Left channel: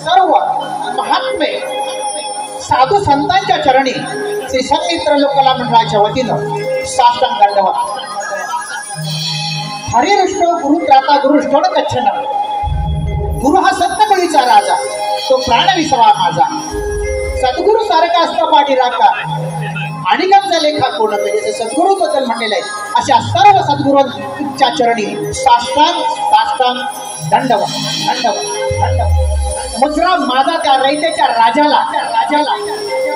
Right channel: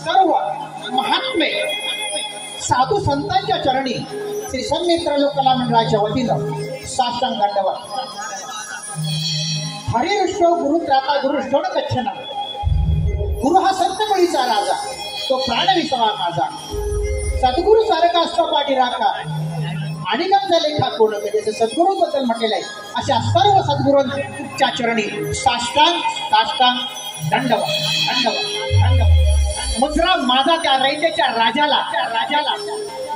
सर्व महात्मे साधू संतांच्या चरणी श्री संमित्र लोककला मंडळाच्या वतीनं साष्टांग दंडवत. हरिरुष्टो गुरु त्राता गुरुष्टो कच्छन. गुरु हा सत्तकळीचा राजा, तो प्राण विसावा माझा. सद्गुरु सारखा असता पाठी राखा, अनेकांचा लेखा कोण जसे सद्गुरूबद्दल म्हटलेलं आहे. अशा सर्व सद्गुरूंच्या चरणी साष्टांग साष्टांग दंडवत दंडवत दंडवत. मुद्रा माझा त्या रयतेच्या राजाला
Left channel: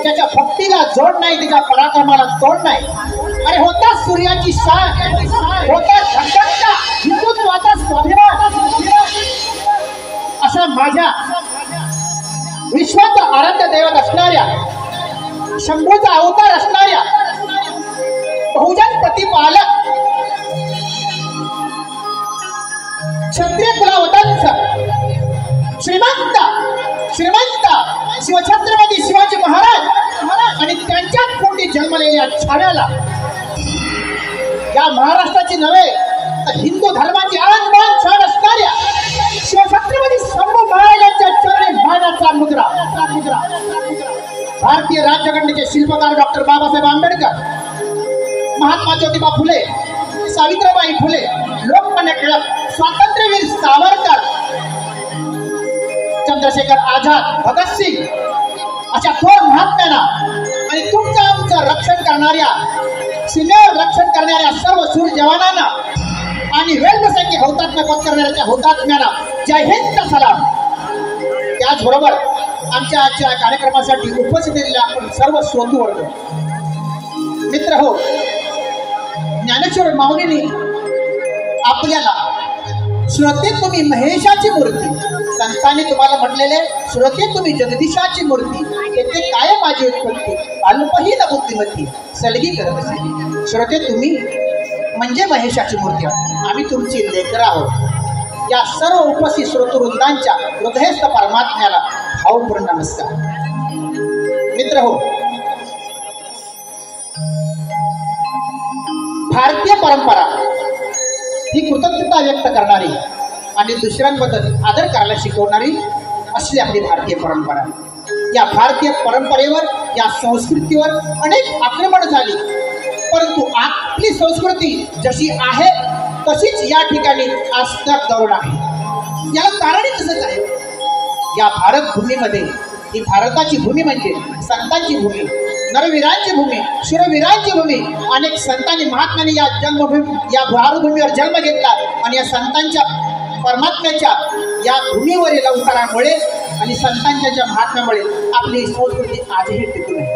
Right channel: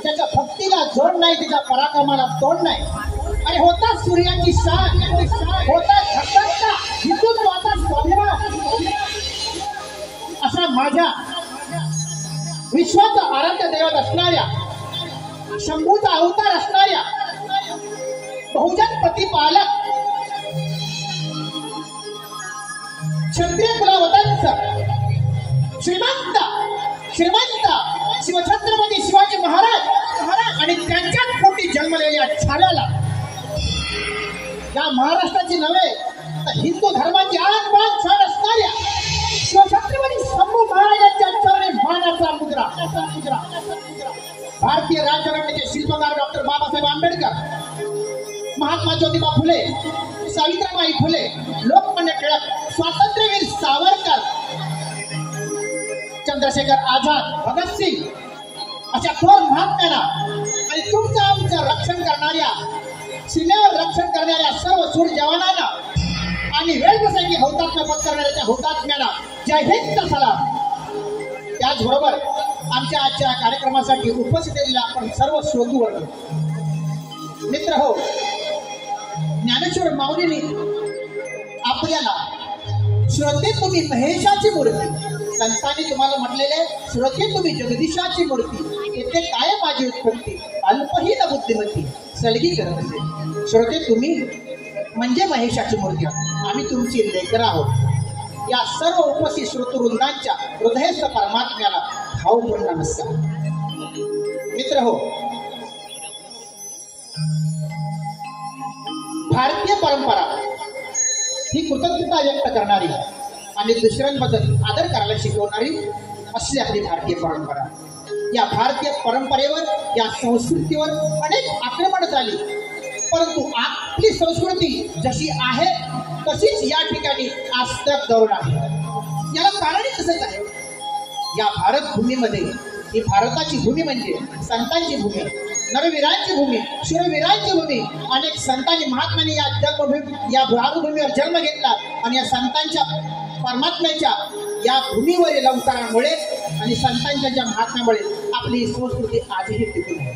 त्याच्या भक्तीला जोड नाही, त्याच्या पराक्रमाला तोड नाही. अरे होता सूर्याची शान, होता धक्का हिंदुत्वाचा स्वाभिमान. अशा माझ्या विश्वाचा आराध्य दैवत असणाऱ्या, शंभूचा अवतार असणाऱ्या, बहुजन प्रतिपालक क्षत्रिय कुलावतांचा श्रीमंत शिवछत्रपती शिवाजी महाराज आणि त्यांच्याच पोटी जन्मलेल्या छाव्याला, या महाराष्ट्राची नव्हे तर हिंदू धर्माची आणबाण छान असणाऱ्या शिवछत्रपती शंभू महाराजांच्या चरणी मानाचा मुद्रा. भारतीय राज्यघटनेचे शिल्पकार डॉक्टर बाबासाहेब आंबेडकर, महात्मा ज्योतिबा फुले, सावित्रीबाई फुले, लोकमान्य टिळक, स्वातंत्र्यवीर सावरकर, चंद्रशेखर आझाद, भगतसिंग अशा थोर महात्म्यांना आणि तुमचं आमचं रक्षण करणाऱ्या, सीमेवर रक्षण करणाऱ्या सर्व शूर जवानांना आणि वेळप्रसंगी हौतात्म्य पत्करणाऱ्या हुतात्म्यांना जय हिंद सलाम. त्याचबरोबर आमच्या आजच्या कार्यक्रमासाठी उपस्थित असलेल्या आपण सर्व स्वतू वर्ग मित्र हो, ज्ञानेश्वर माऊलींनी आपल्याला श्रोते तुम्ही महेशाची मूर्ती, संतांनी तुम्हाला म्हटलेले श्रोते तुम्ही जगदीशाची मूर्ती, येथे काय माझी उत्पत्ती, अल्पहीन बुद्धिमती सलगी करत असे. श्रोते तुम्ही म्हणजे महेशाची मूर्ती, आम्ही तुमची लेकर आहोत. या सर्व उपस्थित श्रोतृवृंदांच्या हृदयस्थ परमात्म्याला भावपूर्ण नमस्कार. मित्र हो, भारतीय परंपरा ही कृतज्ञता व्यक्त करणारी आणि दुसऱ्यांबद्दल आदर करायला शिकवणारी असली आपली भारतीय परंपरा. या भारतीय परंपरेवर, या संस्कृतीवर अनेक आक्रमण झाली, परंतु आपली संस्कृती जशी आहे तशीच या ठिकाणी आस्थाक धरून आहे. याला कारणही तसंच आहे. या भारत भूमीमध्ये, ही भारताची भूमी म्हणजे संतांची भूमी, नरवीरांची भूमी, शूरवीरांची भूमी. अनेक संतांनी महात्म्यांनी या जन्मभूमी, या भारतभूमीवर जन्म घेतला आणि या संतांच्या परमात्म्याच्या या भूमीवरील अवतारामुळे आणि संतांच्या ज्या महात्म्यामुळे आपली संस्कृती आजही टिकून आहे.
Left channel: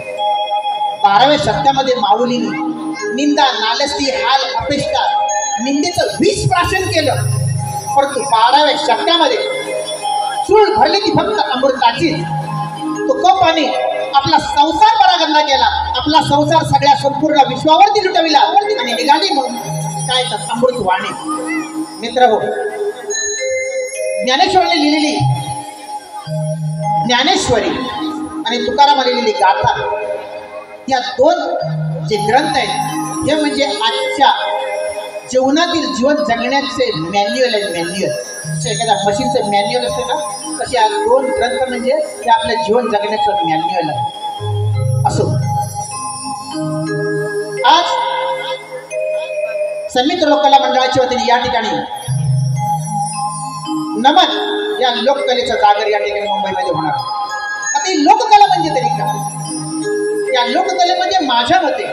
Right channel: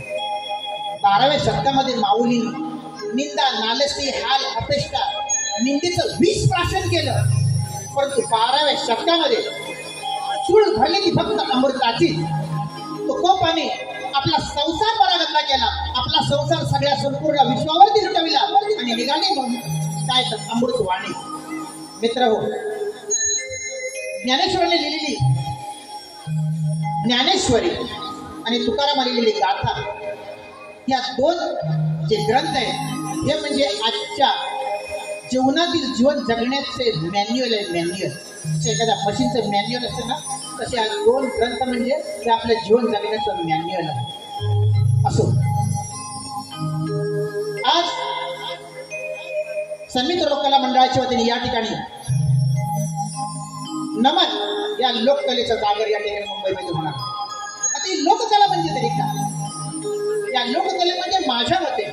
12व्या शतकामध्ये माऊलींनी निंदा, नालस्ती, हाल, अपेक्षा, निंदेचं विष प्राशन केलं, परंतु 12व्या शतकामध्ये चूळ भरली ती फक्त अमृताची. तुकोबाने आपला संसार परागंदा केला, आपला संसार सगळ्या संपूर्ण विश्वावरती लुटविला आणि निघाली म्हणून काय तर अमृत वाणी. मित्र हो, ज्ञानेश्वरांनी लिहिलेली ज्ञानेश्वरी आणि तुकारामाने लिहिलेली गाथा, या दोन जे ग्रंथ आहेत हे म्हणजे आजच्या जीवनातील जीवन जगण्याचे मॅन्युअल आहे. मॅन्युअल एखाद्या मशीनचं मॅन्युअल असते ना, तसे हा दोन ग्रंथ म्हणजे हे आपलं जीवन जगण्याचं मॅन्युअल आहे. असो, आज संमित्र लोककला मंडळाच्या वतीने या ठिकाणी नमन या लोककलेचा जागर या ठिकाणी मुंबईमध्ये होणार. आता ही लोककला म्हणजे तरी काय? या लोककलेमध्ये माझ्या मते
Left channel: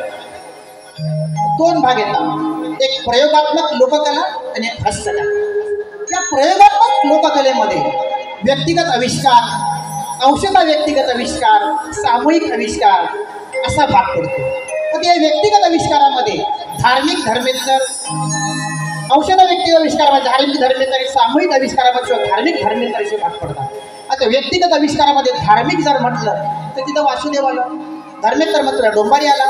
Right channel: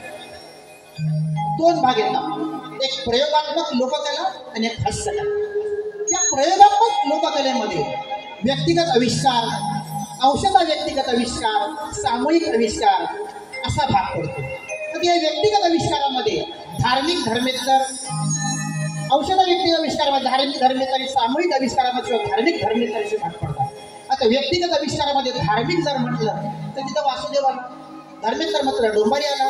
दोन भाग येतात, एक प्रयोगात्मक लोककला आणि एक हास्यकला. या प्रयोगात्मक लोककलेमध्ये व्यक्तिगत आविष्कार, अंशतः व्यक्तिगत आविष्कार, सामूहिक आविष्कार असा भाग पडतो. तर या व्यक्तिगत आविष्कारामध्ये धार्मिक धर्मेतर, अंशतः व्यक्तिगत आविष्कारामध्ये धार्मिक धर्मेतर आणि सामूहिक आविष्कारामध्ये धार्मिक धर्मेतर असे भाग पडतात. आता व्यक्तिगत आविष्कारामध्ये धार्मिक जर म्हटलं तर तिथं वासुदेव आला, धर्मेतर म्हटलं डोंबारी आला.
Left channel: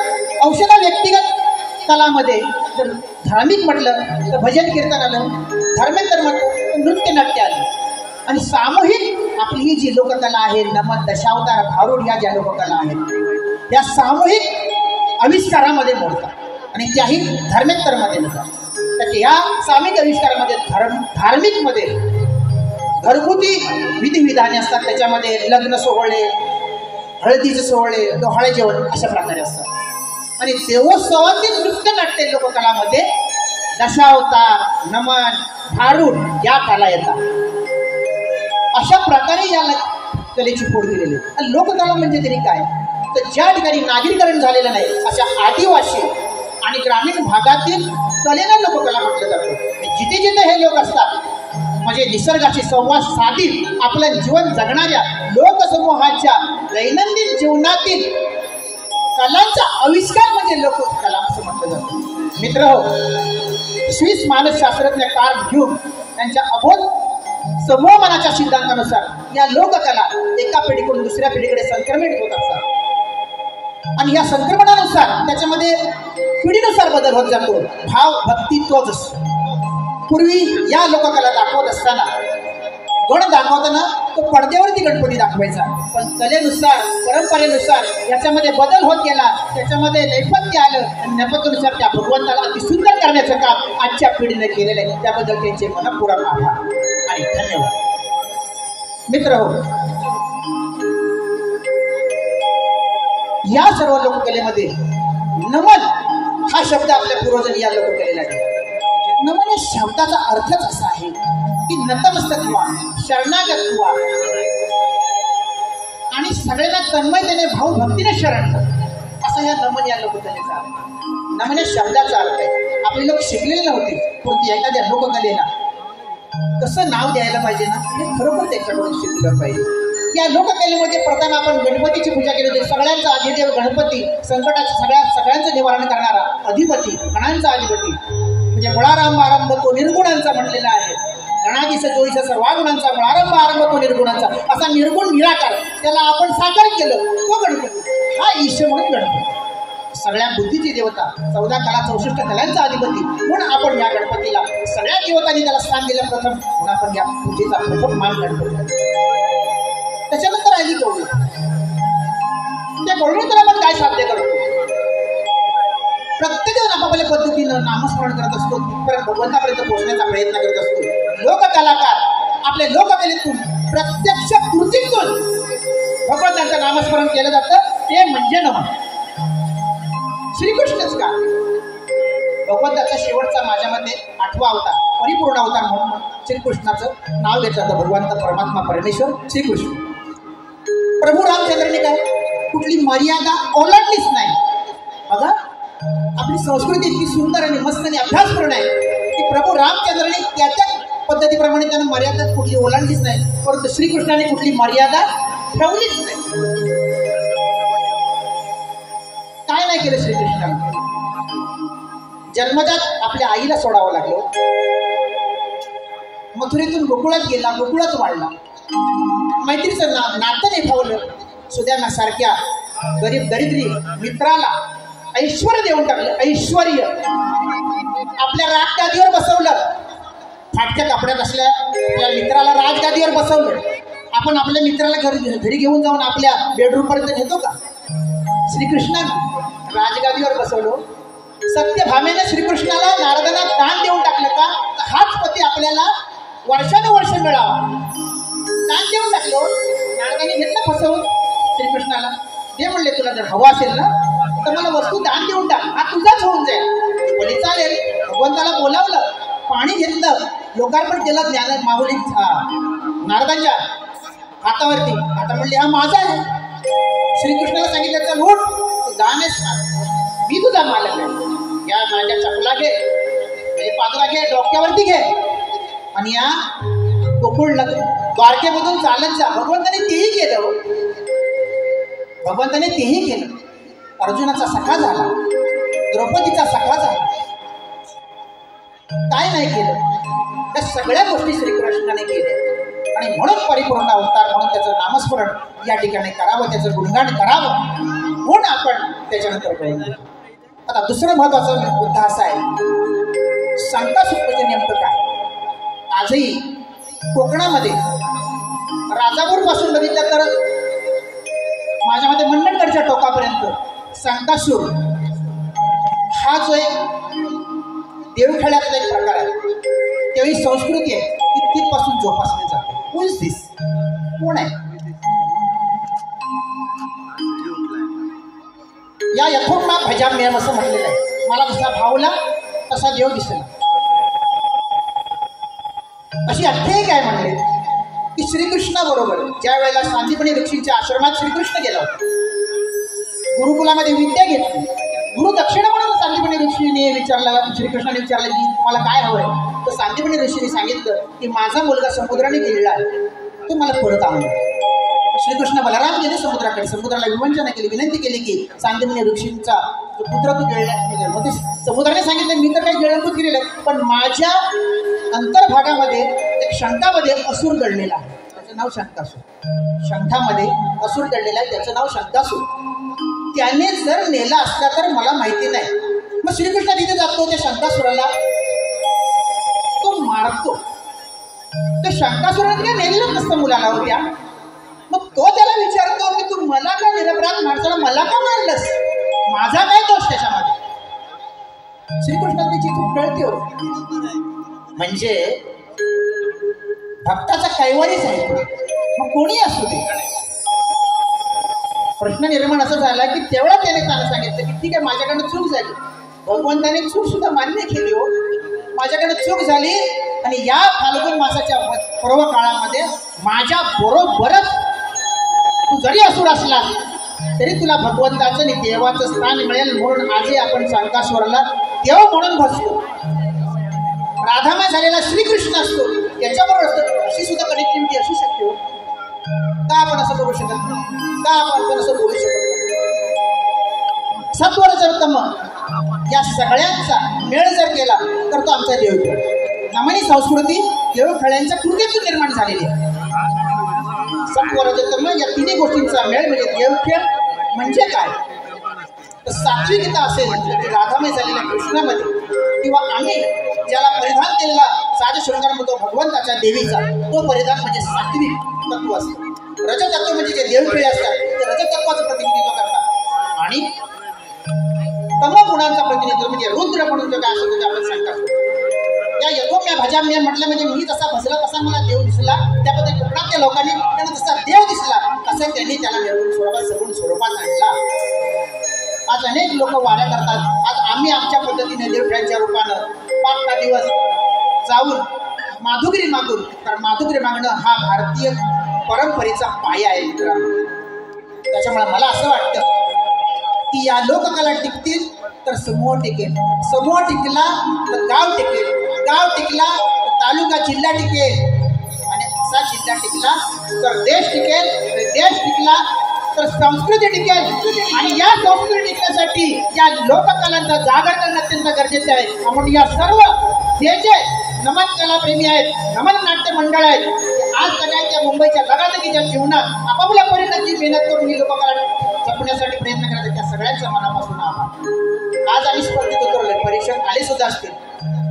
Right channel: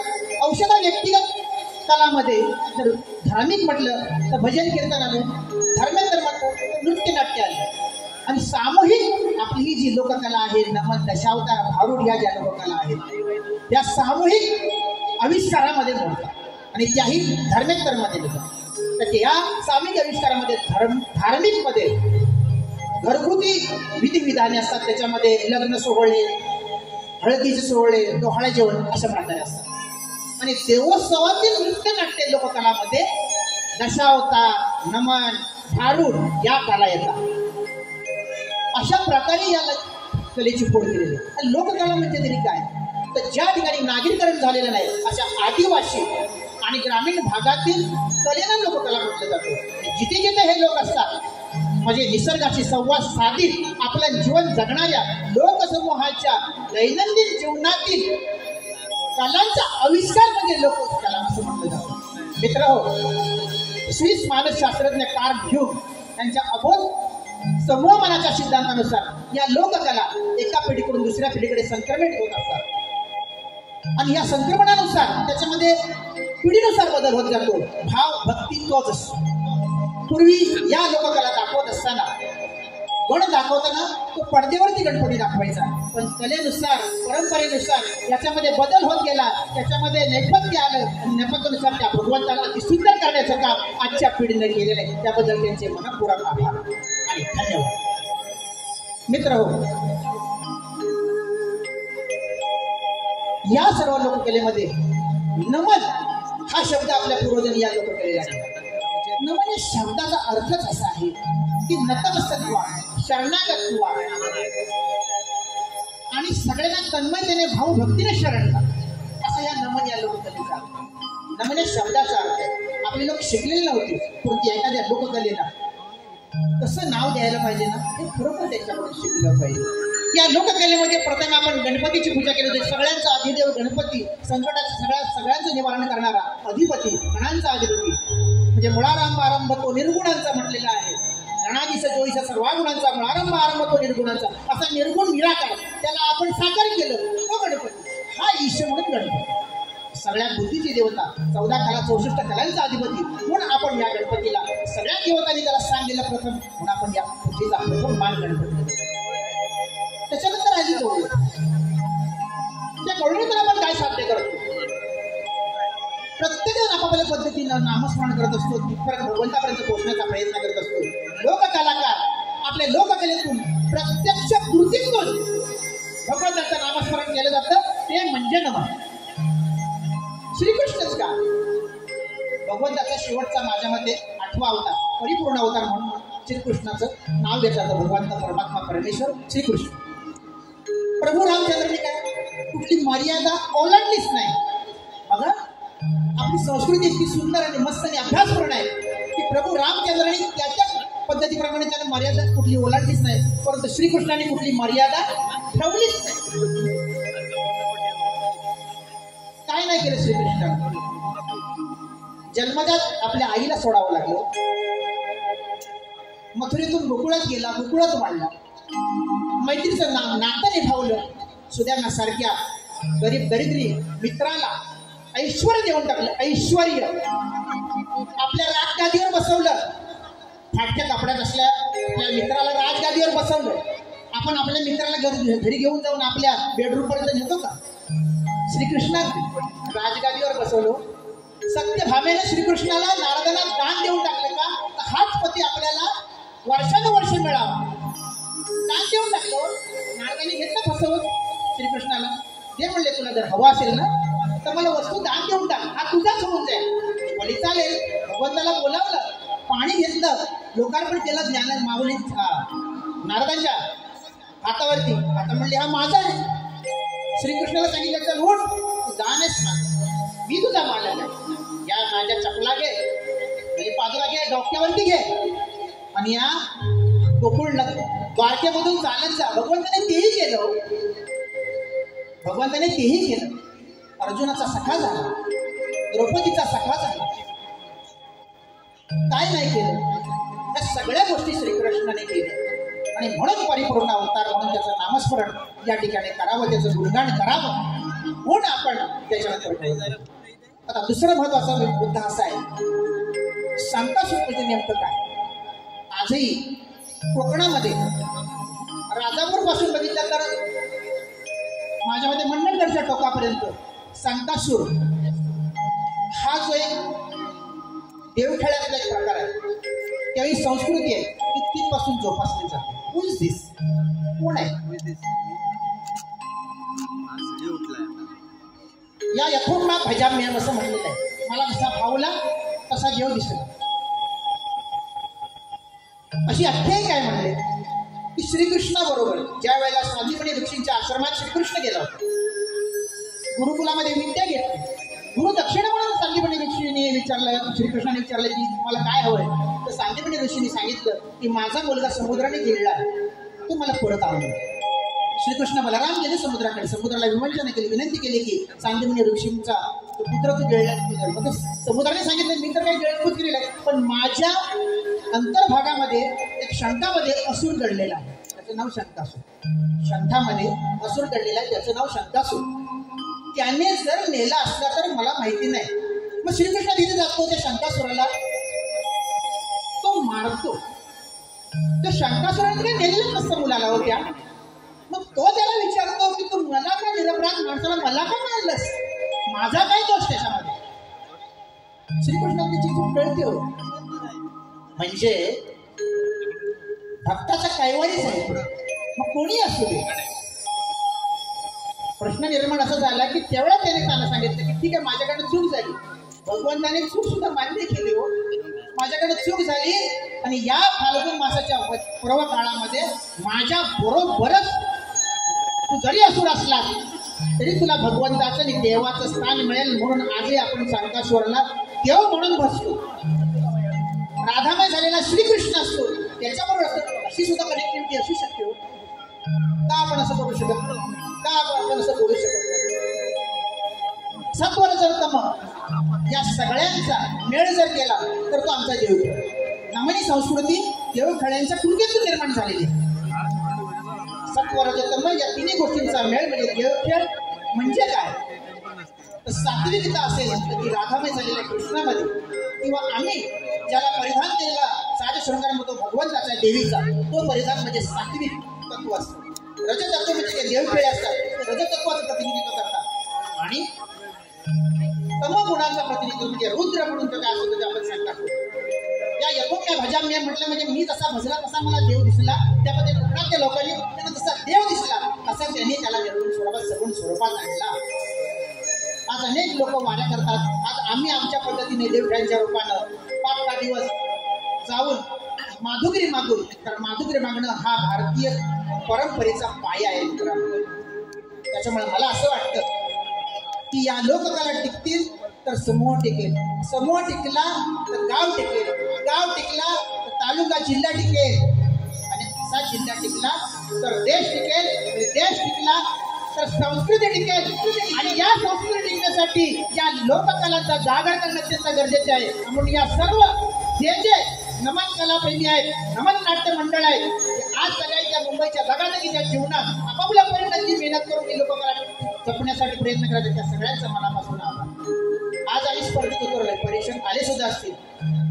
अंशतः व्यक्तिगत कलामध्ये जर धार्मिक म्हटलं तर भजन कीर्तन आलं, धर्मेतर म्हटलं तर नृत्य नाट्य आलं. आणि सामूहिक आपली ही जी लोककला आहे, नमन, दशावतार, भारूड ह्या ज्या लोककला आहेत त्या सामूहिक आविष्कारामध्ये मोडतात आणि त्याही धर्मेतरमध्ये मोडतात. तर या सामूहिक आविष्कारामध्ये धार्मिकमध्ये घरगुती विधिविधाने असतात, त्याच्यामध्ये लग्न सोहळे, हळदीचे सोहळे, डोहाळे जेवण अशा प्रकारे असतात. आणि देवोत्सवातील नृत्य नाट्य लोककलामध्ये दशावतार, नमन, भारूड या कला येतात. अशा प्रकारे या कलेची फोड केलेली. आणि लोककला म्हणजे तरी काय, तर ज्या ठिकाणी नागरीकरण झालेलं नाही अशा आदिवासी आणि ग्रामीण भागातील कलेला लोककला म्हटलं जातं. जिथे जिथे हे लोक असतात म्हणजे निसर्गाशी संवाद साधित आपलं जीवन जगणाऱ्या लोकसमूहाच्या दैनंदिन जीवनातील कलांचा आविष्कार म्हणजे लोककला असं म्हटलं जातं. मित्र हो, स्विस मानसशास्त्रज्ञ कार्ल ह्यूग यांच्या अबोध समूह मनाच्या सिद्धांतानुसार या लोककला एका पिढीकडून दुसऱ्या पिढीकडे संक्रमित होत असतात. आणि या संक्रमणानुसार त्याच्यामध्ये पिढीनुसार बदल होत जातो. भाव भक्ती तोच असतो. पूर्वी या लोककला दाखवत असताना गण दाखवताना तो पडद्यावरती गणपती दाखवायचा, पण कलेनुसार परंपरेनुसार याच्यामध्ये बदल होत गेला. त्याच्यामध्ये नैपथ्य आलं आणि नैपथ्यानुसार त्या भगवंताला अति सुंदर करण्याचं काम आजच्या पिढीने केलेलं आहे. त्याबद्दल त्यांचे मनपूर्वक आभार आणि धन्यवाद. मित्र हो, या सर्व लोककलेमध्ये नमन हा शब्द आपल्या पूर्वजांनी या लोककलेला दिला. नमन या शब्दाचा अर्थच असा आहे की नतमस्तक व्हा, शरणागत व्हा आणि सगळ्यांना तन्मयतेने भावभक्तीने शरण कर, असा या नमन या लोककलेचा अर्थ. नमन या शब्दाचा अर्थ आहे. आपले लोक शिकलेले नव्हते, परंतु एखाद्या लोककलेला कसं नाव द्यायला पाहिजे ना, हे खरोखर त्याच्याकडून शिकलं पाहिजे. या लोककलेमध्ये प्रथम आपण गणपतीची पूजा केली होती. सगळ्यांचा अधिदेव गणपती, संकटाचं सगळ्यांचं निवारण करणारा अधिपती, गणांचा अधिपती म्हणजे मुळारंभ आरंभ तो निर्गुणांचा म्हटलेला आहे. गणाधीश जोईश सर्वागुणांचा, मुळारंभ आरंभ तो निर्गुणांचा, असा निर्गुण निराकार त्याला आपण साकार केलं. तो गणपती हा ईश्वर म्हणून गणपती, सगळ्या बुद्धीची देवता, 14 कला 64 कलांचा अधिपती म्हणून आपण या गणपतीला सगळ्या देवतांनी त्याला स्थान दिलं प्रथम, म्हणून आपण या पूजेचा प्रथम मान गणपती. त्याच्यानंतर आली गौरी. त्या गौरीनंतर आपण काय साध्य करतो? प्रत्येक जण आपापल्या पद्धतीनं नामस्मरण करत असतो, तिथपर्यंत भगवंतापर्यंत पोहोचण्याचा प्रयत्न करत असतो. लोककलाकार आपल्या लोककलेतून प्रत्यक्ष कृतीतून भगवंतांचं नामस्मरण केलं जातं, ते म्हणजे नमन. श्रीकृष्णच का? भगवंताचा शेवटचा माझ्या मते 8वा अवतार, परिपूर्ण अवतार म्हणून श्रीकृष्णाचं नाव घेतलं जातं. भगवंत परमात्मा परमेश्वर श्रीकृष्ण. प्रभू रामचंद्रांनी काय कुठली मर्यादा ओलांडलीच नाही. बघा, आपली संस्कृती इतकी सुंदर आणि मस्त आणि अभ्यासपूर्ण आहे की प्रभू रामचंद्रांनी त्याच्या पद्धतीप्रमाणे त्यानं मर्यादा कुठली ओलांडलीच नाही, परंतु श्रीकृष्णाने कुठली मर्यादा ठेवलीच नाही. काय नाही केलं श्रीकृष्णाने? जन्मजात आपल्या आईला सोडावं लागलं, मथुरेतून गोकुळात गेला, गोकुळात वाढला, मैत्रीचं नातं निभावलं, सुदामा सारख्या गरीब दरिद्री मित्राला ऐश्वर्य देऊन टाकलं. ऐश्वर्य आपल्या राजगादीवर बसवलं. फाटक्या कपड्यात असल्या आपल्या मित्राला राजगादीवर बसवलं. आपण आपल्या मित्राला घरी घेऊन जाऊन आपल्या बेडरूमपर्यंत नेतो का? श्रीकृष्णाने राजगादीवर बसवलं. सत्यभामेने श्रीकृष्णाला नारदांना दान देऊन टाकलं का? हाच पती आपल्याला वर्षानुवर्ष मिळावा. दान देऊन टाकलं. नारदाने घेतलं फसवून श्रीकृष्णाला. ते म्हणले, तुला जर हवं असेल ना तर मला वस्तू दान देऊन टाक, हा तुझाच होऊन जाईल. बोली चालेल. भगवंताला बोलावलं, पाणी घेतलं, लोकार्पण केलं ज्ञान माऊली नारदांच्या हातावरती. आता म्हणले, हा माझा आहे. श्रीकृष्णाला सांगितलं, चल उठ, तू दानच खा, मी तुझा मालक आहे. या माझ्या चपला घे, म्हणजे पादरा घे, डोक्यावरती घे आणि या गोकुळ द्वारकेमधून चालत जा. भगवंताने तेही केलं. भगवंताने तेही केलं. अर्जुनाचा सखा झाला, द्रौपदीचा सखा झाला. काय नाही केलं? त्या सगळ्या गोष्टी श्रीकृष्णाने केल्या आणि म्हणून परिपूर्ण अवतार म्हणून त्याचं नामस्मरण या ठिकाणी करावं, त्याचं गुणगान करावं म्हणून आपण त्याच्यानंतर पाहिजे. आता दुसरं महत्वाचा मुद्दा असा आहे, संकासुर म्हणजे नेमकं काय? आजही कोकणामध्ये राजापूर पासून बघितलं तर माझ्या मते मंडणगडच्या टोकापर्यंत संकासूर हा जो एक देवखेड्यातला एक प्रकार आहे, तेही संस्कृती आहे ती तिथपासून जोपासली जाते. हु इज दिस? कोण आहे? या यथोक्ता भजाम्यम असं म्हटलेलं आहे. मला जसा भावला तसा देव दिसला. अशी आख्यायिका आहे म्हणले की श्रीकृष्णाबरोबर ज्या वेळेला सांदीपनी ऋषींच्या आश्रमात श्रीकृष्ण गेला होता, गुरुकुलामध्ये विद्या घेतली. गुरु दक्षिणा म्हणून सांदीपनी ऋषीने विचारलं, श्रीकृष्णाने विचारलं की मला काय हवंय? तर सांदीपनी ऋषीने सांगितलं की माझा मुलगा समुद्राने गेलेला आहे, तो मला परत आणून. श्रीकृष्ण बलराम गेले समुद्राकडे, समुद्राला विवंचना केली, विनंती केली की सांदीपनी ऋषींचा पुत्र तू गिळला. मग ते समुद्राने सांगितलं मी तर काही गिळंभूत केलेलं आहे, पण माझ्या अंतर्भागामध्ये एक शंखामध्ये असुर दडलेला आहे, त्याचं नाव शंखासूर. शंखामध्ये असुर दडलेला आहे, त्याचं नाव शंखासूर. त्याने जर नेला असला तर मला माहिती नाही. मग श्रीकृष्ण तिथे जातो, त्या शंखासुराला तो मारतो. त्या शंखासुराने काय नेलेलं नसतं मुलाला होत्या. मग तो त्याला विचारतो की तू मला का निरपराध माणसाला मला का मारलंस? माझा काय दोष त्याच्यामध्ये? श्रीकृष्णाला त्याची चूक कळते हो. म्हणजे भक्ताचा कैवारीच आहे. मग कोणी असू दे. प्रश्न निर्माण असा झाला की तेवढा त्याने त्याला सांगितलं की ठीक आहे, माझ्याकडनं चूक झाली. भगवंताने चूक सुद्धा मान्य केली हो. माझ्याकडे चूक झाली आणि या फाल्गुन मासाच्या पर्व काळामध्ये माझ्या बरोबरच तू जरी असुर असला तरी तुला भगवंताचं आणि देवाचं स्थान मिळेल. म्हणून आजही आपण शंखासुराला देव म्हणून बसतो. राधामय झालेला श्रीकृष्ण असतो, त्याच्याबरोबर असतो. अशी सुद्धा कनेक्टिव्हिटी असू शकते हो. का आपण असं करू शकत नाही? का आपण असं बोलू शकत नाही? सत्वरजतम या सगळ्यांचा मेळ जर केला तर तो आमचा देवखेळ. नमनी संस्कृती देवखेळ्यांच्या कृतीतून निर्माण झालेली आहे. सत्वरजतम या तिन्ही गोष्टींचा मेळ म्हणजे देवखेळ. म्हणजे काय? तर सात्विकता असेल तर ती राधामय झालेल्या कृष्णामध्ये, किंवा आम्ही ज्याला परिधान केलेला साज शृंगार म्हणतो भगवंताच्या देवीचा, तो परिधान म्हणजे सात्विक तत्व असतं. रजतत्व म्हणजे जे देवखेळे असतात ते रजतत्वाचं प्रतिनिधित्व करतात. आणि तमगुणांचा प्रतिनिधित्व म्हणजे रुद्र म्हणून जो काय असतो ते आपण सांगतात. या यथोम्या भजाम्य म्हटलं म्हणजे मी जसा भजला तसा मला देव दिसला. त्याबद्दल कोकणातल्या लोकांनी त्यांना जसा देव दिसला तसे त्यांनी त्याला निर्गुण स्वरूपात सगुण स्वरूपात आणला. आज अनेक लोक वाऱ्या करतात. आज आम्ही आमच्या पद्धतीने देवखेळ्यांच्या रूपानं 5 दिवस जाऊन माधुगिरी मागून, कारण माधुगिरी मागणं हा भारतीय परंपरेचा पाया आहे मित्रांनो. त्याच्यामुळे मला असं वाटतं की या लोककला टिकतील तर समूह टिकेल, समूह टिकला तर गाव टिकेल, गाव टिकला तर तालुका जिल्हा टिकेल, आणि असा जिल्हा टिकला तर देश टिकेल, देश टिकला तर संस्कृती टिकेल. आणि या संस्कृती टिकण्यासाठी या लोककलांचा जागर करणं अत्यंत गरजेचं आहे. म्हणून या सर्व जे नमन कलाप्रेमी आहेत, नमन नाट्य मंडळ आहेत, ते आज सगळ्यांच्या मुंबईच्या धगाधगीच्या जीवनात आपापल्या परिणाची मेहनत करून ही लोककला जपण्यासाठी प्रयत्न करतात. त्या सगळ्यांचा मनापासून आभार. आज आम्ही स्पर्धेत उतरलोय, परीक्षक आले सुद्धा असतील.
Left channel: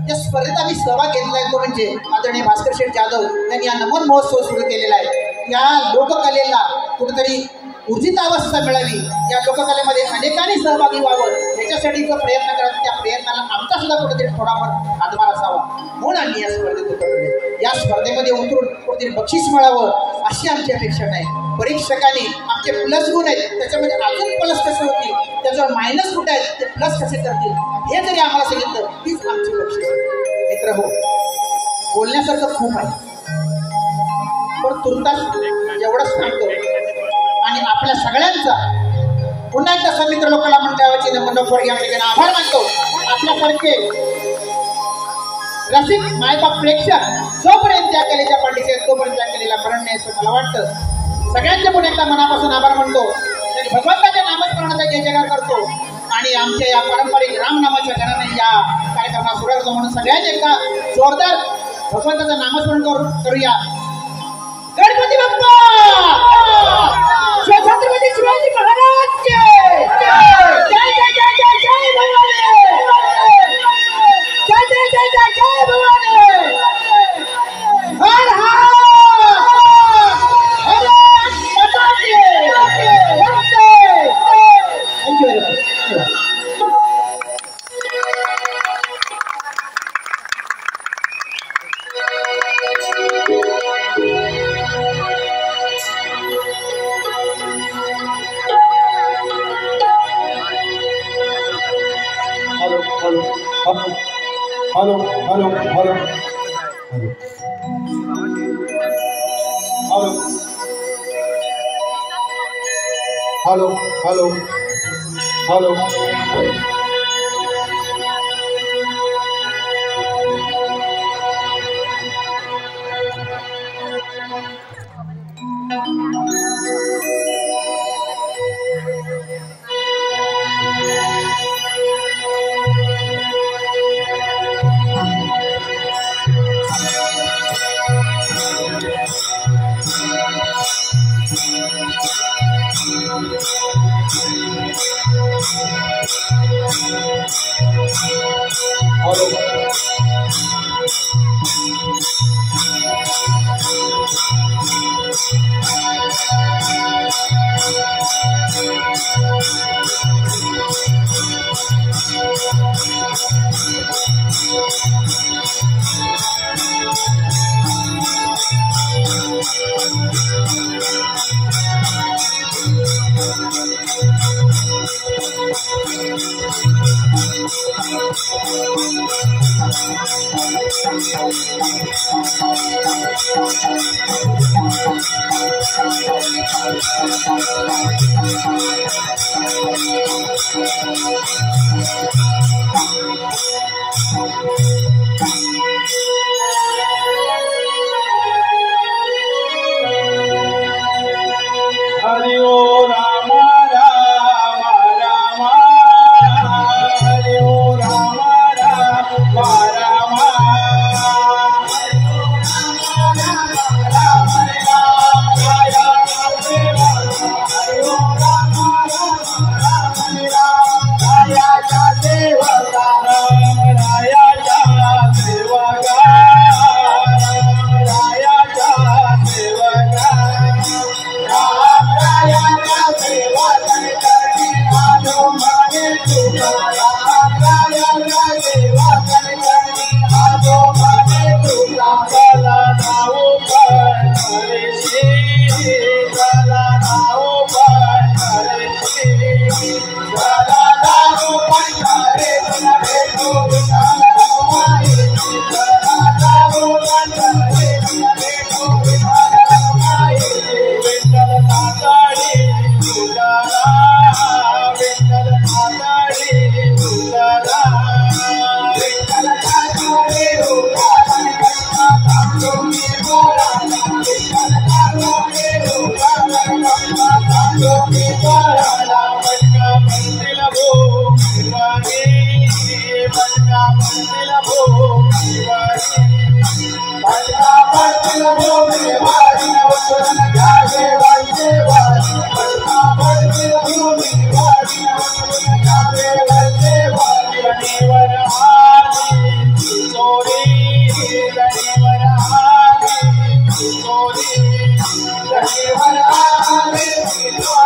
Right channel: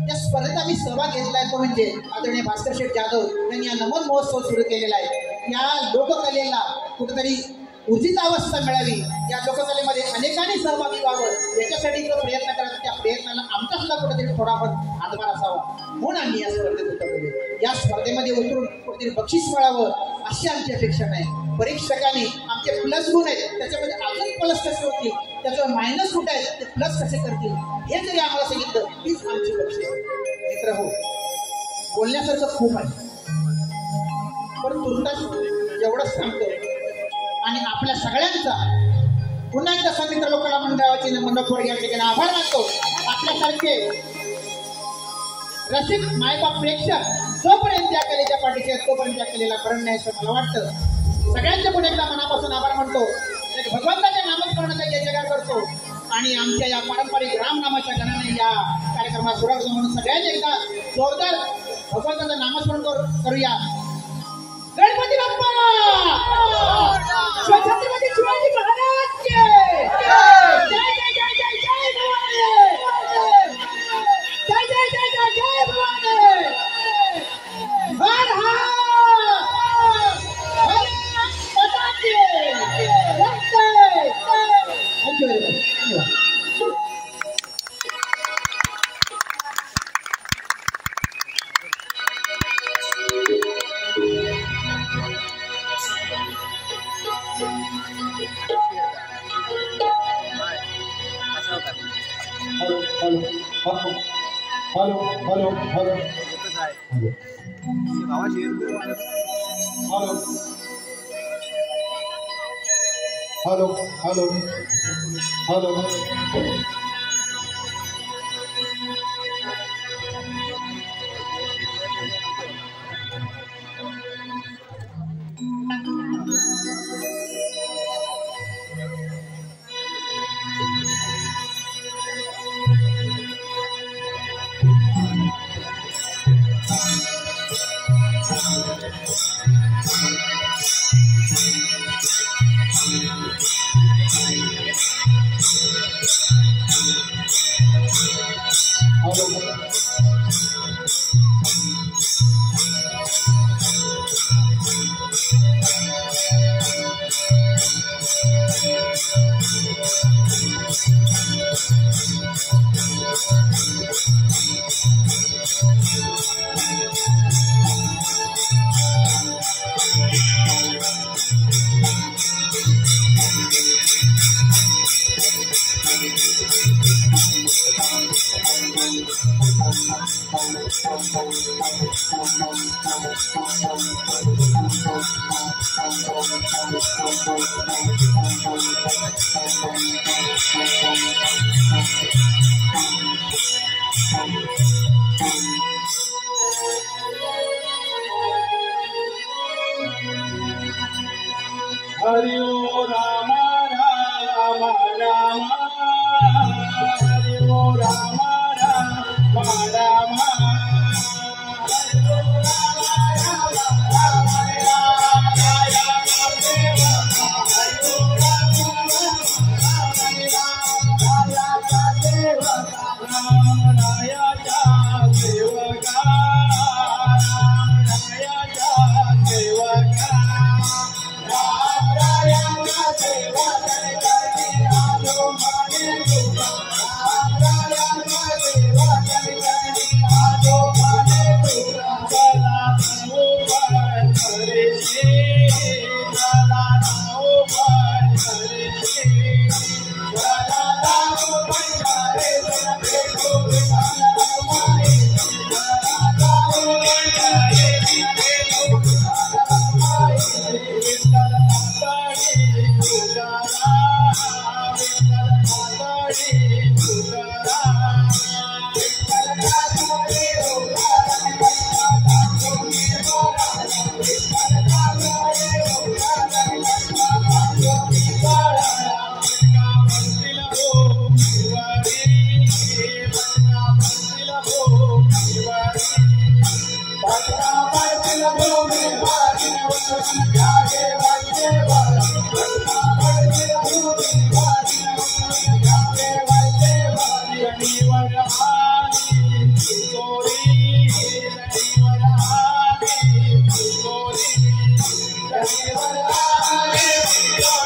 या स्पर्धेत आम्ही सहभाग घेतला आहे तो म्हणजे आदरणीय भास्कर शेठ जाधव यांनी या नमन महोत्सव सुरू केलेला आहे. या लोककलेला कुठेतरी ऊर्जित अवस्था मिळावी, या लोककलेमध्ये अनेकांनी सहभागी व्हावं, याच्यासाठी जो प्रयत्न करतात त्या प्रयत्नाला आमचा सुद्धा कुठेतरी थोडाफार हातभार असावा म्हणून आम्ही या स्पर्धेत उतरले. या स्पर्धेमध्ये उतरून कुठेतरी बक्षीस मिळावं अशी आमची अपेक्षा नाही. परीक्षकांनी आमचे प्लस गुण आहेत त्याच्यामध्ये अजून प्लस कसे होतील, त्याच्यावर मायनस कुठे आहेत ते प्लस कसे करतील, हे जरी आम्हाला सांगितलं तीच आमची बक्षीस. मित्र हो, बोलण्यासारखं खूप आहे, पण तुर्तास एवढंच सांगतो. आणि आपल्या सगळ्यांचा पुन्हा एकदा समित्र लोककला मंडळाचे मंडळावर या ठिकाणी आभार मानतो. आपल्यासारखे रसिक मायबाप प्रेक्षक जोपर्यंत त्या कलेच्या पाठीशी आहेत तोपर्यंत त्या कलेला मरण नाही असं मला वाटतं. सगळ्यांचे पुन्हा एकदा मनापासून आभार मानतो. भगवंताच्या नामस्मरणाचा जय जयकार करतो आणि आमच्या या पारंपरिक रामनामाच्या गणाने या कार्यक्रमात सुरुवात करतो. म्हणून सगळ्यांनी एकदा जोरदार भगवंताचं नामस्मरण करूया. गणपती बाप्पा, छत्रपती शिवाजी महाराज के जय जय जय जय जय भवानी, जय जय जय जय जय भवानी, हर हर हर माता की जय. Thank you very much. Hello hello hello hello hello hello hello Hari ओ राम राम राम हरि ओ Ram Ram Ram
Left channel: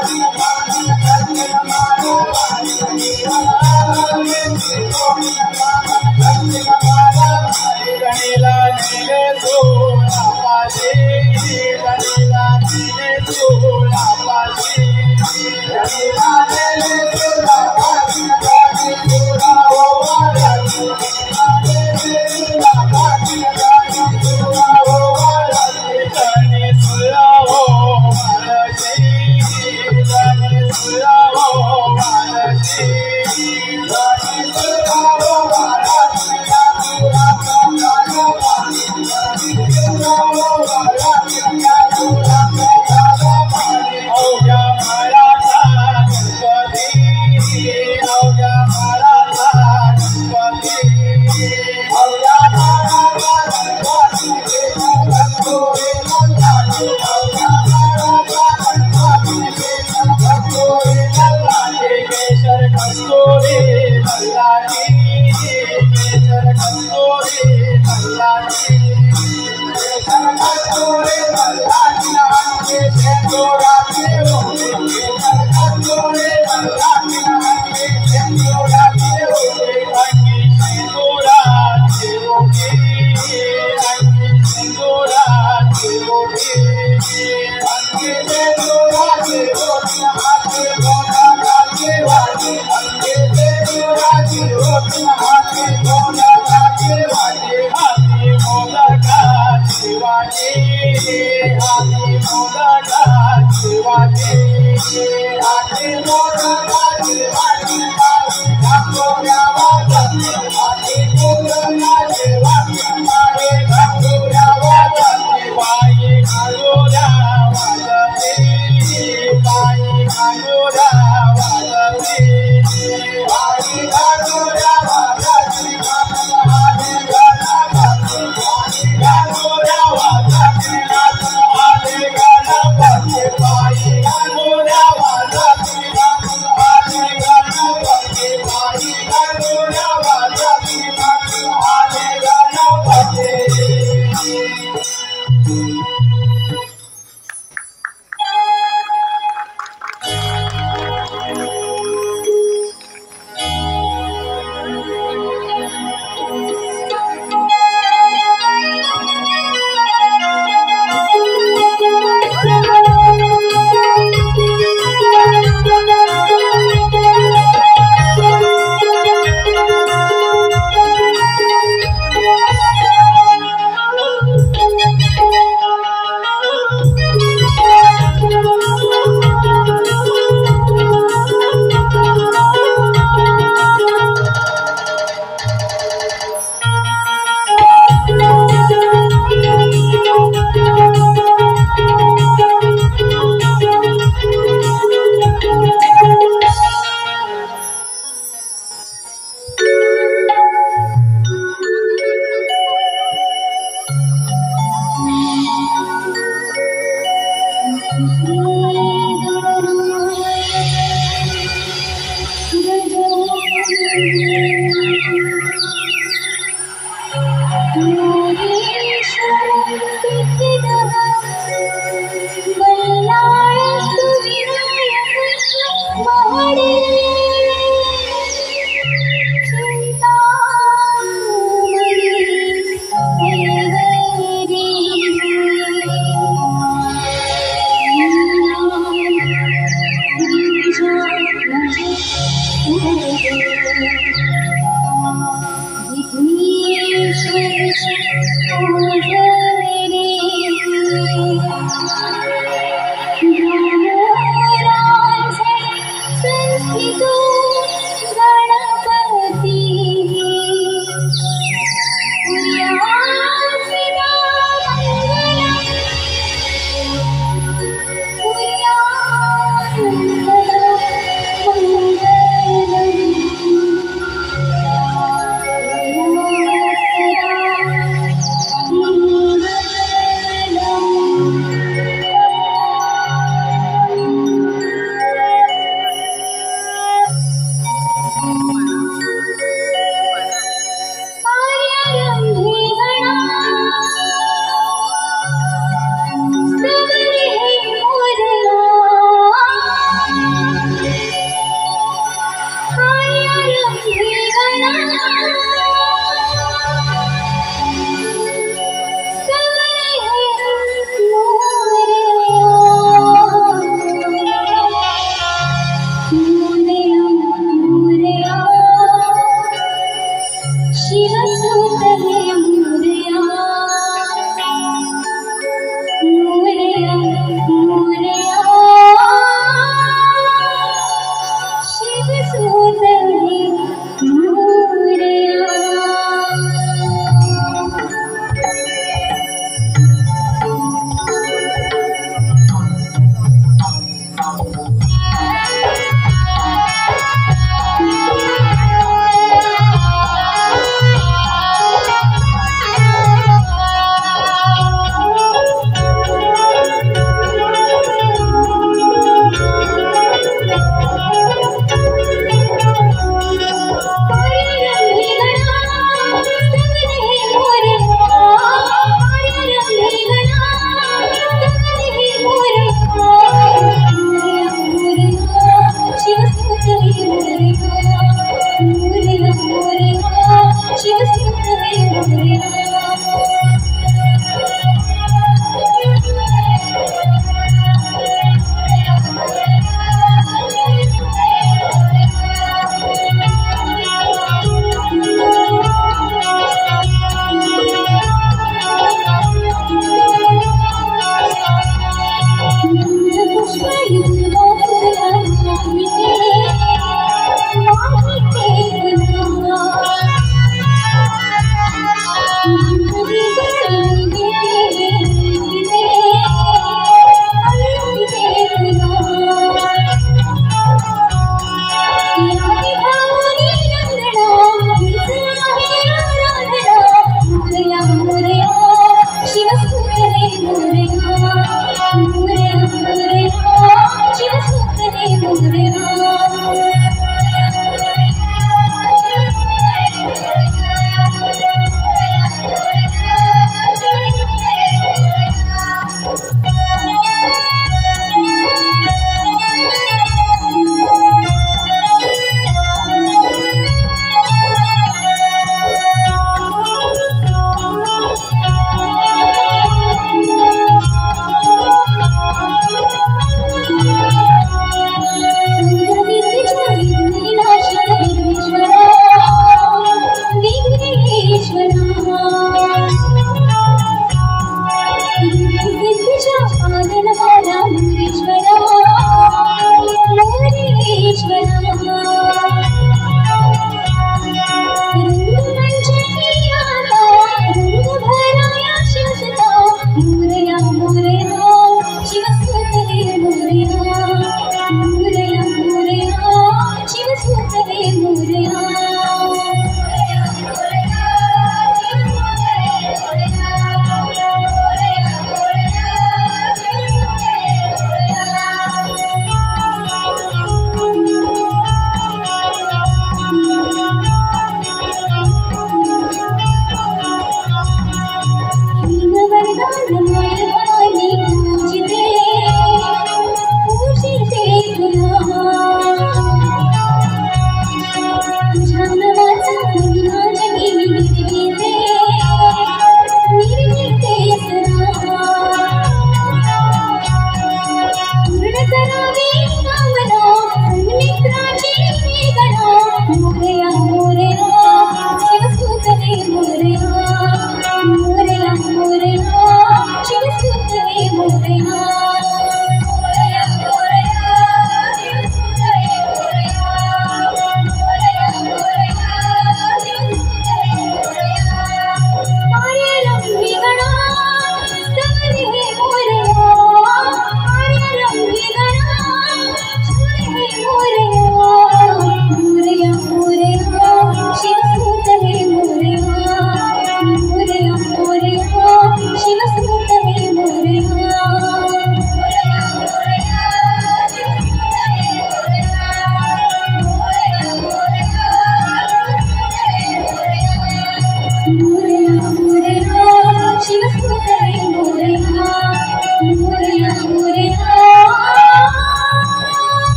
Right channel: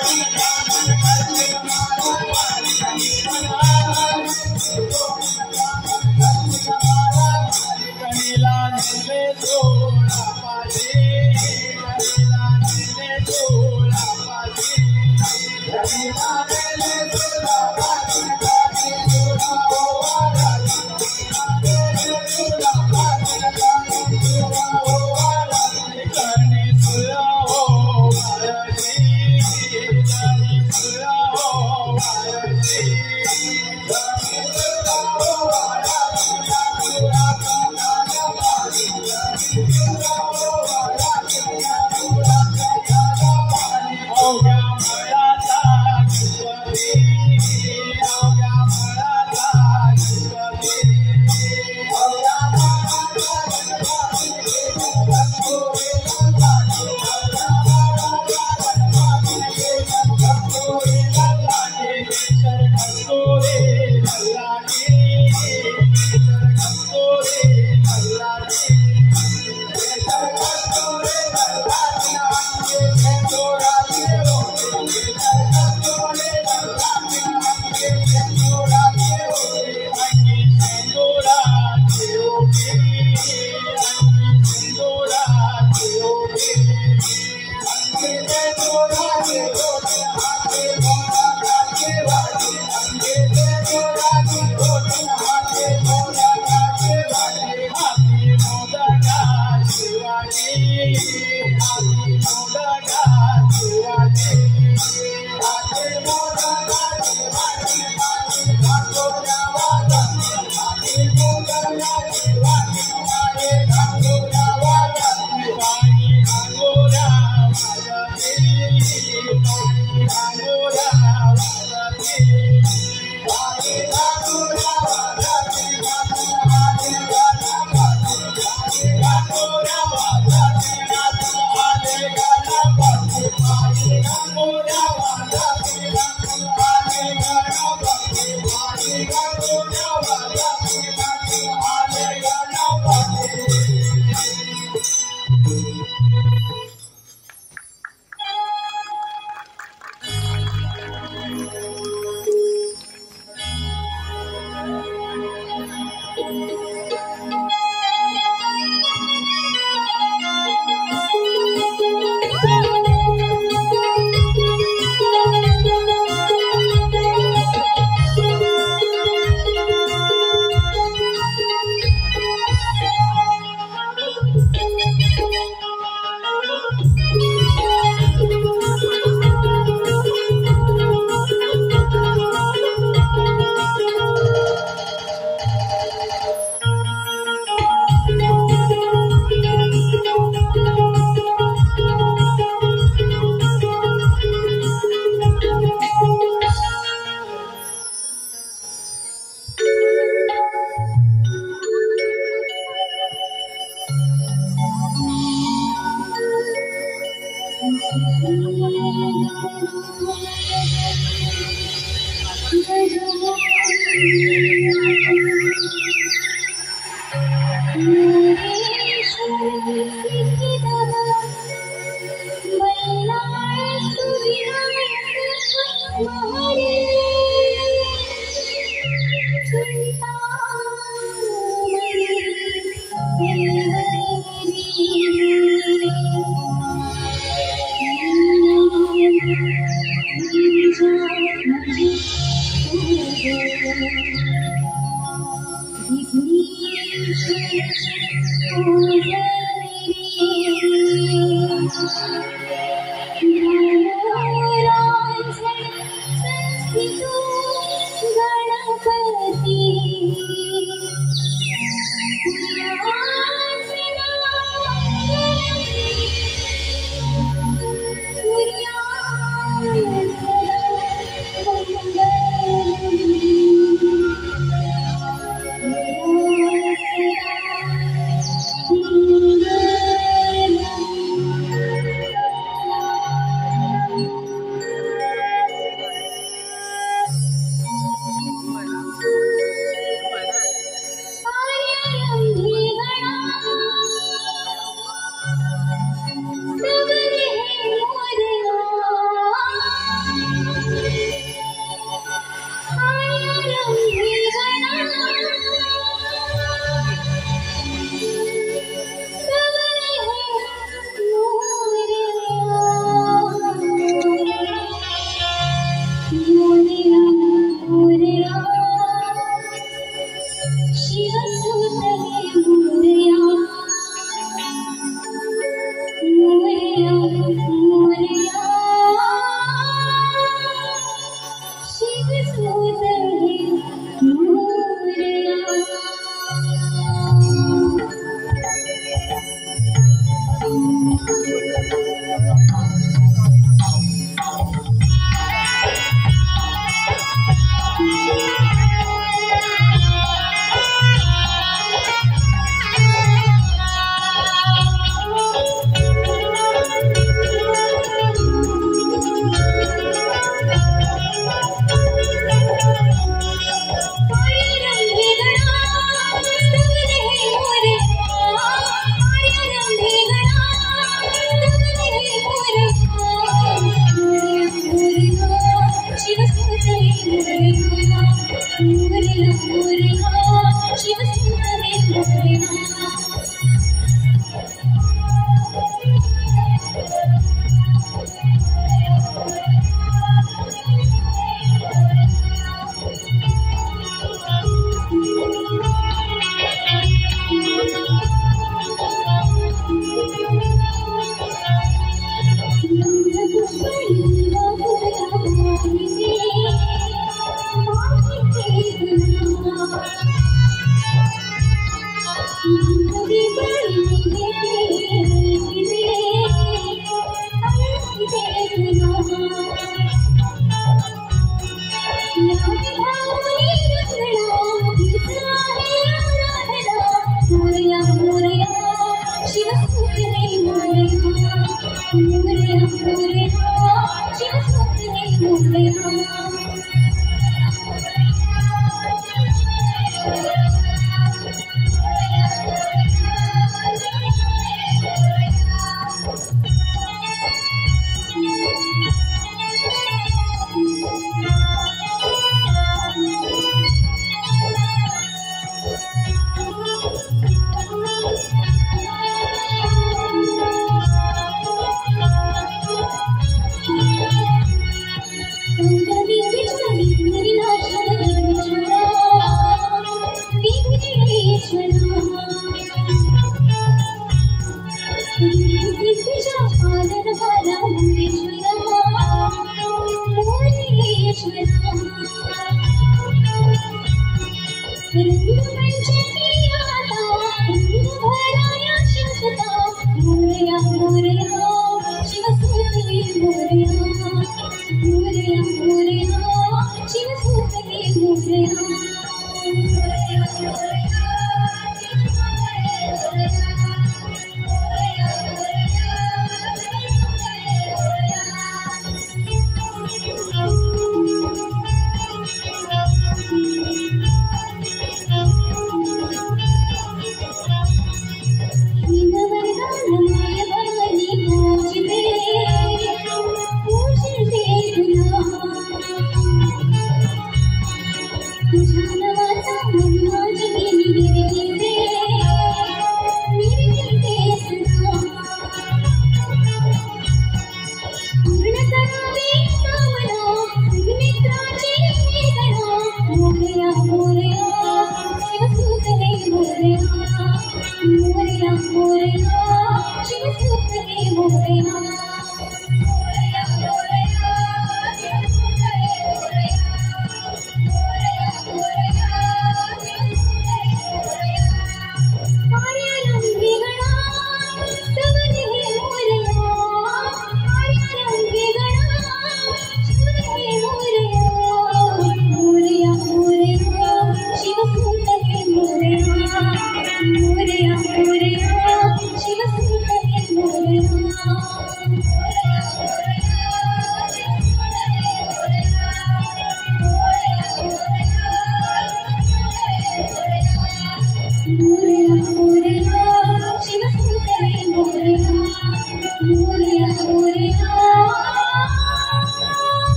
Hare Bye.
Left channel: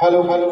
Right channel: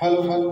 Hello hello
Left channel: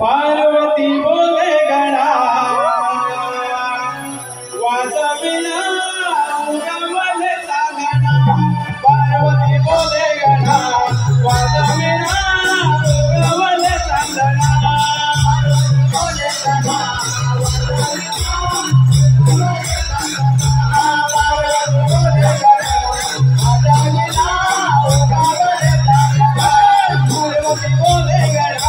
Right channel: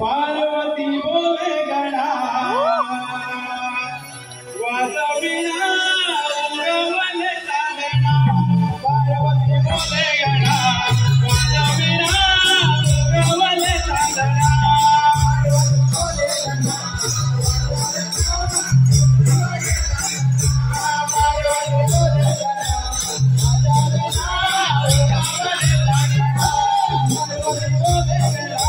Parvati बोले गणा वाजविला उगवले सागणा पार्वती बोले गणा वाजविला उगवले सागणा बोले गणा पार्वती बोले गणा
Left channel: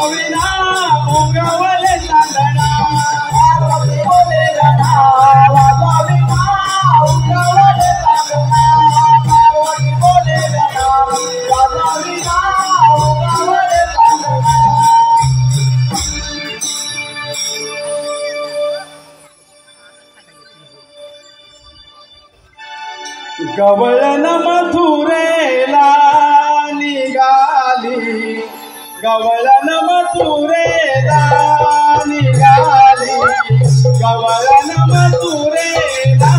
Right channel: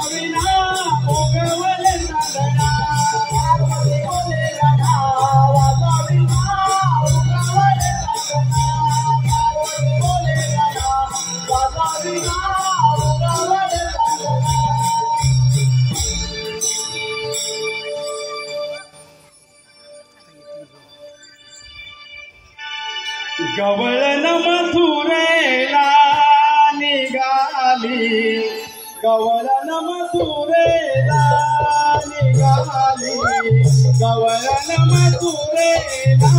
वाजविना उगवले चांदणा पार्वती बोले गणा वाजविना उगवले चांदणा पार्वती बोले गणा वाजविना उगवले चांदणा गवळण मथुरेला निघाली गवळण मथुरेला निघाली गवळण मथुरेला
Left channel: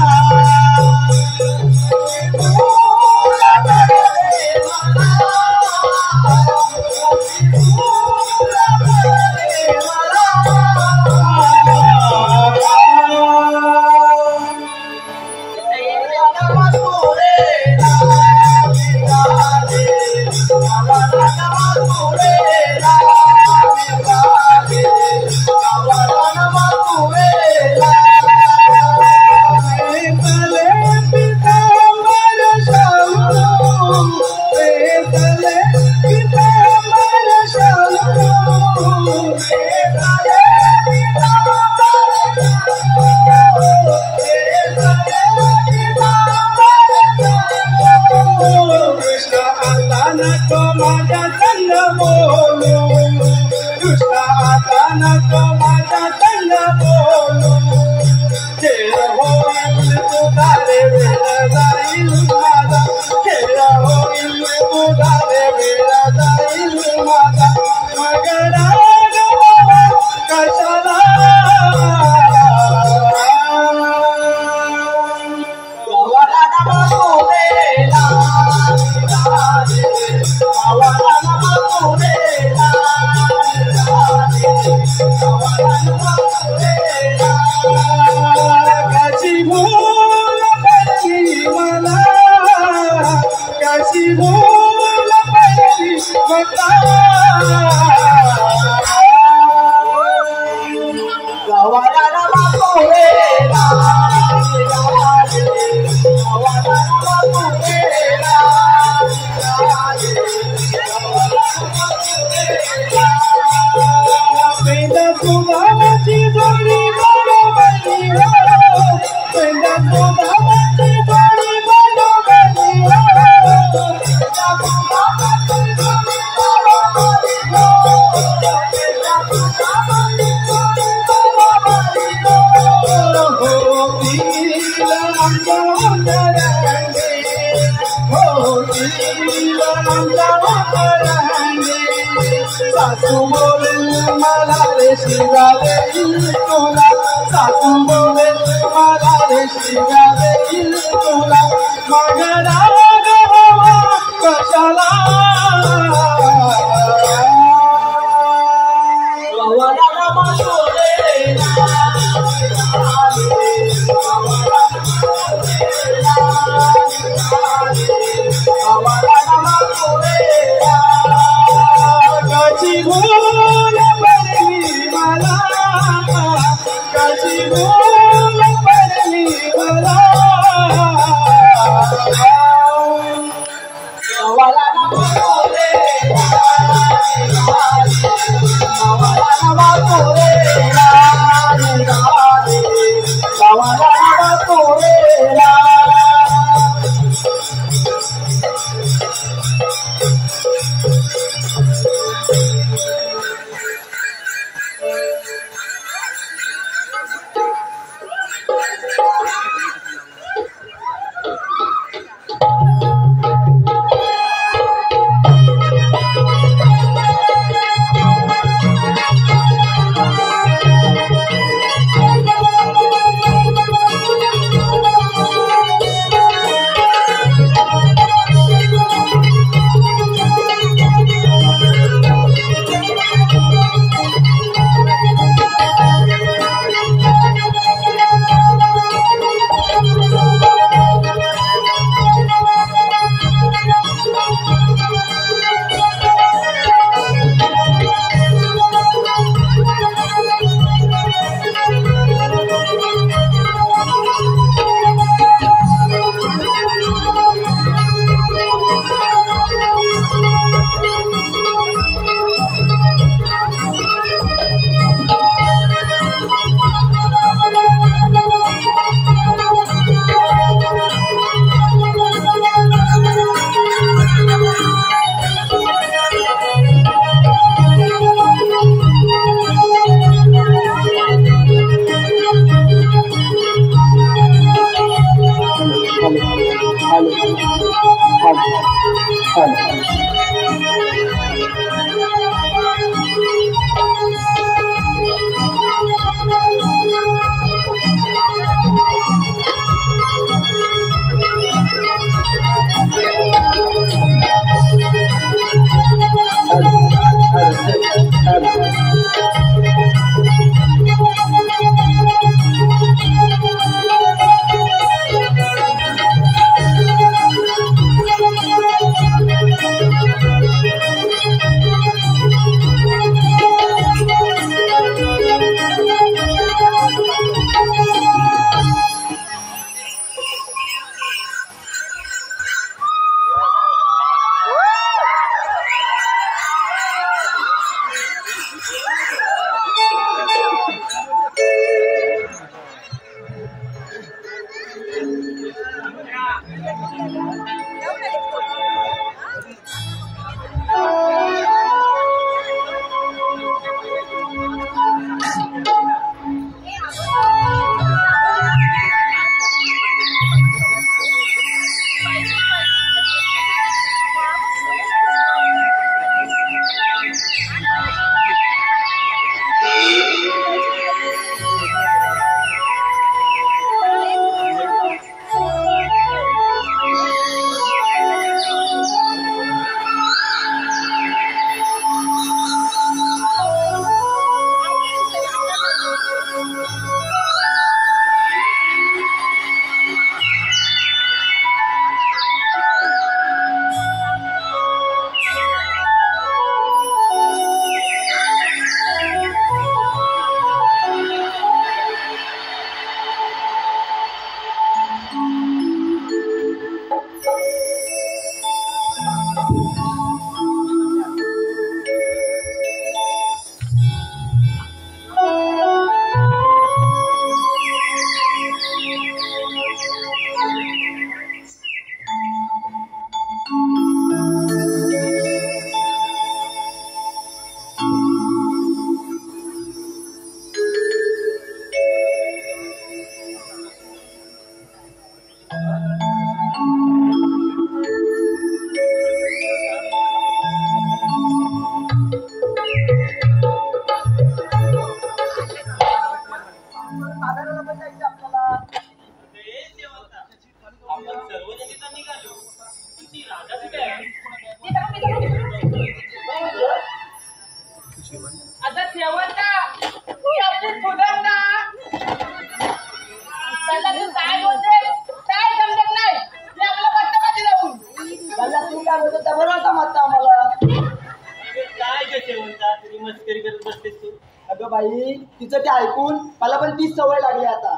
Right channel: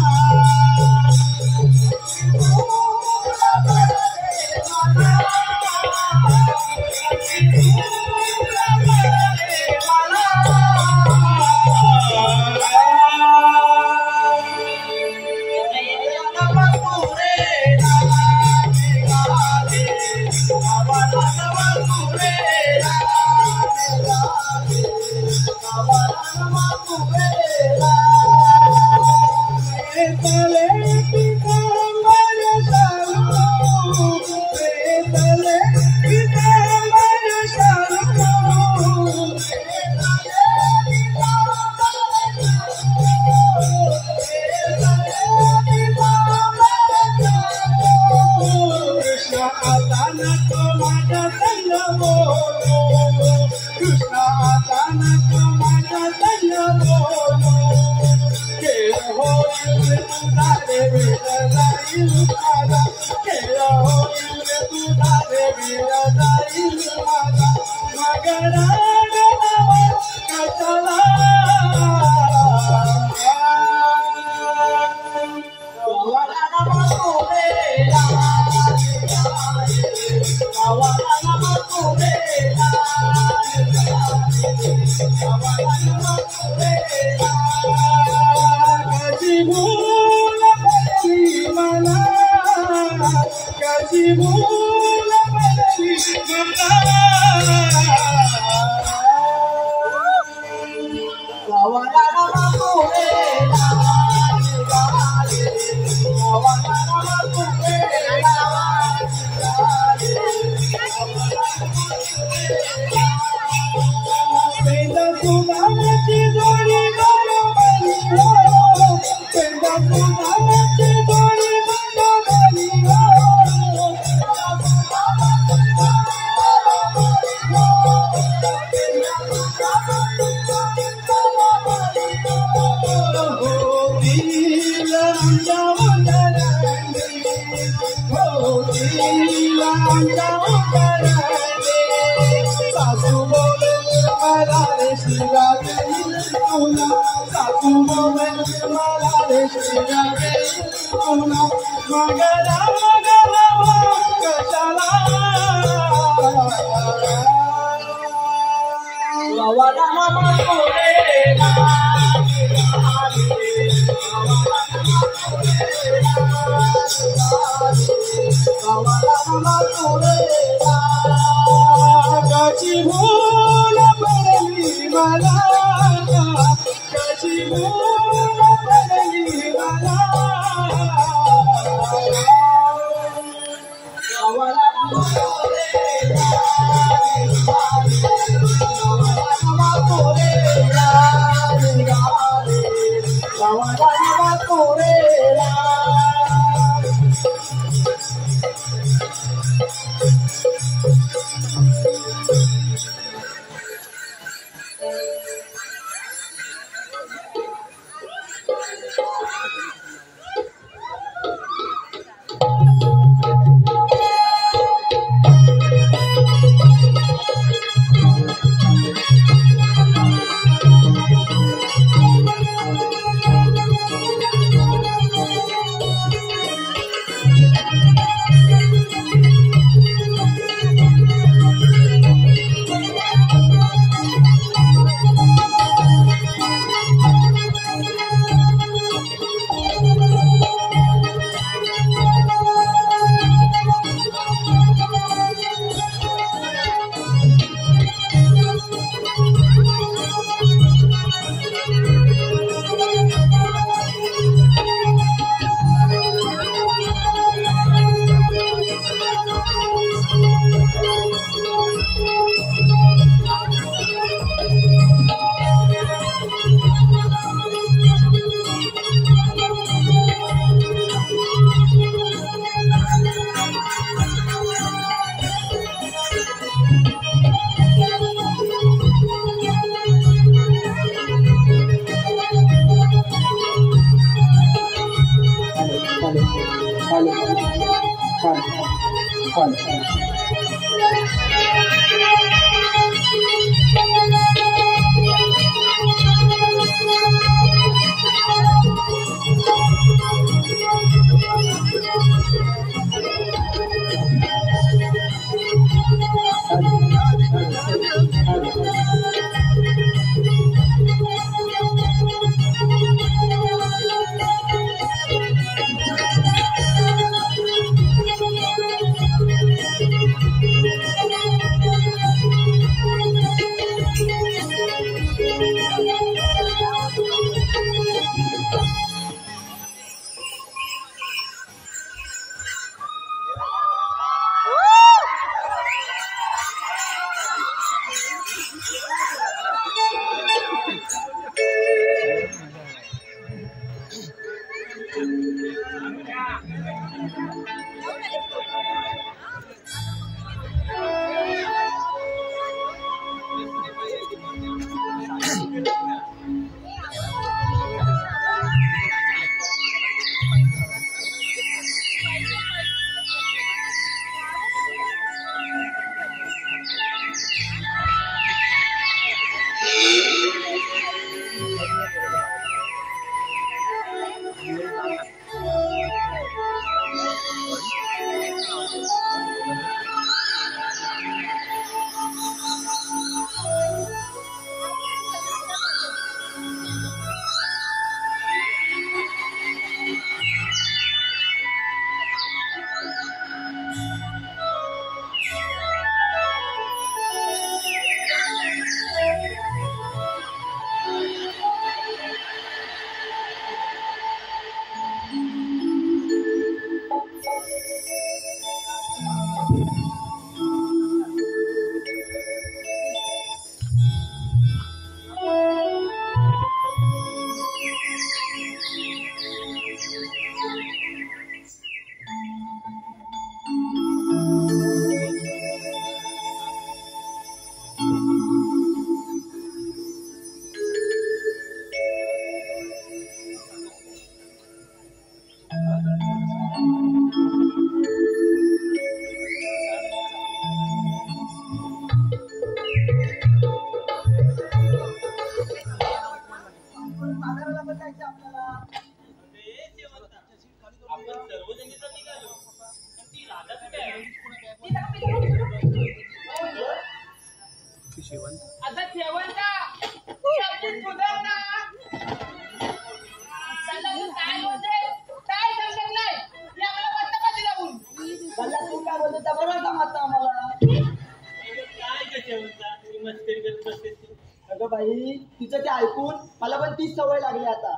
शेवंता तुझी मस्करी करत बसतेस तू. अगं बाई तिचं ते ऐकून मला पण तीच सवय लागली आता.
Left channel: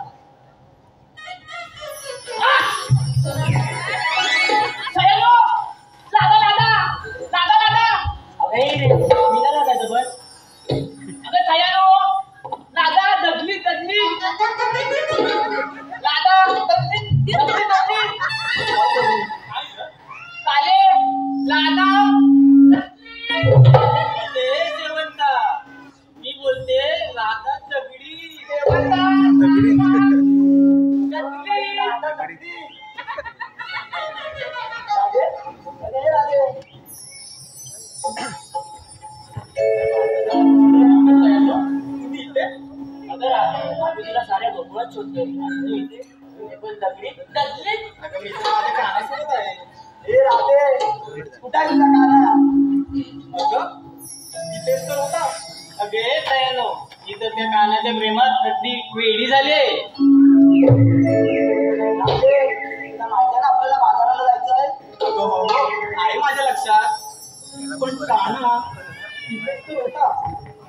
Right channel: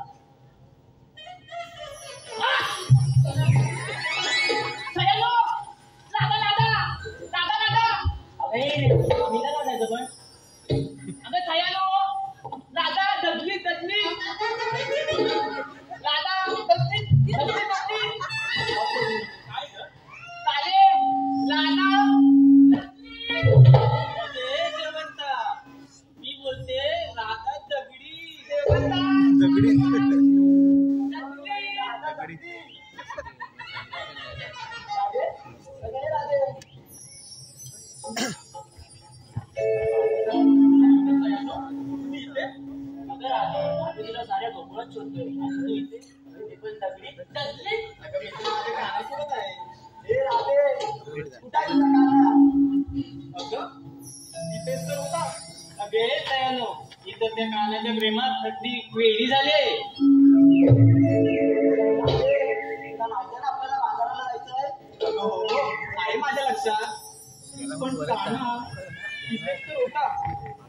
मी ना लागायचं पण अगं छायानो लादा दगली दगली लादा दगली दगली दगली काले लादा ते शेवंता मी बोलते लादा दगडी शेवंता दगली लादा दगडी तुला साऱ्या गोकुळात शोधतोय आणि तू इथे पण दगडी दगली अगं मी तर माझ्या कानासोबत आहे. हे राधे कुठे आहे तुझा काना? अगं इथेच तर होता. अगे तयानो इथं त्या कानाच्या प्रेमात अगदी वेडी झाली. राधे तुला माहिती आहे ना आपल्याला बाजाराला जायचं आहे. अगं हो आहे माझ्या लक्षात, पण काना इथेच तर होता.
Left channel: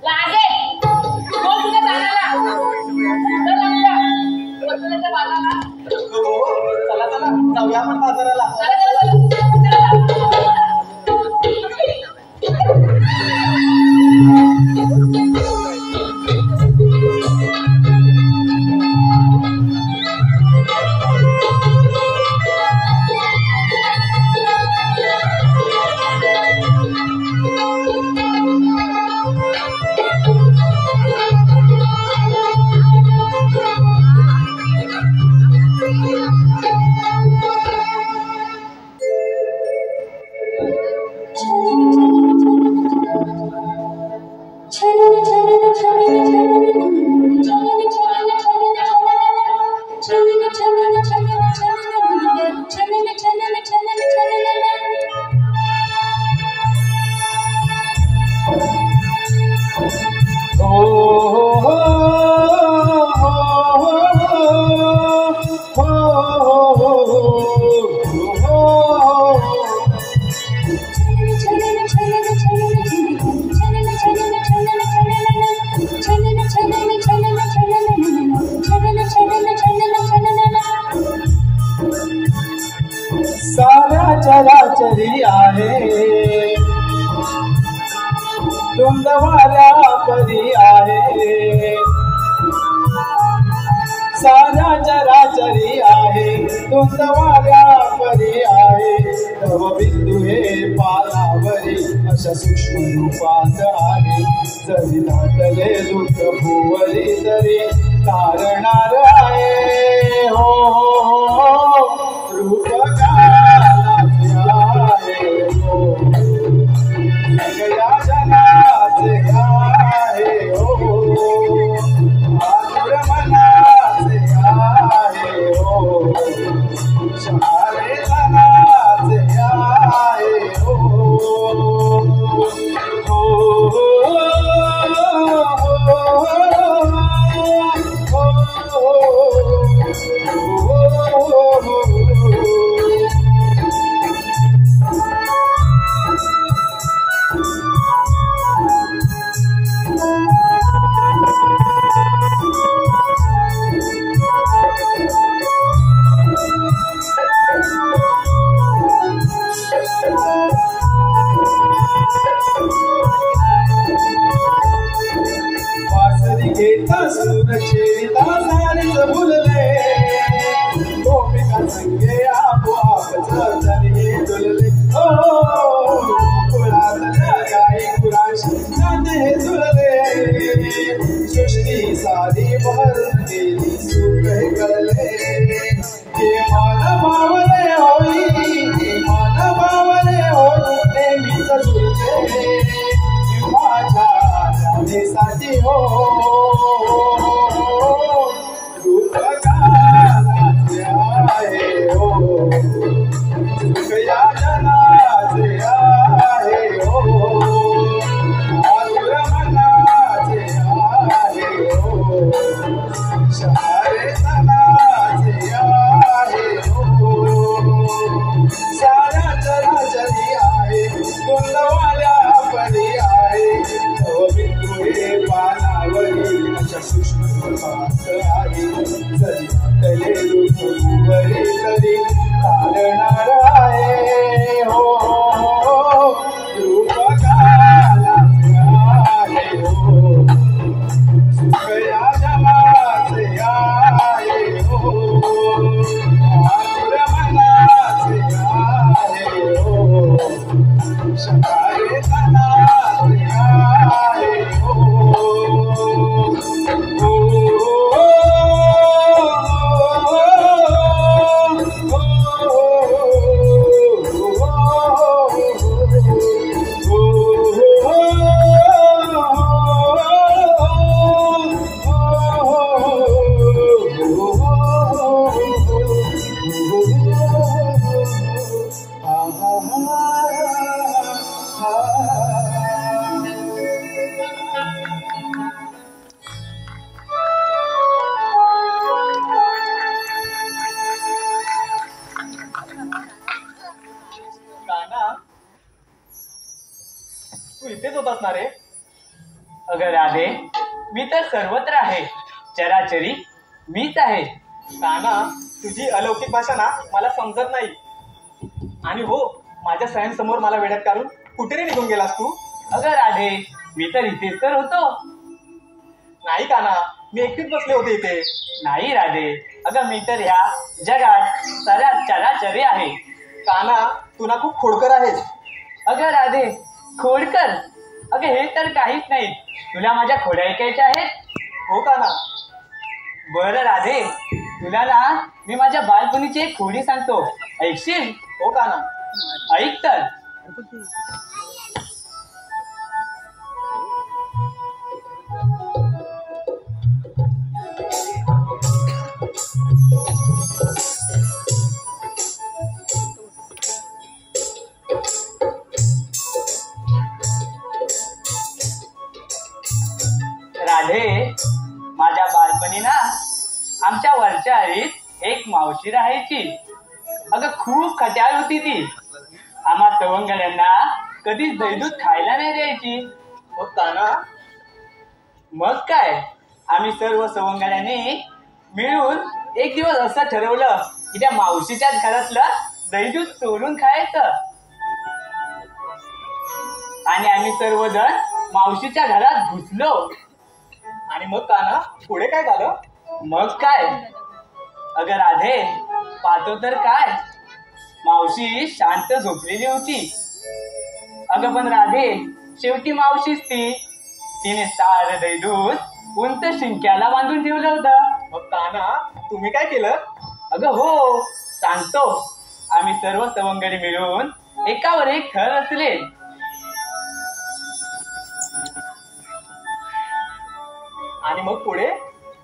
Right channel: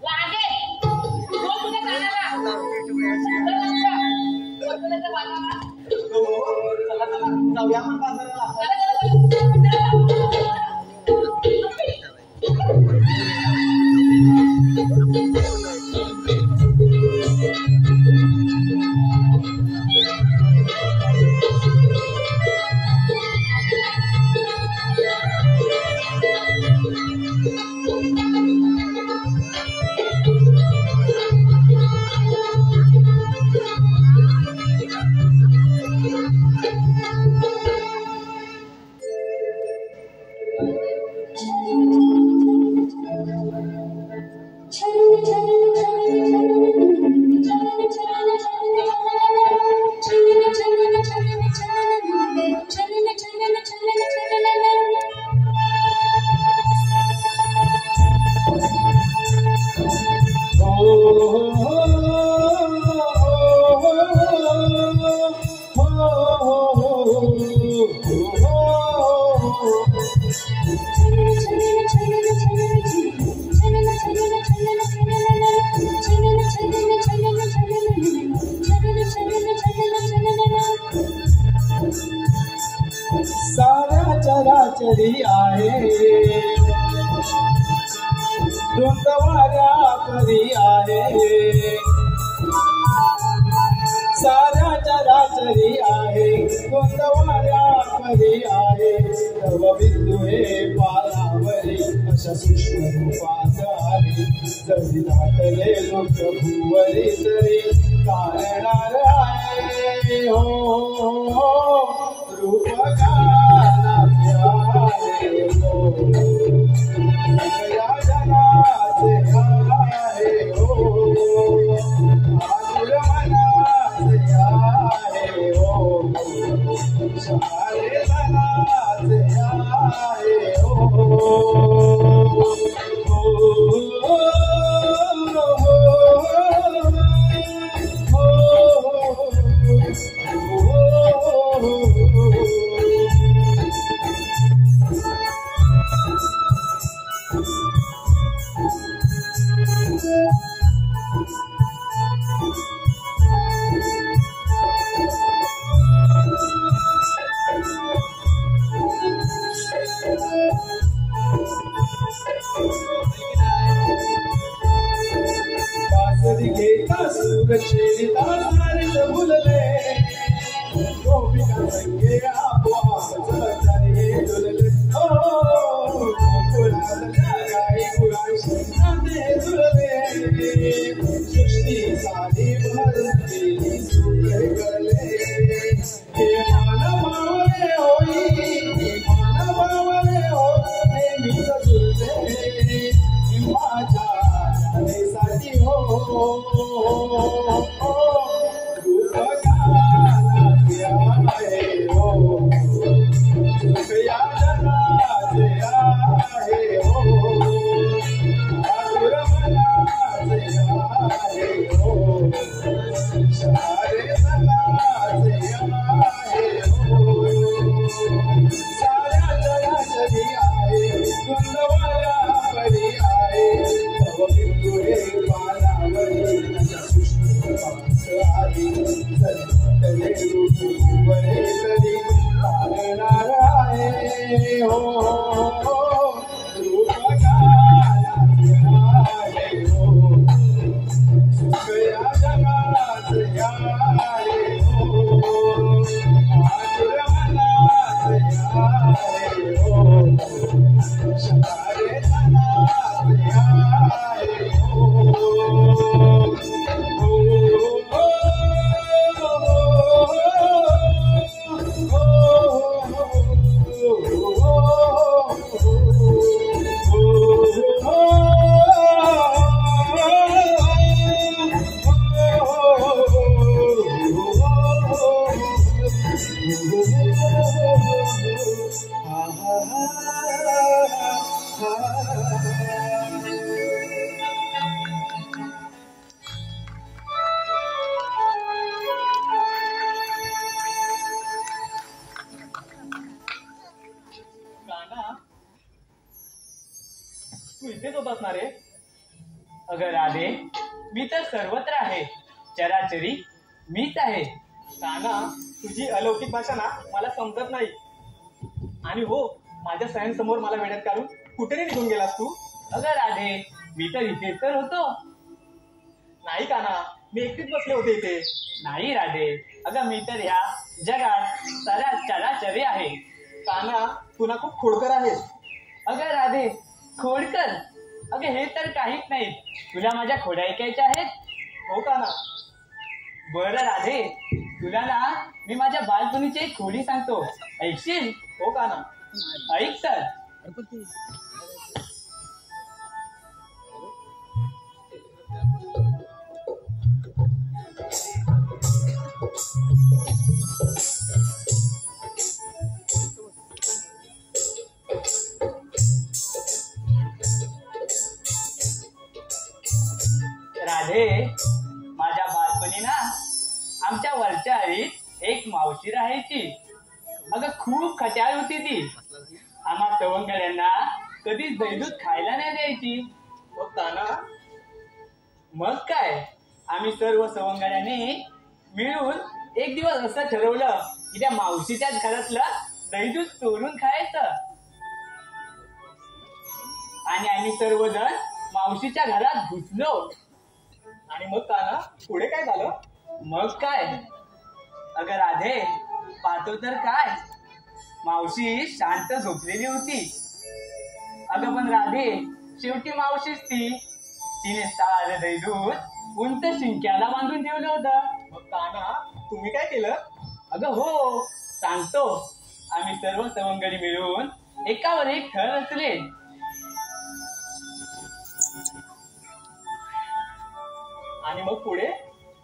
लागे हो तुझ्या कानाला बाजाराला अगं हो चला चला जाऊया आपण बाजाराला. चराचरी आहे धुंद वाऱ्या परी आहे. साऱ्या चराचरी आहे धुंद वाऱ्या परी आहे. तव बिंदू हे पालावरी अशा सूक्ष्म रूपात आहे. जरी दाटले दुःख भुवरी तरी तारणार आहे. हो हो हो रूप छेडिता सारीच भुलले गोपिका संगे आपोआप चरणी डुलले. ओ गोकुळातल्या गाई गुरांशी नाते जुळले. सृष्टी सारी भरून गेली सुख हे कळले. हे मान बावले होई हे मान बावले होई नेहमीच जुळते माझ्या राणीसाठी हो. बिंदुळे पानावरी अशा कृष्ण आहे जरी वाटले दुःखवरे तरी तारणार आहे हो रूप कालाचे आहे हो सुख या जगाचे आहे हो आतुर मनाचे आहे हो शकारे तनाचे आहे हो तू इथेच होतास ना रे? अगं राधे, मी तर सर्वत्र आहे. चराचरी मीच आहे. काना, तुझी अलौकिक भाषा ना मला समजत नाही. आणि हो, माझ्या सह्यांसमोर मला वेड्यात काढून कुठे रे निघून गेलास तू? अगं राधे, मी तर इथेच तर होतो. नाही काना, मी एकटीच बसले होते इथे. नाही राधे, अगं मी तर ह्या जगात चराचरी आहे. काना, तू ना खूप खोडकर आहेस. अगं राधे, खोडकर? अगं हे तर काहीच नाही. तुला माझ्या खोड्या ऐकायच्या आहेत? हो काना. बरं राधे, तुला ना मी माझ्या बालपणीची एक खोडी सांगतो, ऐकशील? हो काना. ऐक तर. राधे, माझ्या बालपणी ना आमच्या वरच्या आळीत एक मावशी राहायची. अगं खूप खट्याळ होती ती. आम्हा सवंगड्यांना कधीच दहीदूध खायला नाही द्यायची. मग काना, मग काय, आम्ही सर्व सवंगड्यांनी मिळून एक दिवस असं ठरवलं की त्या मावशीच्याच घरातलं दहीदूध चोरून खायचं. आणि आम्ही सर्वजण मावशीच्या घरात घुसलो. आणि मग काना, पुढे काय झालं? मग काय, अगं राधे, पाहतो तर काय, मावशी शांत झोपलेली होती. अगं पण राधे, शेवटी मावशीच ती. तिने सारं दहीदूध उंच शिंक्याला बांधून ठेवलं होतं. मग काना, तुम्ही काय केलं? अगं हो, सांगतो. आम्ही सर्व सवंगडी मिळून एकावर एक थर रचले. आणि मग पुढे?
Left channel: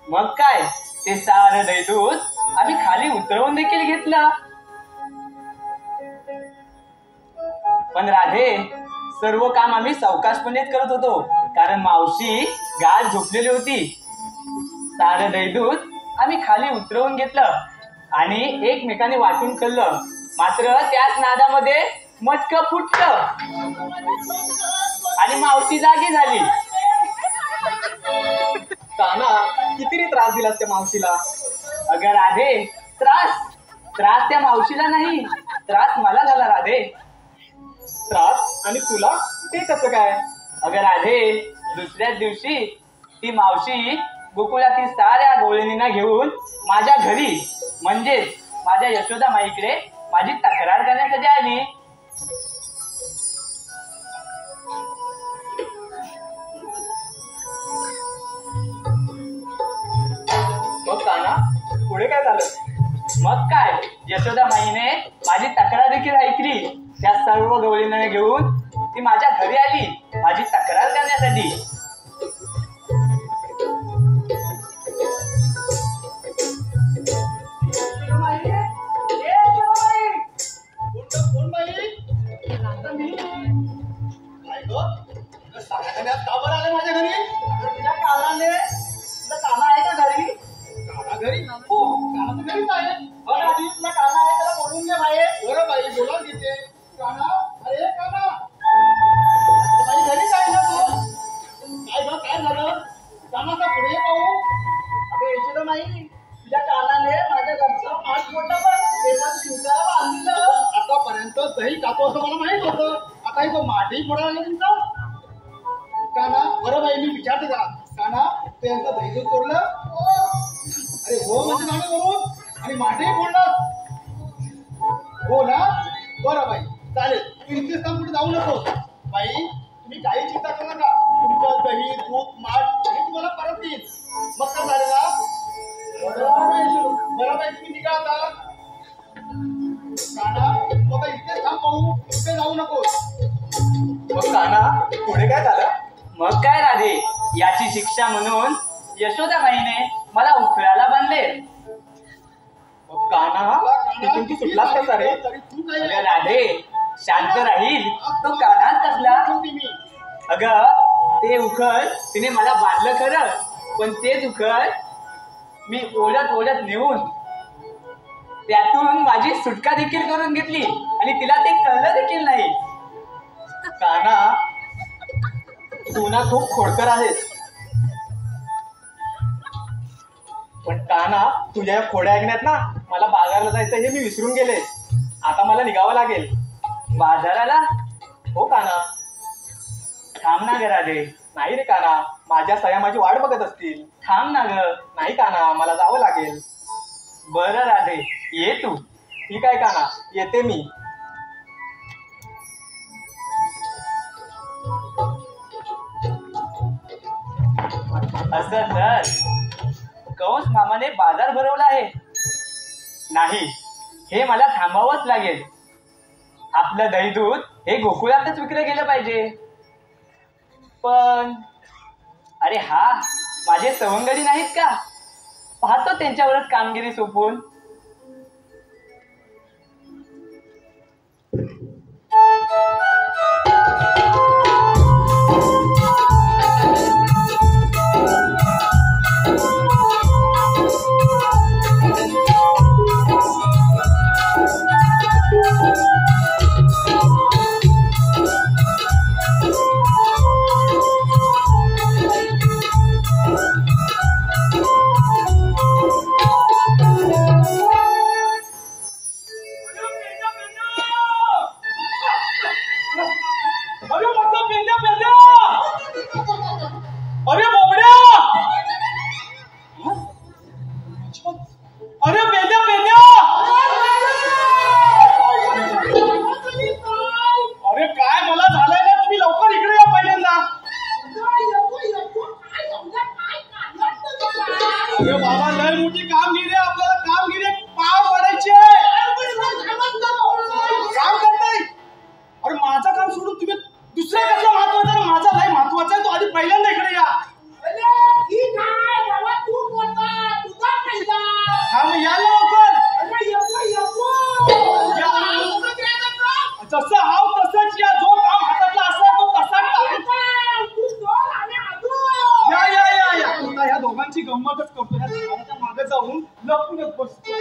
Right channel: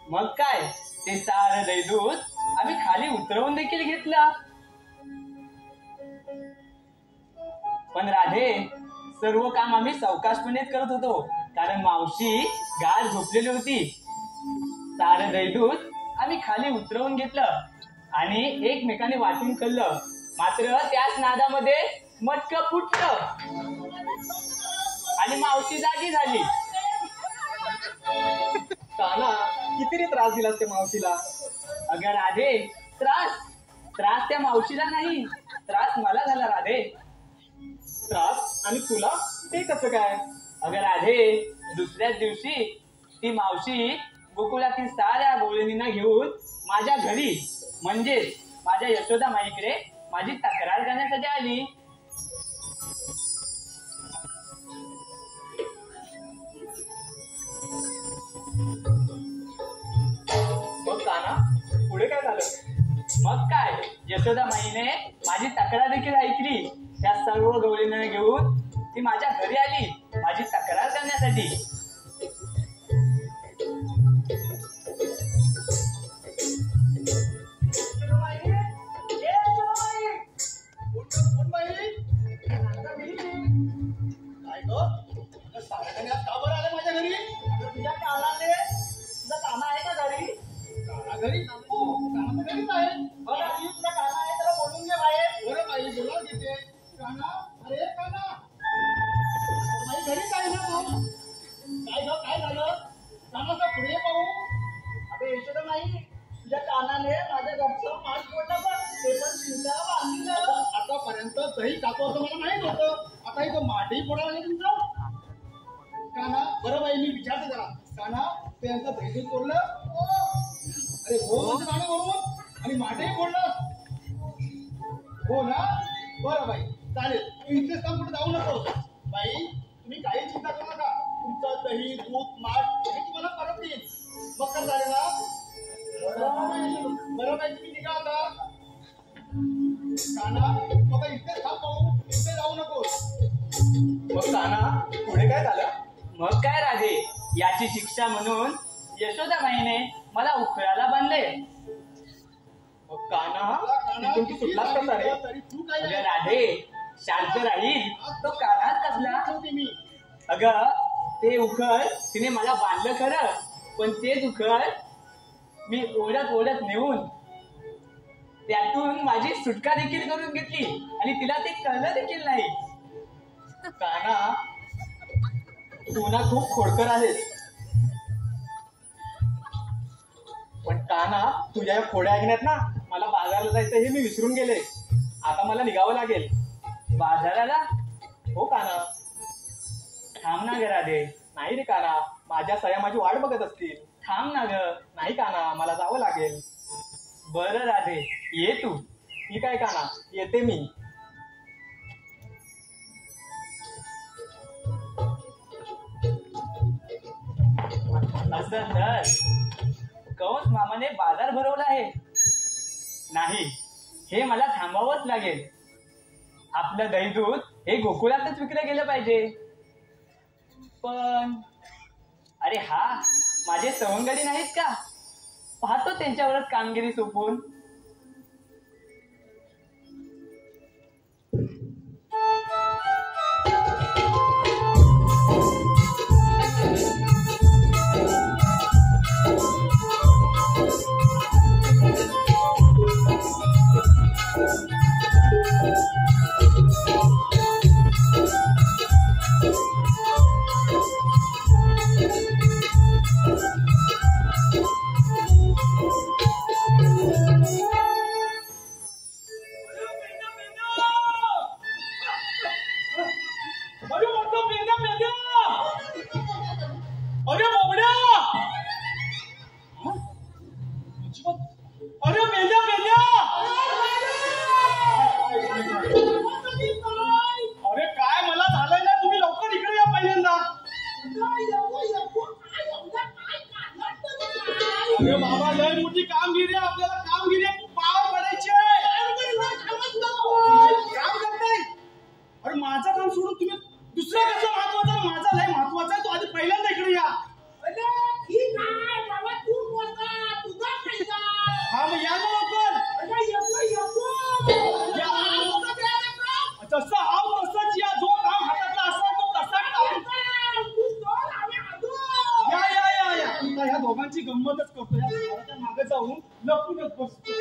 मग काय, ते सारं दहीदूध आम्ही खाली उतरवून देखील घेतलं. पण राधे, सर्व काम आम्ही सावकाशपणेच करत होतो, कारण मावशी गाढ झोपलेली होती. सारं दहीदूध आम्ही खाली उतरवून घेतलं आणि एकमेकाने वाटून खाल्लं. मात्र त्याच नादामध्ये मटकं फुटलं आणि मावशी जागी झाली. काना, किती रे त्रास दिलास त्या मावशीला? अगं राधे, त्रास त्या मावशीला नाही, त्रास मला झाला राधे. त्रास? आणि तुला ते कसं काय? अगं राधे, दुसऱ्याच दिवशी ती मावशी गोकुळातील साऱ्या गवळणींना घेऊन माझ्या घरी म्हणजेच माझ्या यशोदा माईकडे माझी तक्रार करण्यासाठी आली. मग काना, पुढे काय झालं? मग काय, यशोदा माईने माझी तक्रार देखील ऐकली. त्या सर्व गवळींना घेऊन ती माझ्या घरी आली माझी तक्रार करण्यासाठी. माझ्या घरी तुझ्या कानाने, तुझा काना आहे का घरी? काना घरी? हो, काना तर घरीच आहे. आधी तुझा काना आहे, त्याला बोलून घे बाई. बरं बाई, बोलावून घेते. काना, अरे काना, बाई घरीच आहे ना तू? तसं मला माहित होतं. आता तो माठी फोडायला तुमचा काना. बरं बाई, मी विचारते का काना ते यांचं दैदूत तोडलं? अरे हो म्हणजे झालं बरोबर. आणि माठीही फोडलं हो ना? बरं बाई, चालेल. तू इथेच थांब, कुठे जाऊ नकोस बाई. तुम्ही काही चिंता करू नका. तुमचं दही दूध माठ हे तुम्हाला परत येईल. मग काय झालं ना? बरं बाई, तुम्ही निघा आता. काना तू आता इथेच थांब पाहू, इथे जाऊ नकोस. मग काना पुढे काय झालं? मग काय राधे, याची शिक्षा म्हणून यशोदाबाईने मला उखळाला बांधले. मग काना तिथून तू सुटलास कसा रे? तरी तू काय अगं राधे, शांत राहील तो कानात कसला? होती मी. अगं ते उखळ तिने मला बांधलं खरं, पण तेच उखळ मी ओढत ओढत नेऊन त्यातून माझी सुटका देखील करून घेतली आणि तिला ते कळलं देखील नाही. काना तू ना खूप खोडकर आहेस. पण काना तुझ्या या खोड्या ऐकण्यात ना मला बाजारला जायचं हे मी विसरून गेले. आता मला निघावं लागेल. बाजाराला? हो काना. थांब ना ग राधे. नाही रे काना, माझ्या सया माझी वाट बघत असतील. थांब ना ग. नाही काना, मला जावं लागेल. बरं राधे, ये तू. ठीक आहे काना, येते मी. असं तर कंस मामाने बाजार भरवला आहे. नाही, हे मला थांबावंच लागेल. आपलं दही दूध हे गोकुळातच विकलं गेलं पाहिजे. पण अरे हा, माझे सवंगडी नाहीत का? पाहतो त्यांच्यावरच कामगिरी सोपवून. अरे बाबा, लय मोठी कामगिरी आहे. आपल्याला कामगिरी पार पडायची. काम करताय? अरे माझं काम सोडून तुम्ही दुसऱ्या कसं महत्वाचं आहे? माझा लय महत्वाचा आहे. तो आधी पहिल्यांदा इकडे या. हा मग या लवकर. जसं हाव तसंच या. जो काम हातातला असला तो तसाच या या या या. आता ह्या दोघांची गंमतच करतो. या झाडाच्या मागे जाऊन लपूनच बसतो.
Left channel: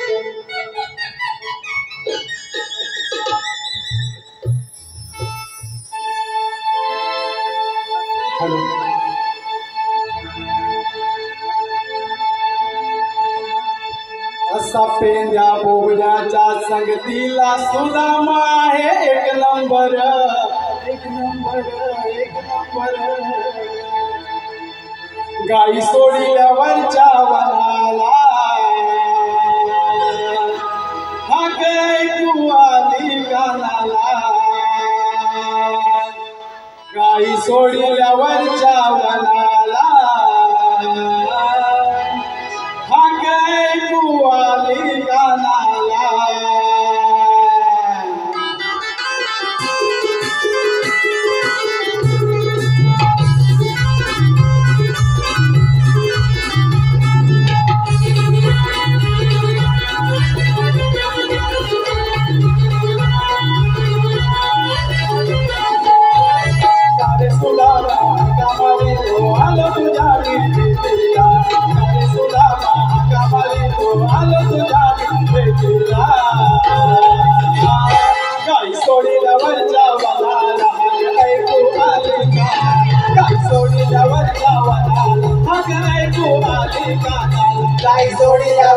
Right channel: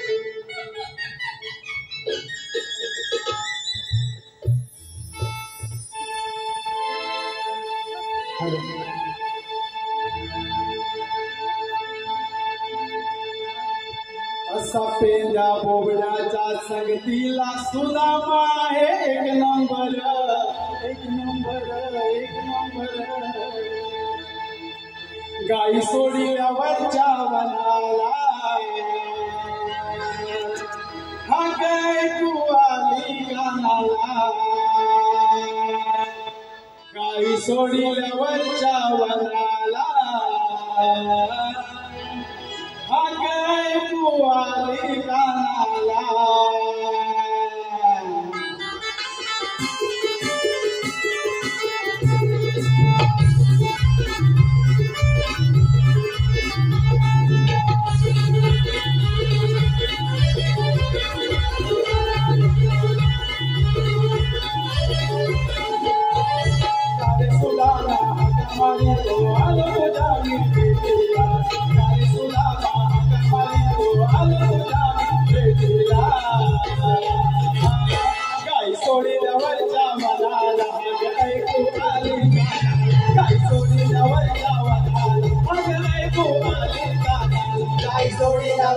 हॅलो. असा पेंद्या बोबड्याच्या संगतीला सुदामा आहे. एक नंबर एक नंबर एक नंबर. गाई सोडल्यावरच्या वनाला हा गाय तू आली गानाला. गाई सोडल्यावरच्या वनाला हा गाय तू आली गानाला. सोडीला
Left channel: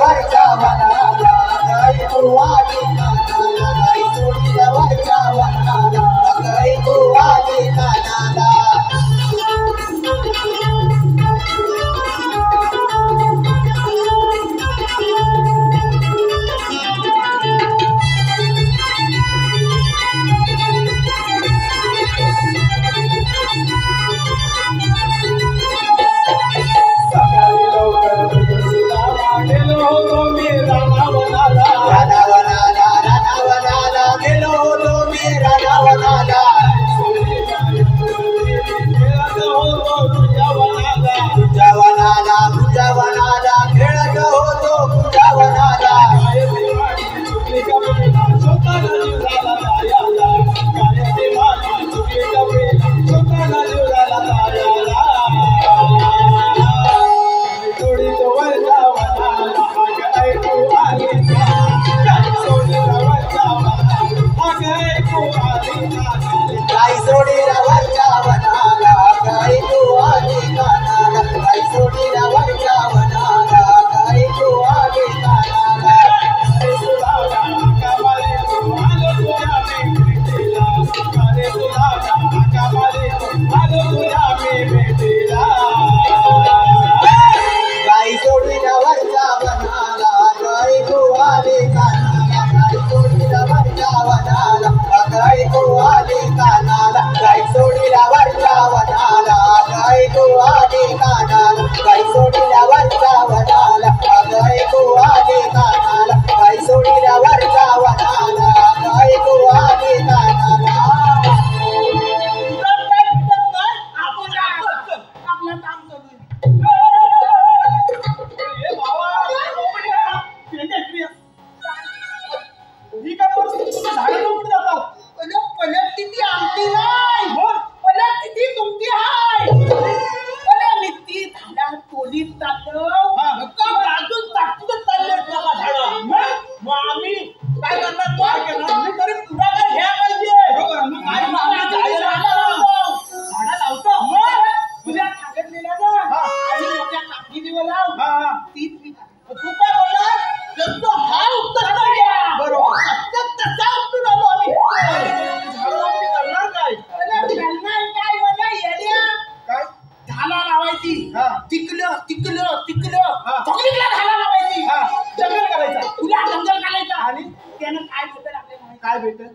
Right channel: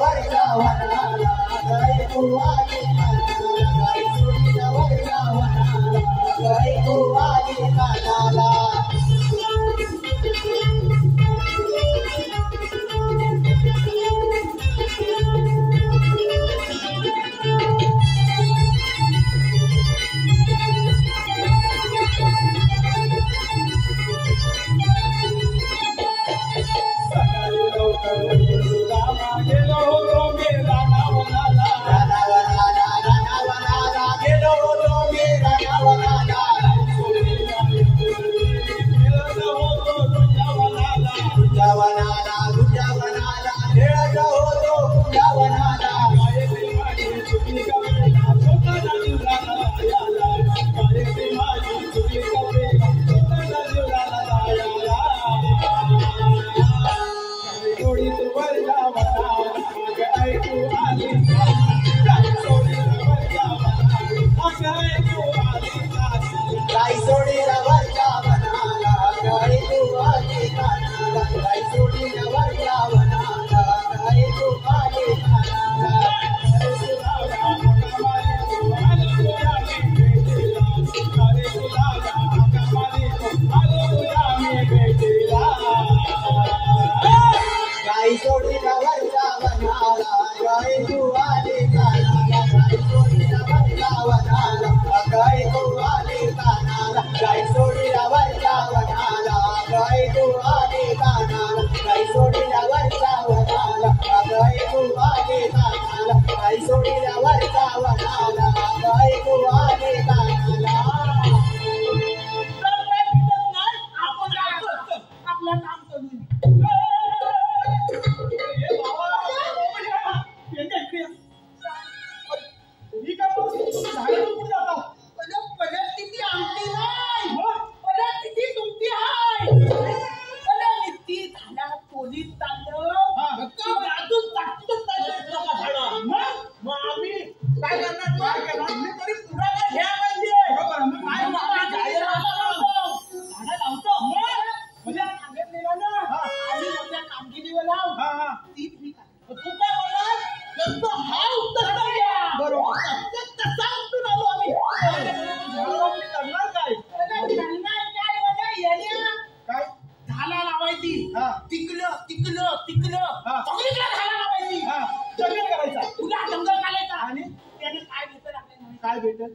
माहिती हा. तिकलं तिकलं तिकलं हा. पब्लिकला घालायला पाहिजे हा जंगल करायचा तुला जंगल घालायचा आणि त्यानं काय भेटेल आपल्याला माहिती काय भेटत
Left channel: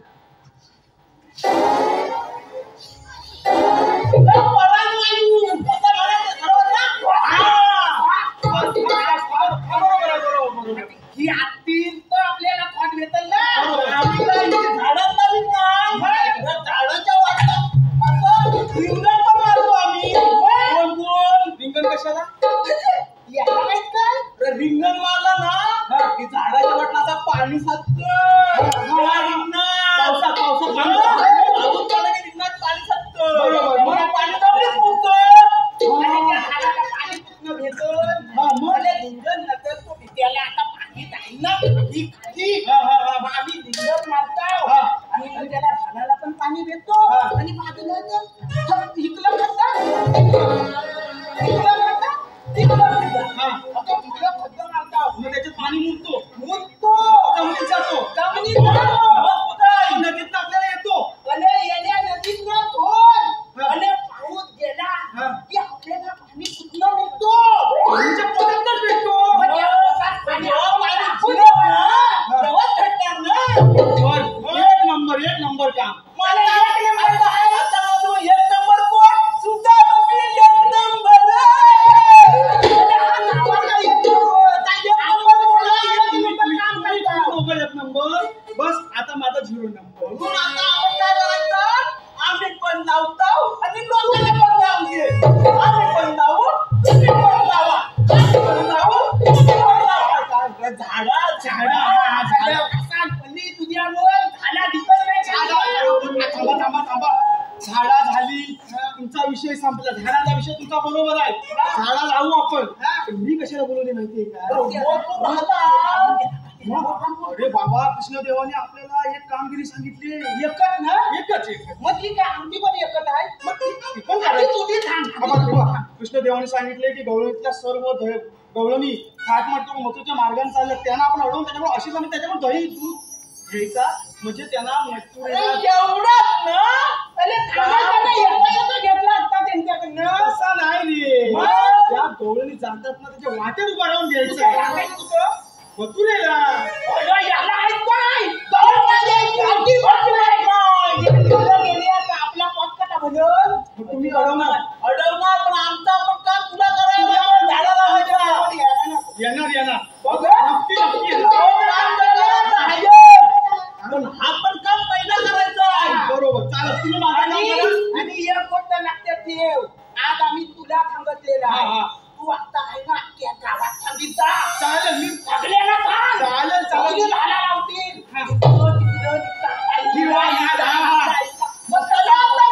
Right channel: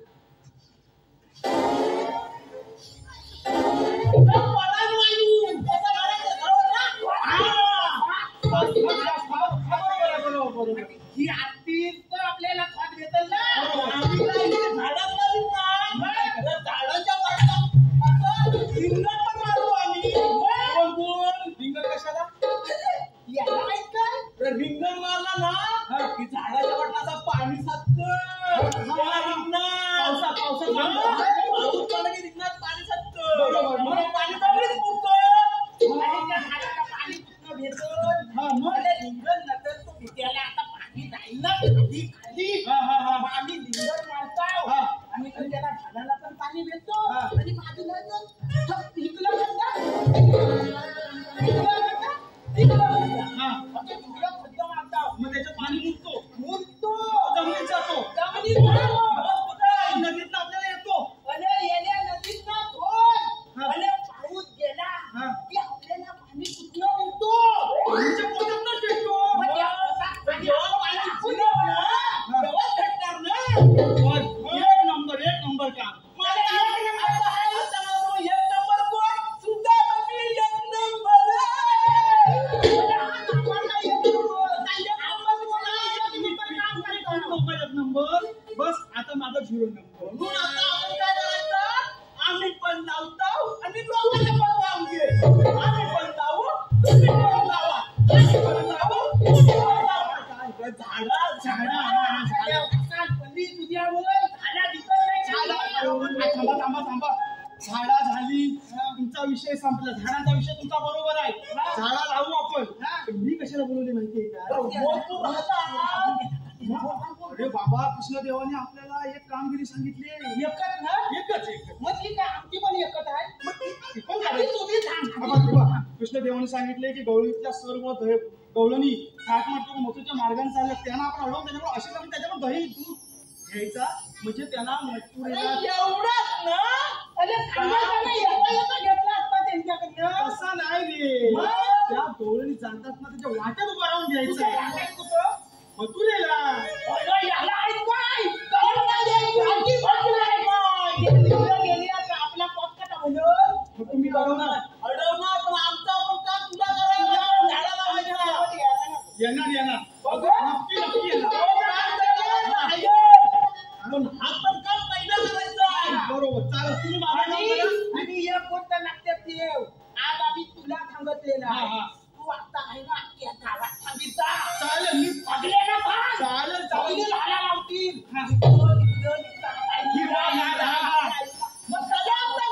परानवायू असं म्हणायचं बरोबर ना बरोबर ही आत्ती तर आपल्याला खत भेटेल ना बरोबर. आम्ही काय इथे झाडच लावीत नाही तर झाडाच्या वाटत असं रिंगण पण मारतो आम्ही कोण कोण रिंगण कशाला याला माहित काय तर रिंगण मारला ना की झाडाच्या वाटणाचा पाणी पावसात पाऊस पडला की रिंगणात पाणी साचतं बरोबर. मग पाणी जमिनीत मुरतं. आणि त्या झाडाला पाणी कुठनं भेटल हा, मग? मला रिंगण नसेल तो भित्याला आता पाणी जाईल ना खाली खाली मग आम्ही रिंगण मारतो हा. आणि मग त्याला झाडाला पण पाणी भेटतो हा. आणि बाजूला इकलं खड्डा हा. मग त्याच्यात पाणी मुरतो जमिनीत जातो नदीत आपल्याला येतो पाऊस गेला हा. की आपल्याला पाणी कुठलं मिळतो पाणीच्या पोटातच भेटतो मग त्या पोटात पाणी आपल्याला पुरव ना, हा. तेव्हाच भेटणार ना. एक नंबर काम मला एक नंबर आहे. तू एक नंबर कोण? सुद्धा बघी एक नंबर. मला हा नावाला एक नंबर. काय एक नंबर बोला, एक नंबर काम करता. एक नंबर बस आता माझा 0 नंबर म्हणून आता आपण काय करायचं? आम्ही पण लावतो आणि लोकांना पण लावून घे. आम्ही पण लावू, तुम्ही पण लावा. आम्ही पण लावू, तुम्ही पण लावा. झाडा पल्ली तुझ्यामुळे झाडा दिसत नाही. थांबा झाडा झाली तुमचा विषय संपला झाडाचा विषय तुमचा बरोबर आहे झाडा लावू आपण पण मी कशाला बोलवले माहितीये का अरे बाबा कृष्णदेवाने आपल्याला एक कामगिरी सांगितली एकच ना एकच मग ठीक आहे आमची पण एकच आहे मग ती पण आधी करायचं. तुझी सांग कृष्णदेवाने सांगितले की गवळणीतल्या सर्व गवळणी थाटमाट मथुरच्या मार्गाने चालल्या त्यांना आपण अडवून त्याच्यामुळे अशीच आम्ही त्याच्यामुळे दही दूध घ्यायचा म्हणजे त्यांना मथुरेला एवढंच ना अरे थांबायचं घेतला असता त्यांच्याकडनं असा नाही रे मग? त्या गवळणी जातात ना त्याच्या वाटेत उभा राहून घ्यायचं मथुरेला याला आहेत काय अगदी बरोबर आहे काय गेले आता आपला पॉटकटा म्हणून मग तुम्ही अडवणार अडवणार पण आमचा पण काम तुला करायचं झाडा लावायचं येणार बघा. नक्की येणार पण हा पण काम पहिला करायचा आहे बरोबर चालेल तुम्ही माझं नाव करा. आणि एक गोष्ट लक्षात ठेव आज आम्ही तुला सांगितलेलं हा, आहे हा. तू आता आहे ना अख्ख्या गावात सांगितलं चालेल मी सगळ्यांना सांग. चालेल, चालेल. सगळे झाडा लावतील हा. तिकडं, तिकडं, तिकडं. हिरवा, हा. मग चला आपलं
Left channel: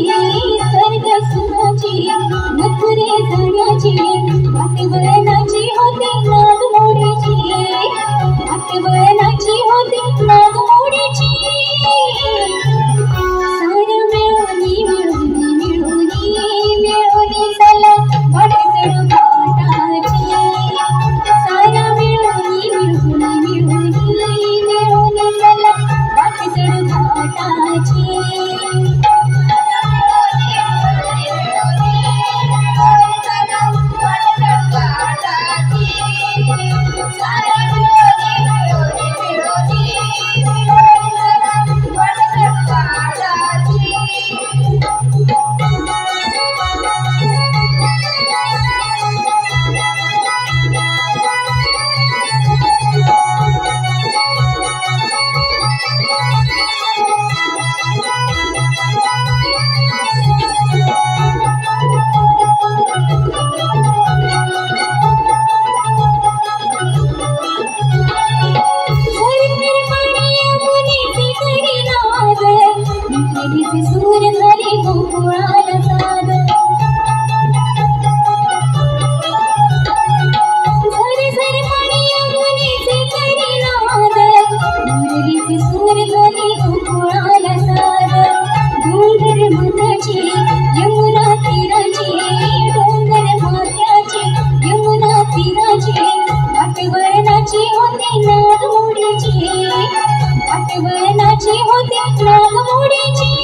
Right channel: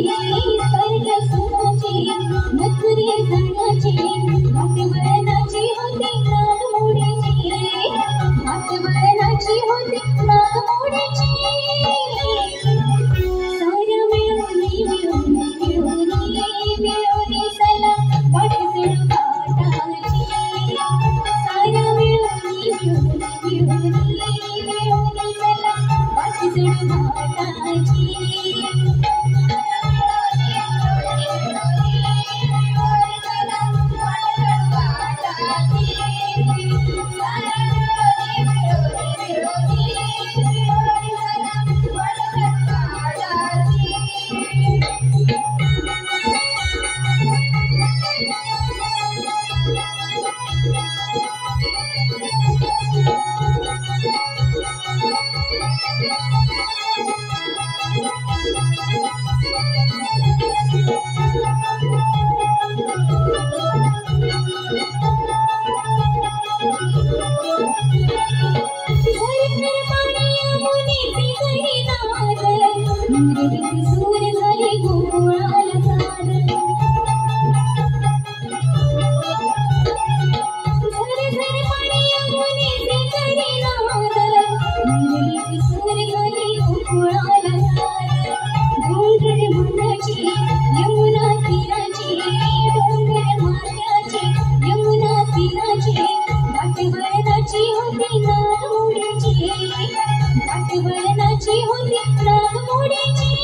स्वर्ग सुखाची मथुरे जाण्याची वाटवळणाची होती नागमोडीची वाटवळणाची होती नागमोडीची सार मिळूनी मिळूनी मिळूनी मिळूनी चला वाट चढू घाटाची सार मिळूनी मिळूनी मिळूनी मिळूनी चला वाट चढू घाटाची सूर झाली गोकुळाला साद झरे झरे पाणी यमुनेचे करी नाद मुरलीचे सूर झाली गोकुळाला साद डोंगर माथ्याची यमुना तीराची डोंगर माथ्याची यमुना तीराची वाटवळणाची होती नागमोडीची वाटवळणाची होती नागमोडीची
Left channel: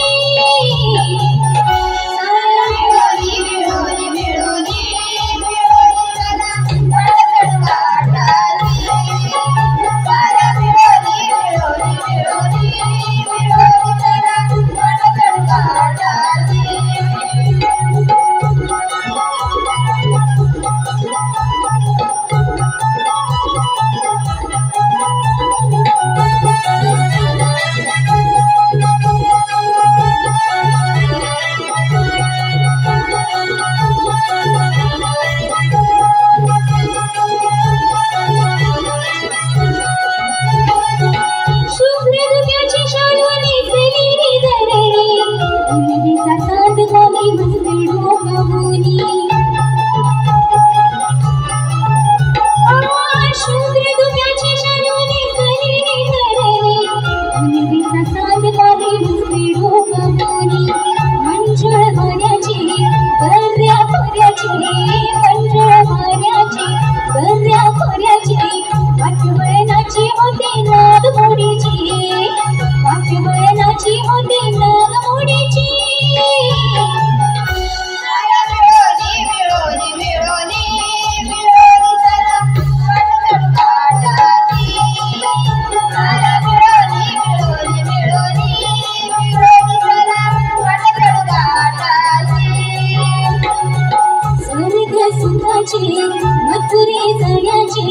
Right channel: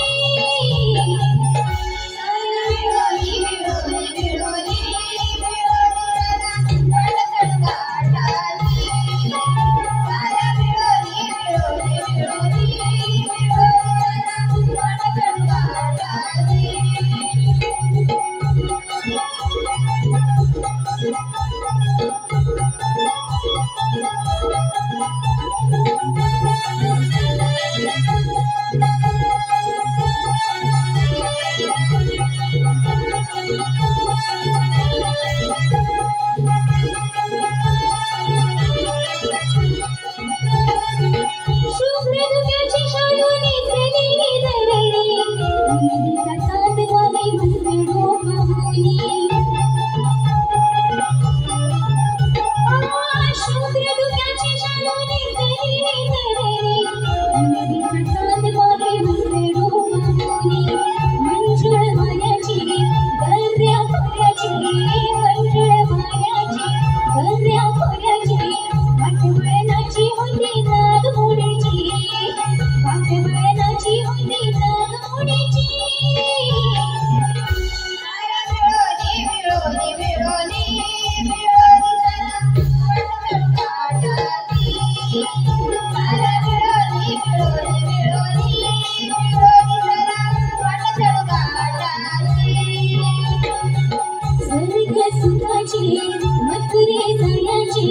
मथुरे जाण्याची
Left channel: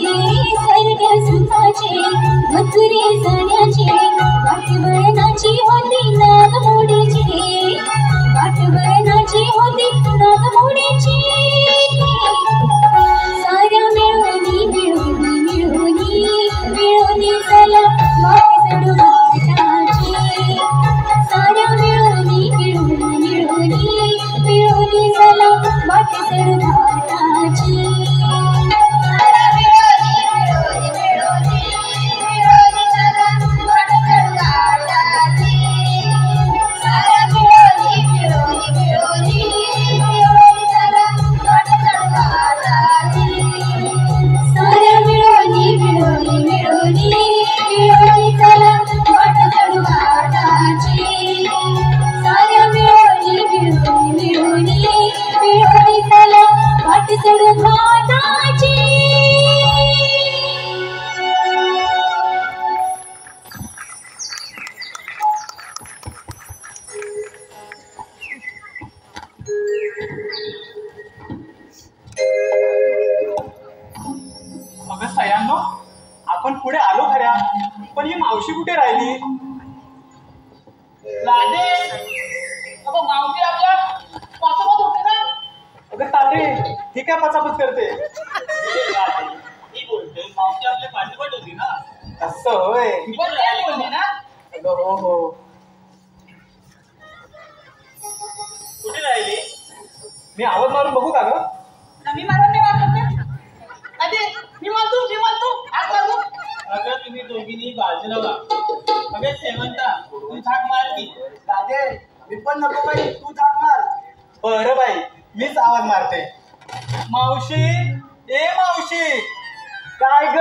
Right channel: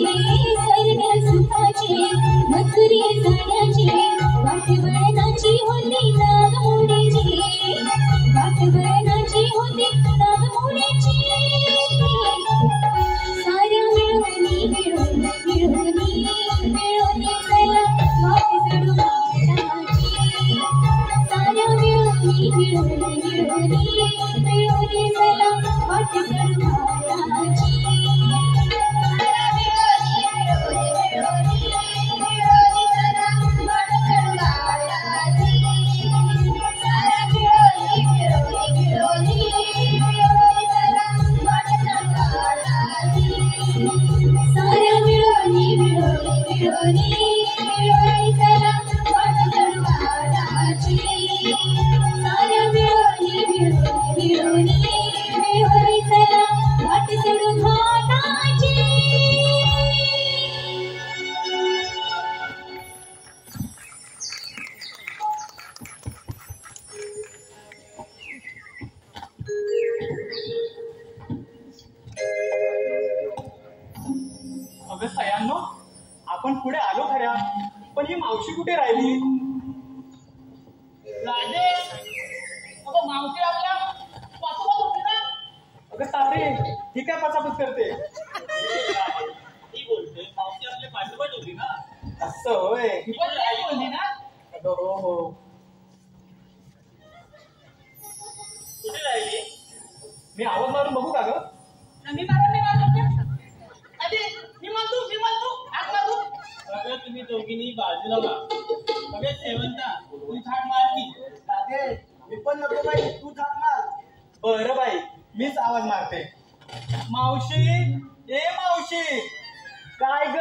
स्वर्ग सुखाची मथुरे जाण्याची वाटवळणाची होती नागमोडीची वाटवळणाची होती नागमोडीची साऱ्या मिळूनी मिळूनी मिळूनी मिळूनी चला वाट चढू घाटाची साऱ्या मिळूनी मिळूनी मिळूनी मिळूनी चला वाट चढू घाटाची आपण पुढे आलो खऱ्या, पण ही मावशी कुठे राहिली? राधे, अगं मावशी आपल्या पाचापत होते ना. अगं ताते, ही काय पचापच करते? मी बोलते मावशी आपल्या पाठोपाठ होती ना. असं होय. पण काय बोलली ना. अगं हो हो. मी आवाज मारून बघू का ग? मी मारतो हात मारतो. अगं तुम्ही दोघींनी बाजूला व्हा. अगं शेवंता तू थाक मार की. राधे मी पण नको बाई, तू थाक मार. बरं बाई, मीच आवाज मारते. मावशी, ए मावशी. काय ग?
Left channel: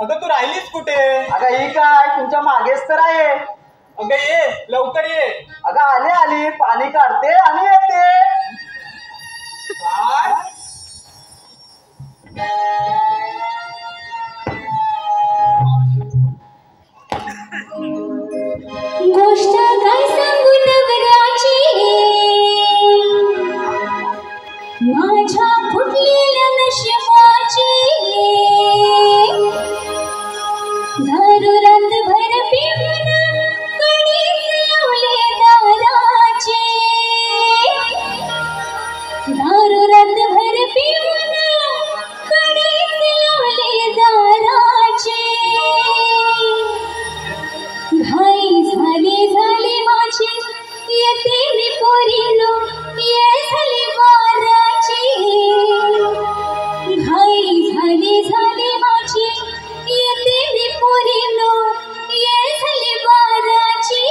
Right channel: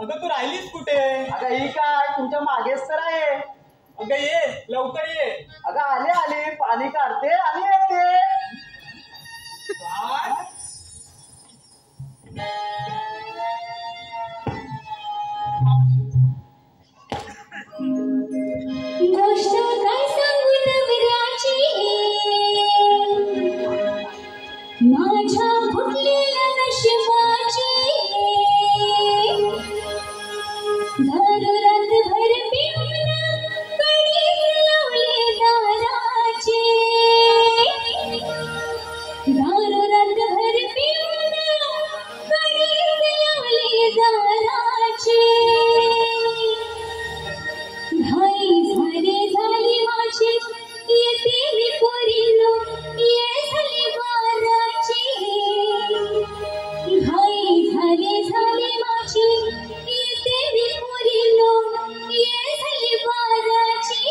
अगं तू राहिलीस कुठे? अगं ही काय तुमच्या मागेच तर आहे. अगं ये, लवकर ये. अगं आली पाणी काढते आणि येते. काय? गोष्ट काय सांगू नवऱ्याची माझ्या फुटलेल्या नशिबाची दारू रातभर पिऊन कणीस लावले दाराची दारू रातभर पिऊन कणीस लावले दाराची घाई झाली माझी येते मी पोरीनो ये झाली बाराची घाई झाली माझी येते मी पोरीनो ये झाली बाराची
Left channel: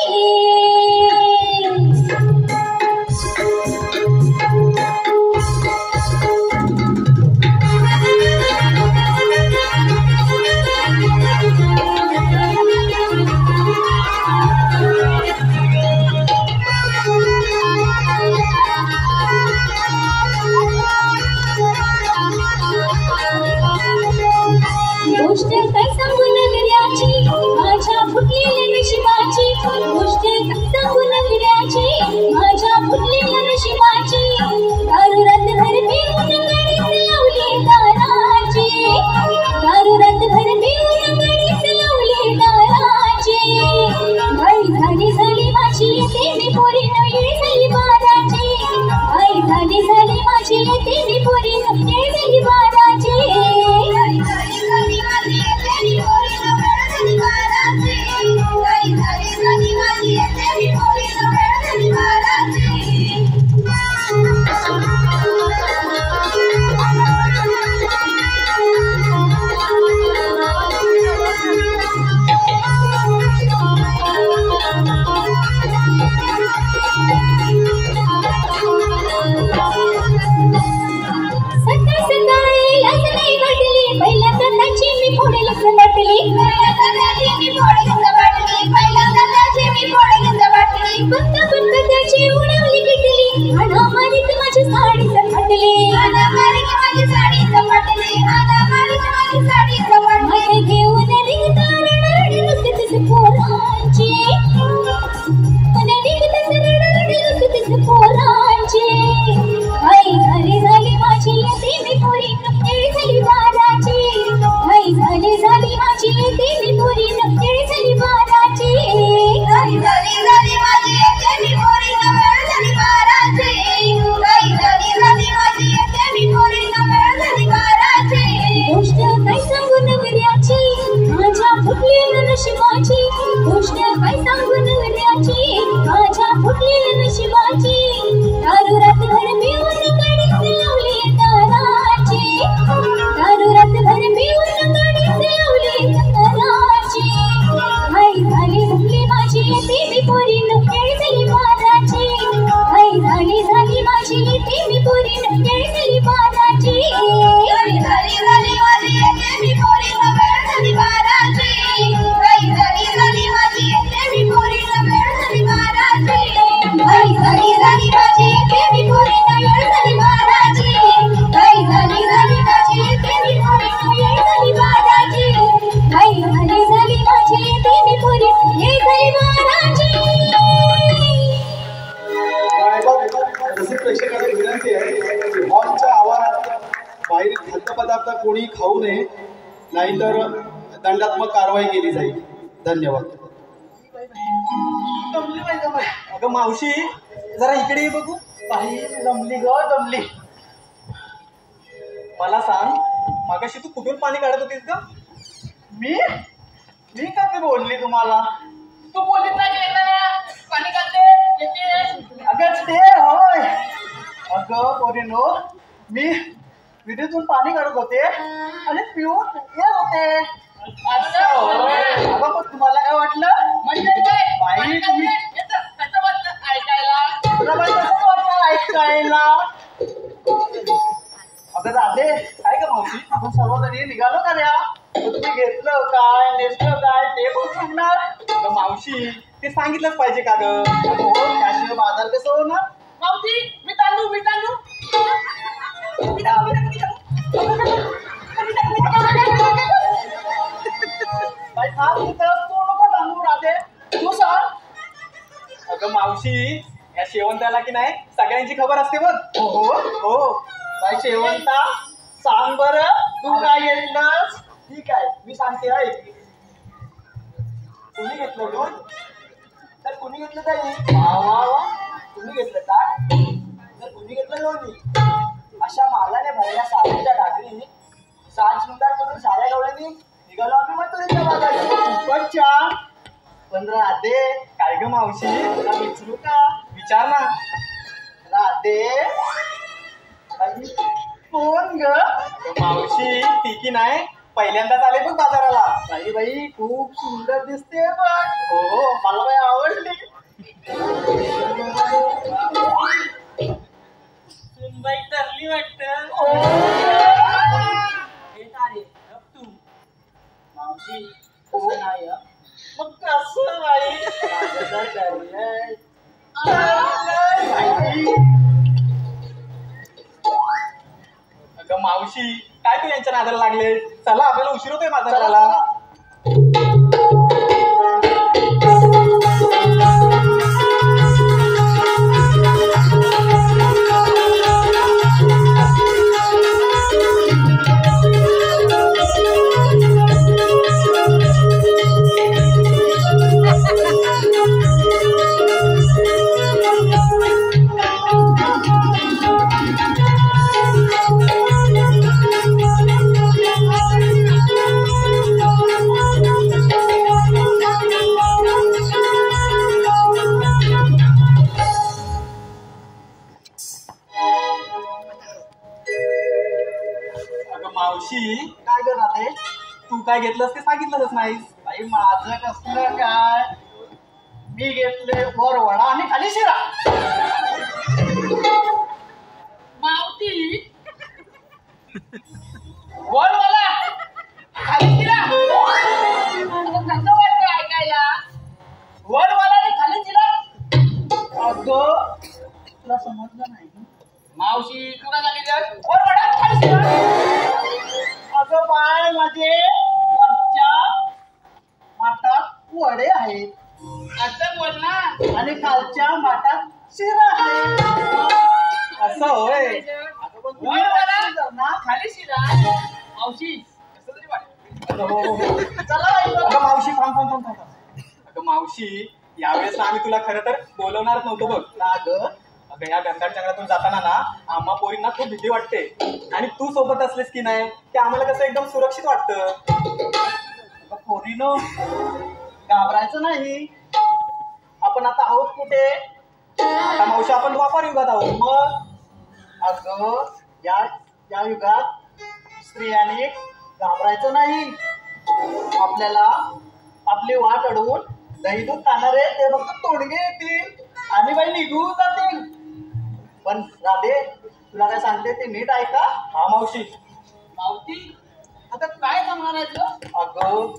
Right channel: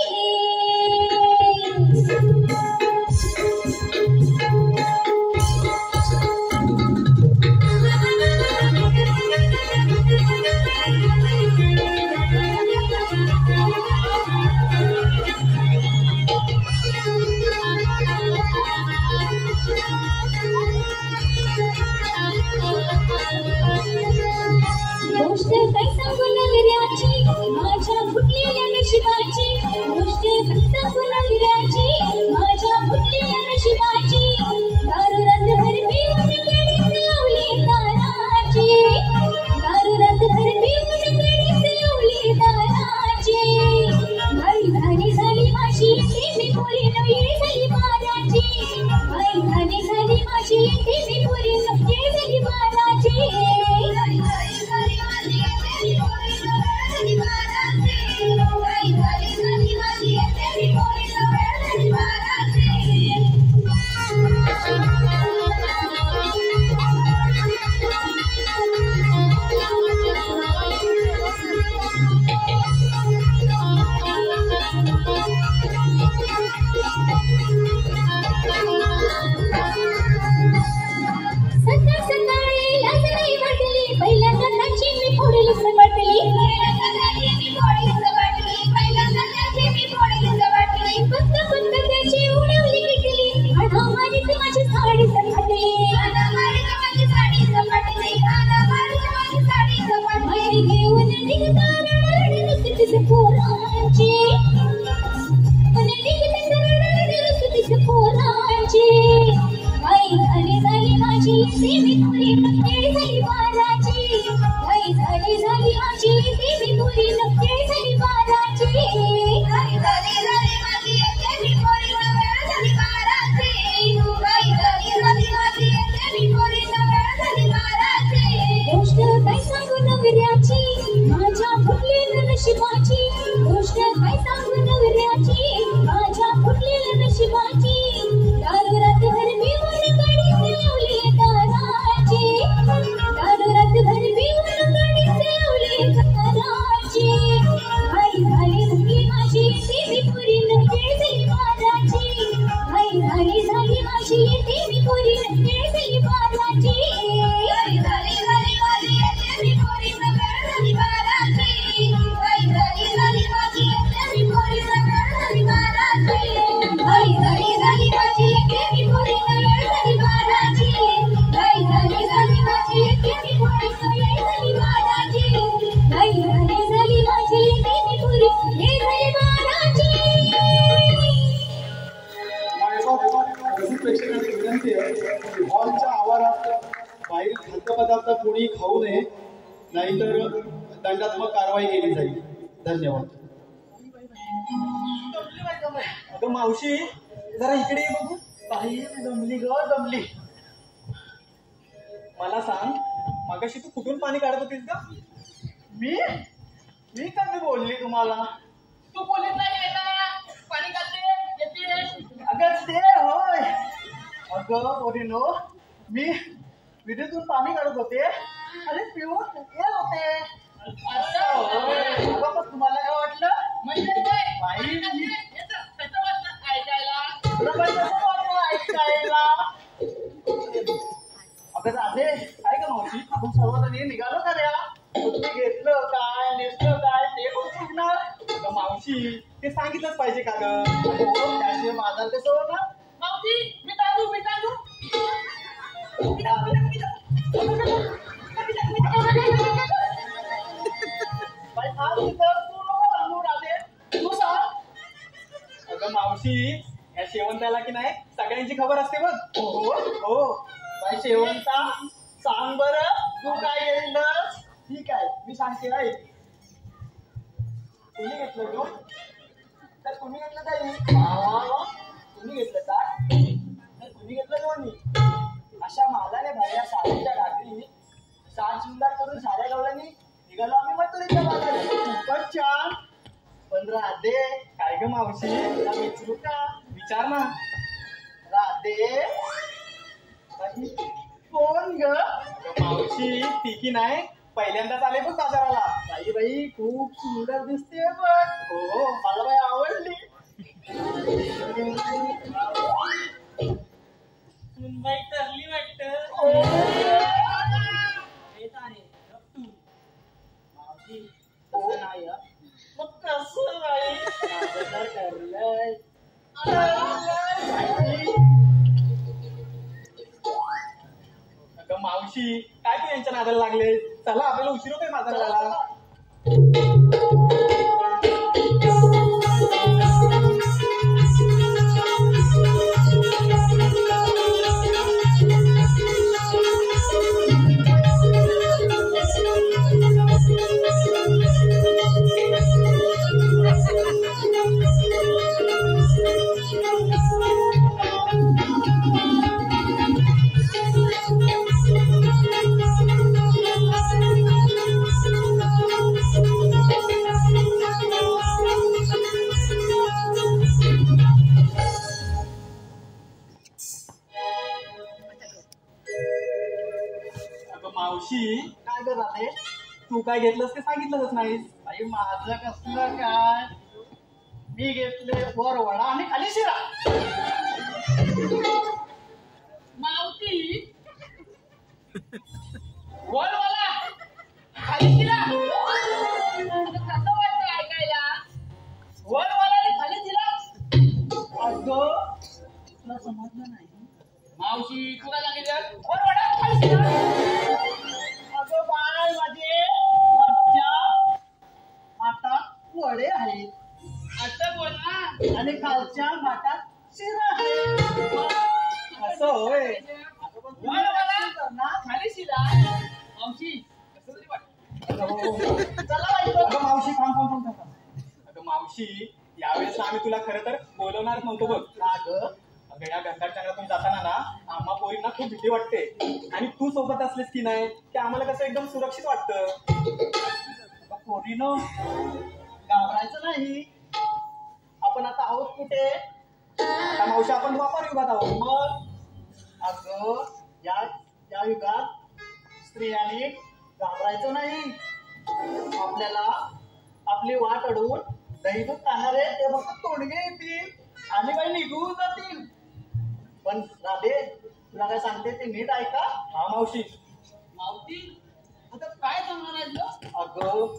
गोष्ट काय सांगू नगऱ्याची माझ्या फुटलेल्या नशिबाची गोष्ट काय सांगू नगऱ्याची माझ्या फुटलेल्या नशिबाची दारू रातभर पिऊन कणीस लावली दाराची दारू रातभर पिऊन कणीस लावली दाराची घाई झाली माझी येते मी पोरीनो येळ झाली बाराची घाई झाली माझी येते मी पोरीनो येळ झाली बाराची सकाळी लाज नाही वाटली पहिल्यांदा त्याची मी फोडलीच वाटली बघता त्याची उडवली किटली हाणामारीत माझी साडीच फाटली माझे घेऊन निघता रडारडी नुसतीच पोरांची घाई झाली माझी येते मी पोरीनो येळ झाली बाराची घाई झाली माझी येते मी पोरीनो येळ झाली बाराची घाई झाली माझी येते मी पोरीनो येळ झाली बाराची घाई झाली माझी येते मी पोरीनो येळ झाली बाराची गोष्ट काय सांगू नवऱ्याची माझ्या फुटलेल्या नशिबाची गोष्ट काय सांगू नवऱ्याची माझ्या फुटलेल्या नशिबाची दारू रातभर पिऊन कणीस लावली दाराची दारू रातभर पिऊन कणीस लावली दाराची घाई झाली माझी येते मी पोरीनो येळ झाली बाराची घाई झाली माझी येते मी पोरीनो येळ झाली बाराची घाई झाली माझी येते मी पोरीनो येळ झाली बाराची घाई झाली माझी येते मी पोरीनो येळ झाली बाराची घाई झाली माझी येते मी पोरीनो येळ झाली बाराची घाई झाली माझी येते मी पोरीनो येळ झाली बाराची घाई झाली माझी येते मी पोरीनो येळ झाली बाराची जसे प्रेक्षकांना विनंती आहे हॉलच्या आवारात बाहेर खाद्यपदार्थ कोणी खाऊ नये नाहीतर दंडात्मक कारवाई केली जाईल. धन्यवाद. अगं मावशी, जरा इकडे ये बघू. बाई जमली ग जमली. मला सांग, मागाशी तू कुठून पाणी काढत होतीस ग? मी कधी बोलली तुम्हाला? तू बोलीत नाही येताना पाणी काढते येते. अगं ते होय अगं पोरीनो, मी विहिरीतून पाणी काढत होते आणि पिऊन येत होते. अगं पण तुम्हाला काय वाटलं? म्हणजे काय? बाई तुम्ही कसं वाटलं ऐकायला? तुला बाई कसं वाटलं ऐकायला? अगं राधे, काय ग मावशी, आपण सर्वजणी निघालो का ऱ्या? तुम्ही घेतलं काय, नेसलं काय ते पण सांगणार. अगं मावशी ते सांगितलंच पाहिजे का ग? हो, त्याशिवाय बाजार कसं होणार? मावशी मी तांदूळ बाई थांब तिथं, तू नको सांगू राधे, तू सांग. अगं मावशी या शेवंताला की नाही सगळ्यांची खबर असते बघ. हो हो बाई शेवंता, सांग बरं तू काय घेतलंस? ठीक आहे मी सांगते ऐक. कुणी घेतलं दूध? तर कुणी घेतलं काही? वा वा वा, कुणी घेतलं काय? तर कुणी घेतलं लोणी? अशा मालाने भरल्या साडीच्या ढाकरी साज शृंगार करून साऱ्या गवळ्यांनी निघालो आम्ही मथुरेच्या मागाने. खूपच छान. पण राधे, काय ग मावशी? तुला विचारू का? विचार ना. राधे बाई, कोण ग? अगं मावशी ती की नाही पहिल्यांदाच आले बघ बाजाराला. बाई बाई खूप सुंदर दिसते पण. हो मला बाई आवडली. सुनबाई तरली वाटतं. हे तारे गप तू. मावशी तसं नाही हं. मग कसं बाई? माझं जर ठरलंय. बाई, अगं मावशी काय तू यांच्या नादाला लागले? चला आपल्याला उशीर होतोय बाजाराला. अगं मावशी काय ग राधे? तू काय घेतलंस ते सांगितलंच नाहीस. बाई माझं कसलं काय? मी घेतले वर वडा आणि खाली शिरा. मावती वर मला खाली शिरा. आता कसं वाटतं ऐकायला? वर मला आणि खाली शिरा. अगं तुला समजलं नाही? मावशी तू काय सांगितलं? वर वडा खाली शिरा. अगं बाय माझे वरच्या माठात वडे आहेत असं बोल ना. आणि खालच्या माठात शिरा आहे. असं होय. अगं पण वर तुम्ही वडा practice कर ना. खाली शिरा. मावशी कसं तरी वाटतं. अगं हो, हो. चला बाई, अगं मावशी थांब थांब थांब थांब. अगं मावशी यावेळेस ना आम्ही तुला खरं तर बोलवणारच नव्हतो बघ. का ग? अगं या गंधार जंगलातून जाताना ना आम्हा पोरींना खूप भीती वाटते आणि तू सोबत असलीस की नाही ते आम्हाला कसं एकदम सुरक्षित वाटतं. अगं पोरीनो, घाबरायचं नाही. आपण आता आहोत कुठे? आता मावशी आपण द्वापार युगात आहोत. मग अगं या युगात स्त्रियांनी घाबरायचं नाही. आपल्याला आपली वाट अडवून दही दूध खाणारे ते फक्त तोडगे येतील आणि बाई निघून जातील. पण राधे, तुला काय सांगते ते नीट ऐका. हा मावशी. मावती आता काय सांगणार? अगं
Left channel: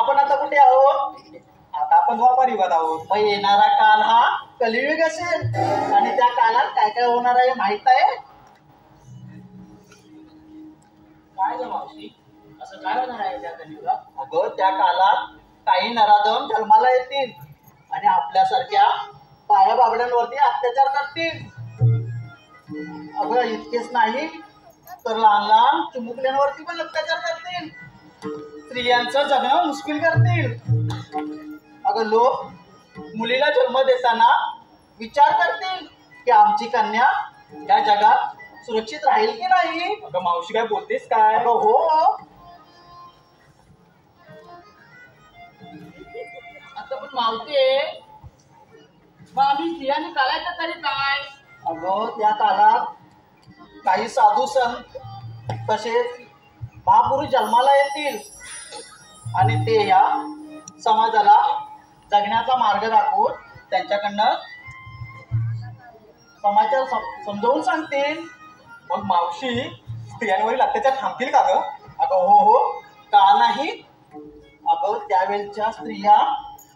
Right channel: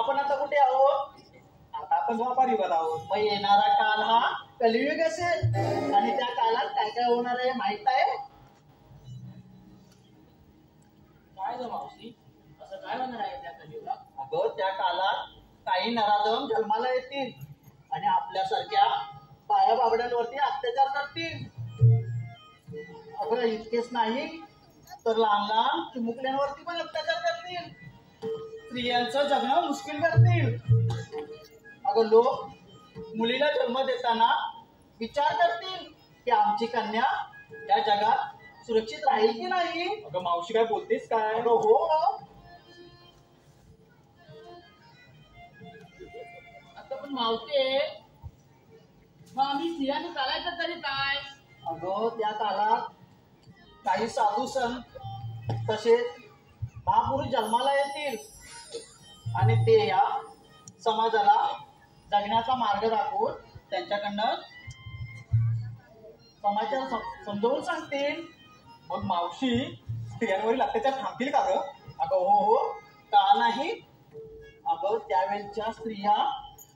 आपण आता कुठे आहोत? आता आपण द्वापार युगात आहोत. मग येणारा काल हा कलियुग असेल आणि त्या काळात काय काय होणार आहे माहित आहे? काय ग मावशी असं काय होणार आहे त्या कलियुगात? अगं त्या काळात काही नराधम जन्माला येतील आणि आपल्यासारख्या बाया बाबड्यांवरती अत्याचार करतील. अगं इतकेच नाही तर लहान लहान चिमुकल्यांवरती पण अत्याचार करतील. स्त्रियांचं जगणं मुश्किल करतील. अगं लोक मुलीला जन्म देताना विचार करतील की आमची कन्या या जगात सुरक्षित राहील की नाही. अगं मावशी काय बोलतेस काय? अगं हो. आता पण मावते मग आम्ही स्त्रियांनी चालायचं तरी काय? अगं त्या काळात काही साधू संत तसेच महापुरुष जन्माला येतील आणि ते या समाजाला जगण्याचा मार्ग दाखवून त्यांच्याकडनं समाजाला समजावून सांगतील. मग मावशी स्त्रियांवरील अत्याचार थांबतील का ग? अगं हो का नाही. अगं त्यावेळच्या स्त्रिया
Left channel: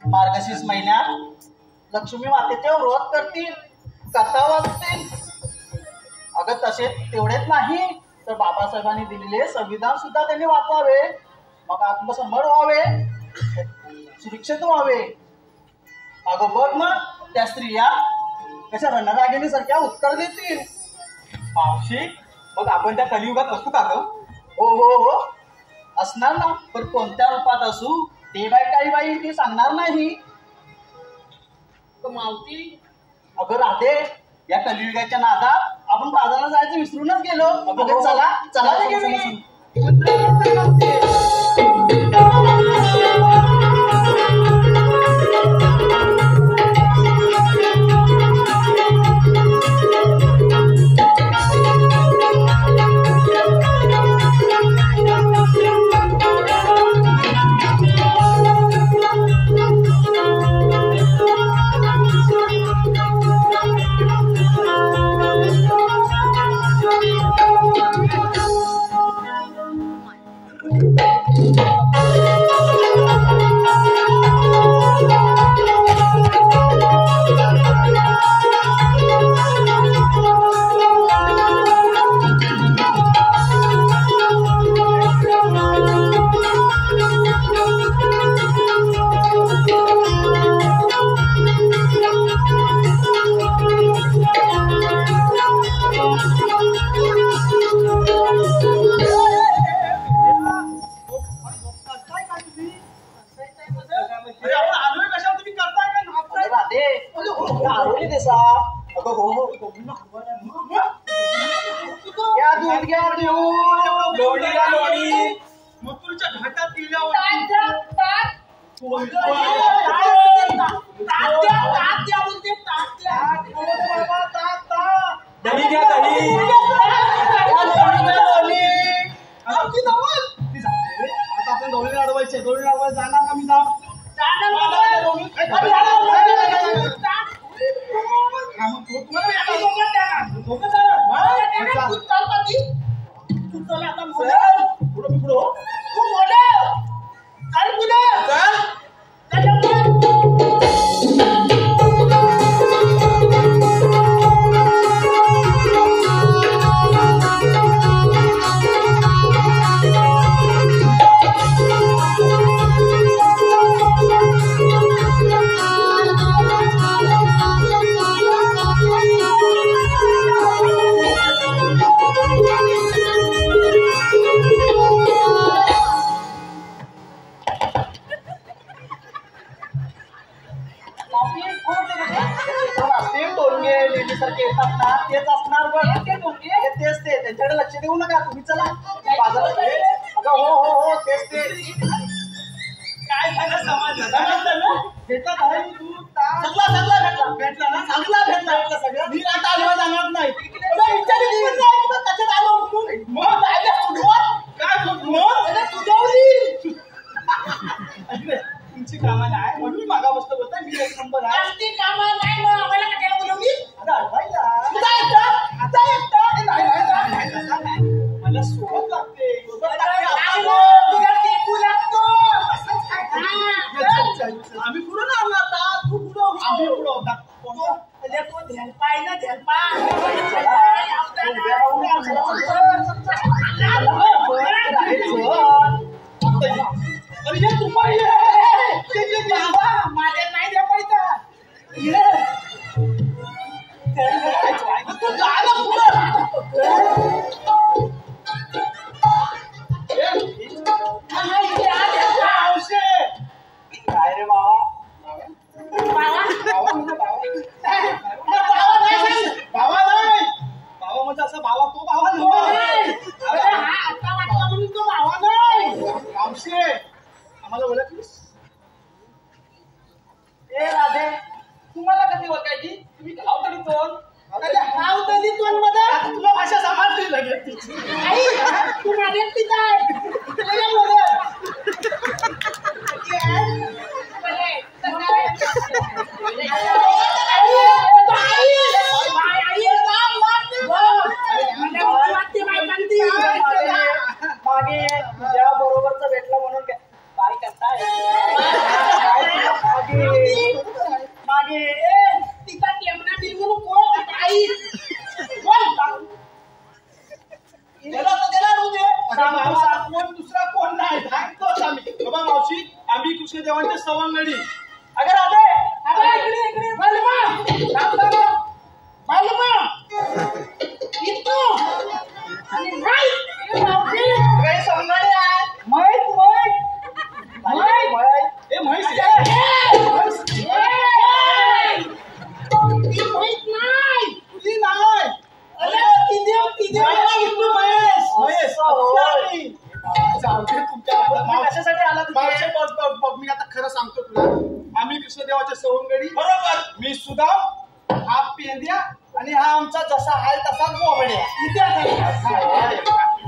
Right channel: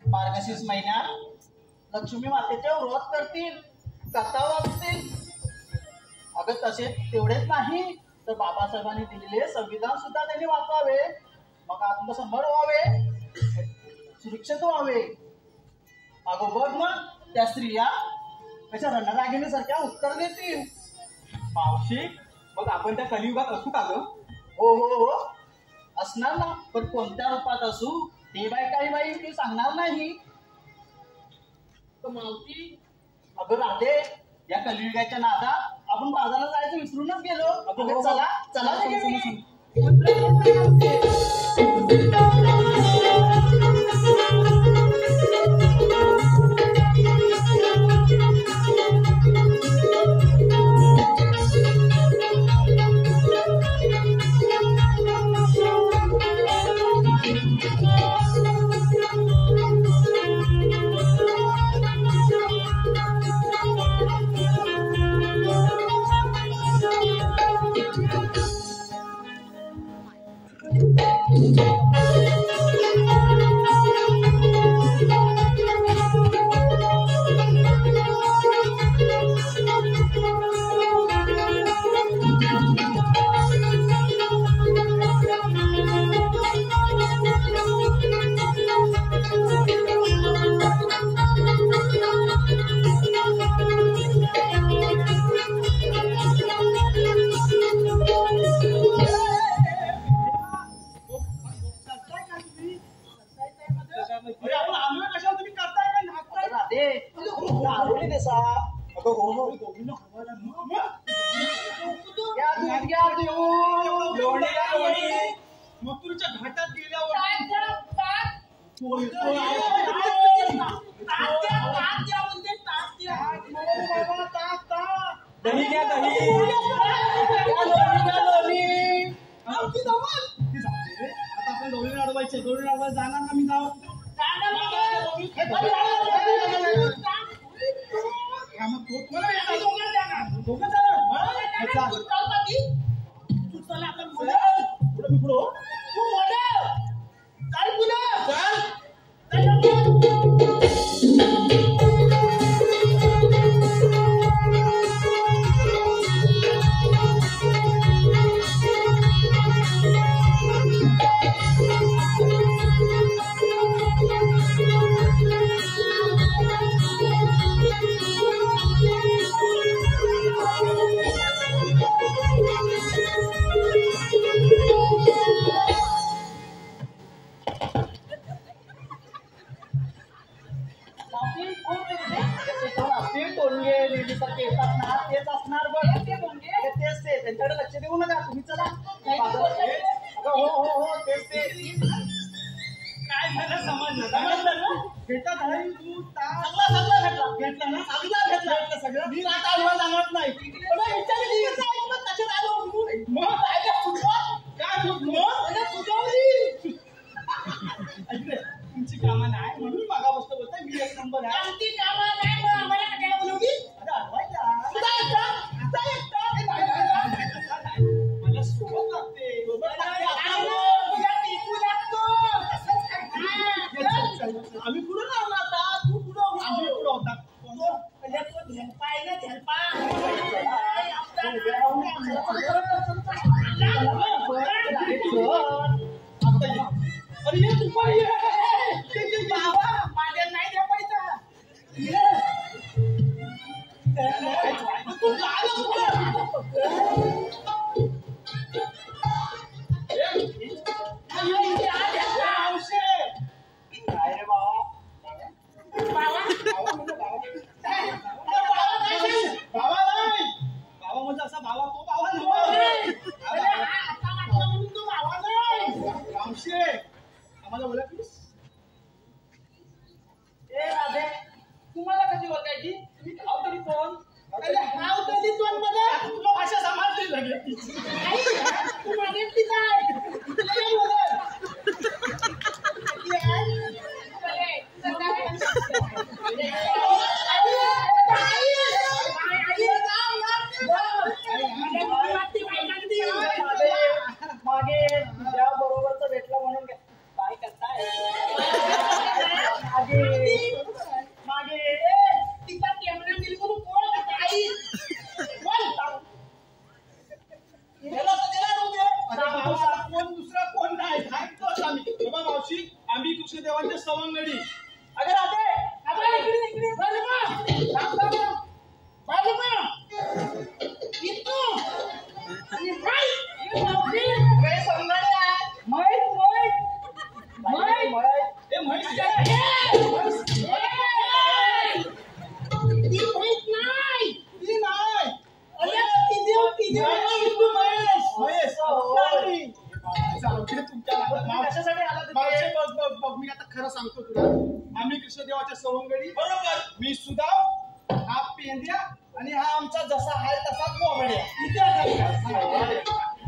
मार्गशीर्ष महिन्यात लक्ष्मी मातेचे व्रत करतील, कथा वाचतील. अगं तसे तेवढेच नाही तर बाबासाहेबांनी दिलेले संविधान सुद्धा त्यांनी वाचावे, मग आत्मसंभार व्हावे, सुरक्षित व्हावे. अगं बघ मग त्या स्त्रिया कशा रणरागिणीसारख्या उत्तर देतील. मावशी मग आपण त्या कलियुगात असू का ग? हो हो हो असणार ना, पण कोणत्या रूपात असू ते काही बाई ती सांगणार नाही. मावती अगं राधे, या कलियुगाच्या नादात आपण बाजाराला जायचं विसरूनच गेलो. अगं चला चला मथुरच्या घाटात गेल्यावर दही घ्या दही. आता आपण डोळे अडवायचे, डोळे अडवायला जाणार का? मी जाऊ तेच असणार बघ. तेच ते त्यांच्याकडे लक्ष देऊ नका तुम्ही. चला बाजारात. अगं हो हो हो तेच ते. काय झालं समजलं भेटला काय तू? सगळा भेटला ना? सगळा भेटला सगळं. मी आता आलो जाणार नाही. कशात आलो म्हणून काय तुमची कामं नाही म्हणून मागा बसतो बोलता. मी एक नंबर आहे. मला सोबत लागते. आम्ही पुढे ना आलो आता. तू पुढं. आम्ही पुढं होता. अरे ये तू पाहिजे माझ्या नाही द्या पैसा तू झालं पुढं. काय रे बाबा? भावा नाही. भावा म्हणजे असं भावा तो भावा नाही. रामशे आम्हाला ओळखलीस? ए राधे, तुम्हाला कधी ओळखायची? तुम्ही गाव तरी कोण? अरे हाव तली तोंड मध्ये तुला भाषा समजली लगेच तिची. आई तू माझ्या तिचा आहे तुला काय बोलत मागे तुझ्या बरोबरचा भेटला म्हणून काय करताय मागे तिचा टेमना बिलकुल कोण आई कोण दुसरा कोण नाही सांगतोच आम्ही बाबा मावशी आम्ही कृष्णदेवांच्या सवंगडी अगर आता इकडे इकडे आणि मी आता खरं सांगतो तुला आम्ही कृष्णदेवाच्या सवंगडी बरोबर मी सुदाम हा पेंद्या आणि हा आमचा जसा आहे तसा गोबड्या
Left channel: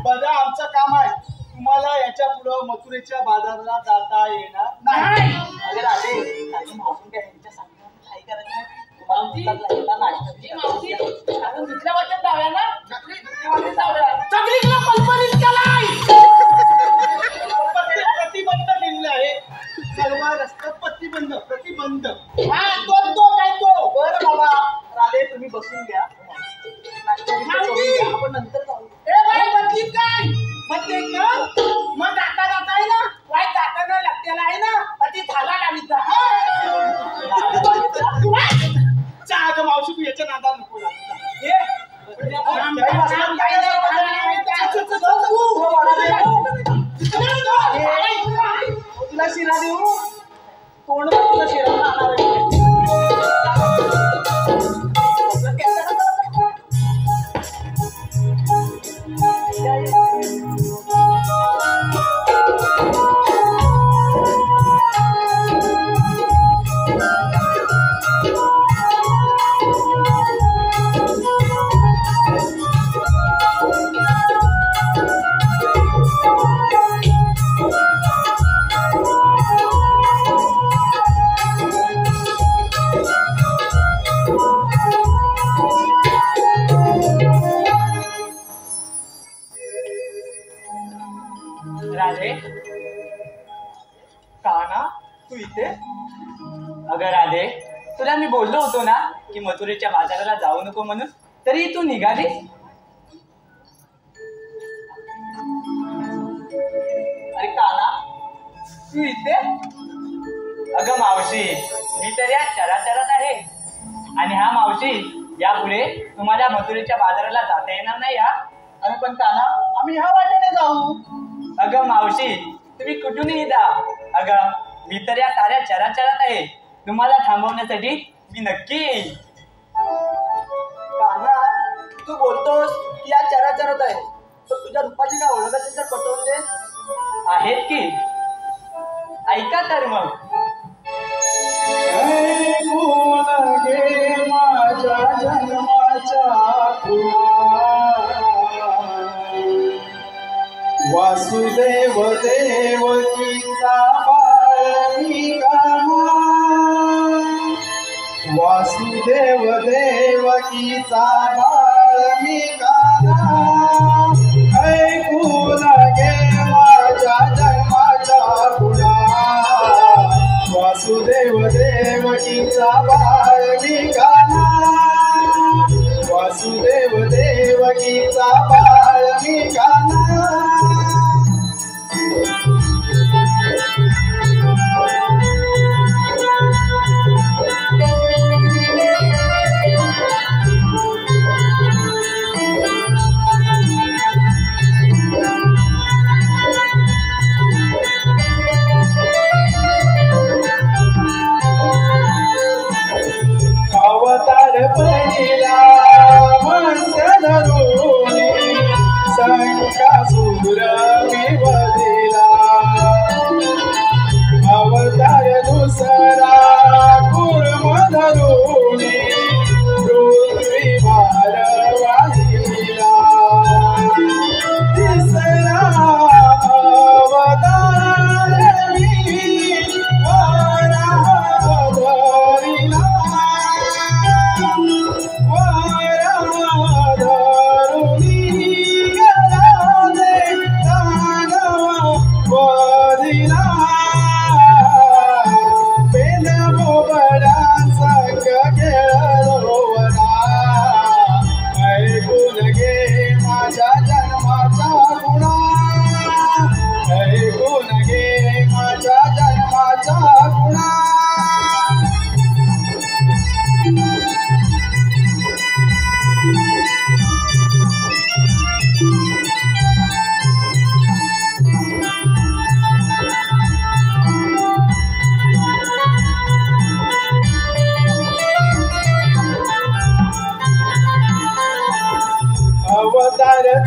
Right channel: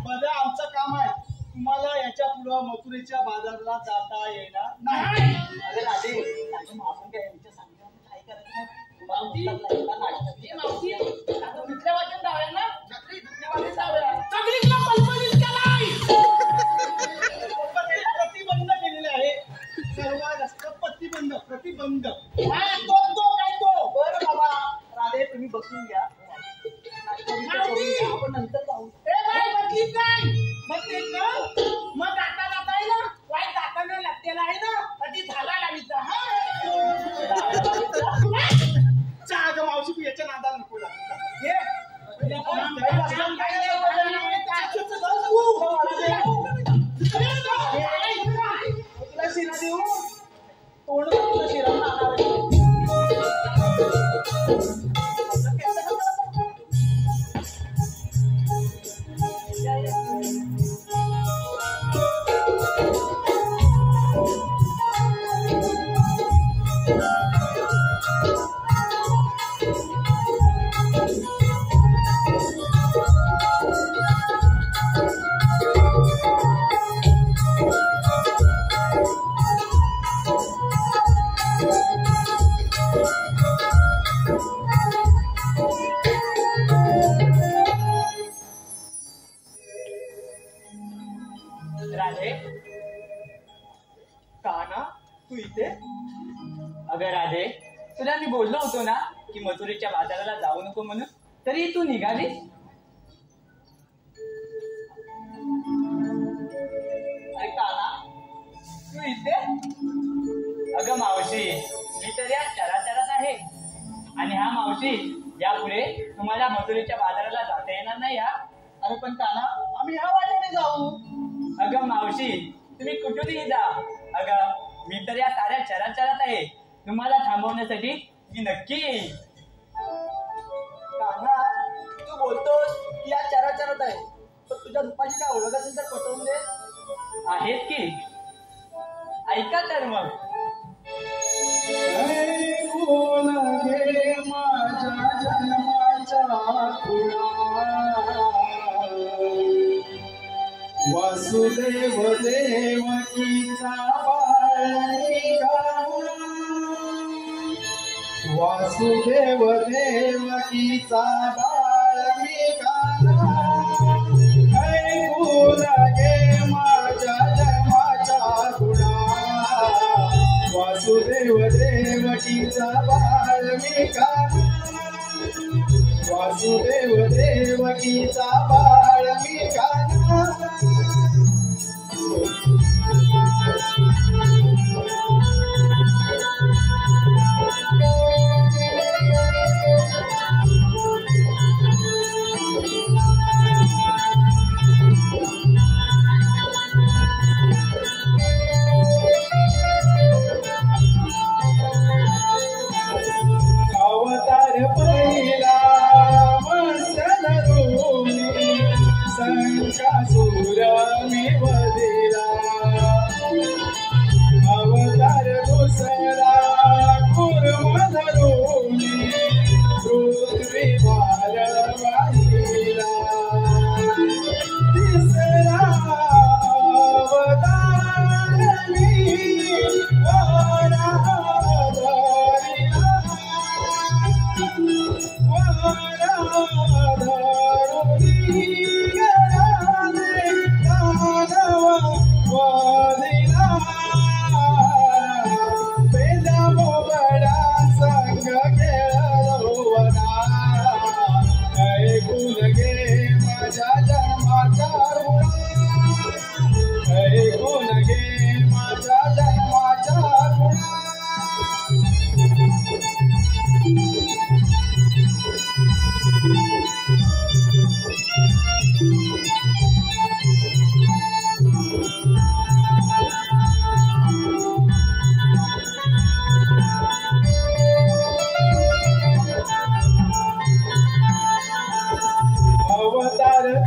बघा आमचं काम आहे तुम्हाला याच्या पुढं मथुरेच्या बाजाराला जाता येणार नाही अगर आले मावसून काय यांच्या सांगितलं काही करायचं नाही तुम्हाला दुसऱ्या वाटत जाऊया ना सगळीकडे पलपलीत केलाय प्रतिबंध केलेले आहे सर्व रस्त्यात प्रतिबंध हा तो काय तो बरं बाबा राधे तुम्ही बसून घ्या आपण नंतर जाऊ बदलीत काय म्हणजे मग जाता आहे ना वाईट जाताना लागतेला आहे ना ती धागा लावित चहा मावशी तू याच्या नादाला नको तुला शिरा देऊ तोंड तुला शिरा राधे काना तू इथे अगं राधे तुला मी बोललो होतो ना की मथुरेच्या बाजाराला जाऊ नको म्हणून तरी तू निघाली अरे काना तू इथे अगं मावशी मी तर या चराचरात आहे आणि हा मावशी यापुढे तुम्हाला मथुरेच्या बाजाराला जाता येणार नाही हा अरे पण काना आम्ही ह्या वाटेने जाऊ अगं मावशी तुम्ही कुठूनही जा अगं मी तर या साऱ्या चराचरात आहे तुम्हाला थांबवण्यासाठी मी नक्की येईल काना तू बोलतोस की या चराचरात आहे तर तुझ्या रूपाची काय ओळख असेल तर पटवून दे आहेत की ऐका तर मग घे माझ्या जन्माच्या वासुदेव देवकीचा बाळिका वासुदेव देवकीचा बाळिका ऐकून घे माझ्या जन्माच्या गुणा वासुदेव देवकीचा बाळिका वासुदेव देवकीचा बाळिका अवतार पहिला मत्स्य धरून संकासुर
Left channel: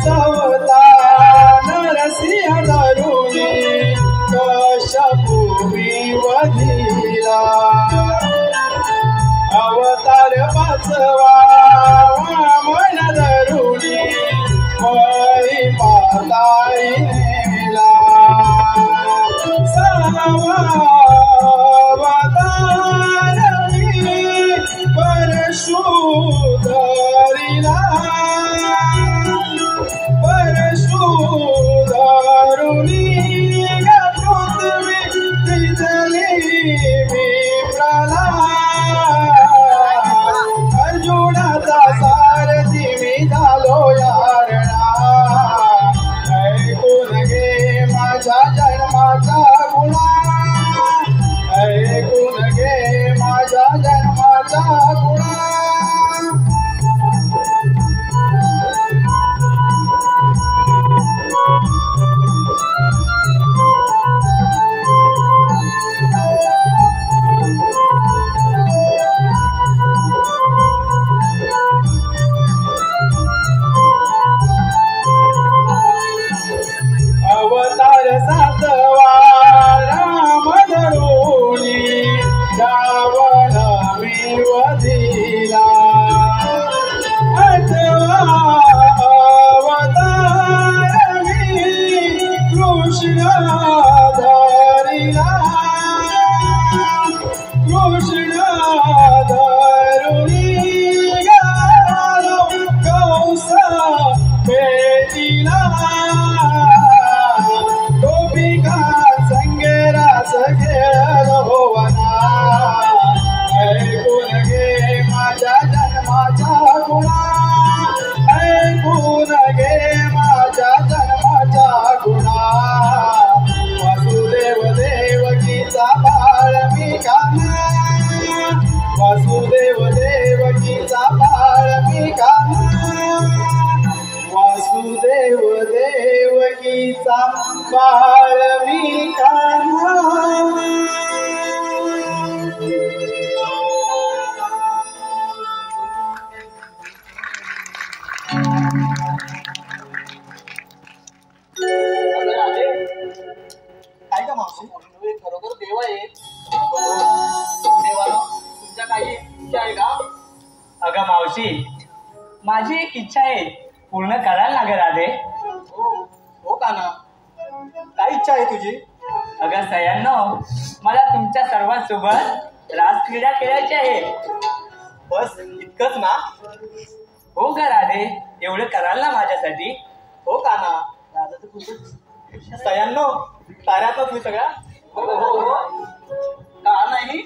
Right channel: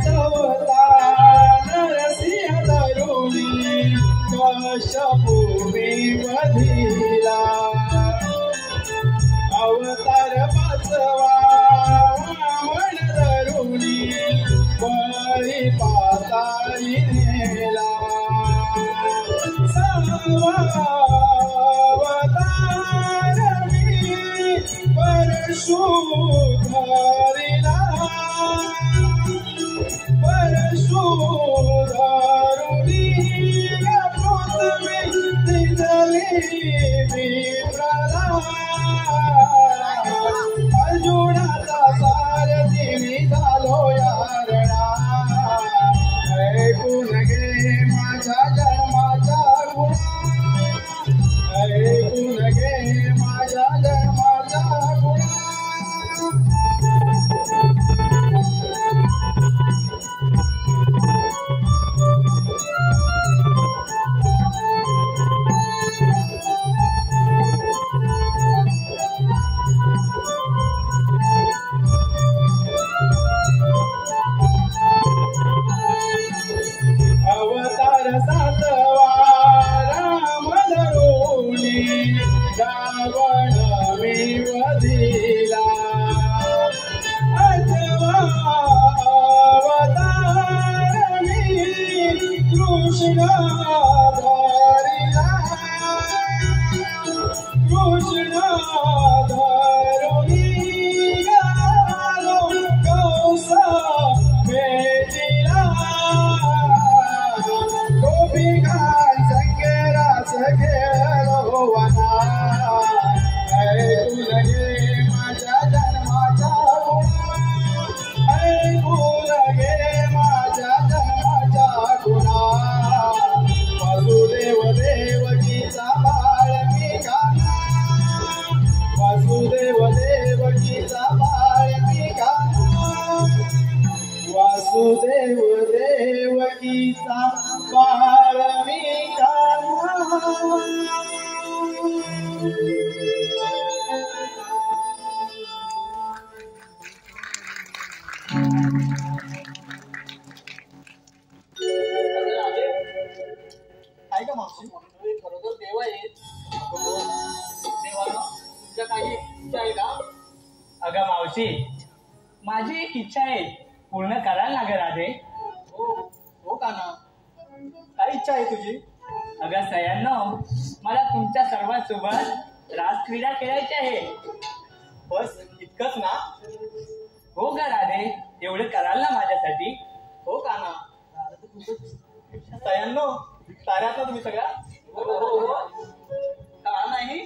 चवता नरसिंह धरुणी कश्यपूमी वधिला अवतार पाचवा वामन धरुणी वळी पाताळी नेला अर्जुनाचा सारथी मी झालो यारणा ऐकून घे माझ्या जन्माचा गुणा ऐकून घे माझ्या जन्माचा गुणा अवतार सातवा राम धरुणी रावण मी वधिला आठवा अवतार मी कृष्ण धरिला कृष्ण धरुणी गालो कंस भेटिला खेळलो वना ऐकून घे माझ्या जन्माचा गुणा ऐकून घे माझ्या जन्माचा गुणा वासुदेव देवकीचा बाळ मी काना वासुदेव देवकीचा बाळ मी काना वासुदेव देवकीचा बाळ मी काना काय का मावशी तुम्ही खरोखर देव आहे देवाला तुमच्या काही इच्छा आहे का? अगं मावशी माझी एक इच्छा आहे पूर्ण कराल ना ग राधे. हो काना काय इच्छा आहे तुझी? अगं सयांनो मला तुमच्या सर्वांसोबत रासक्रीडा खेळायची आहे. बस इतकंच ना? हो ग राधे एवढं कराल ना माझ्यासाठी? हो काना राजा तर खूपच सयांनो ताऱ्यात ना तुम्ही सगळ्या? हो हो हो का नाही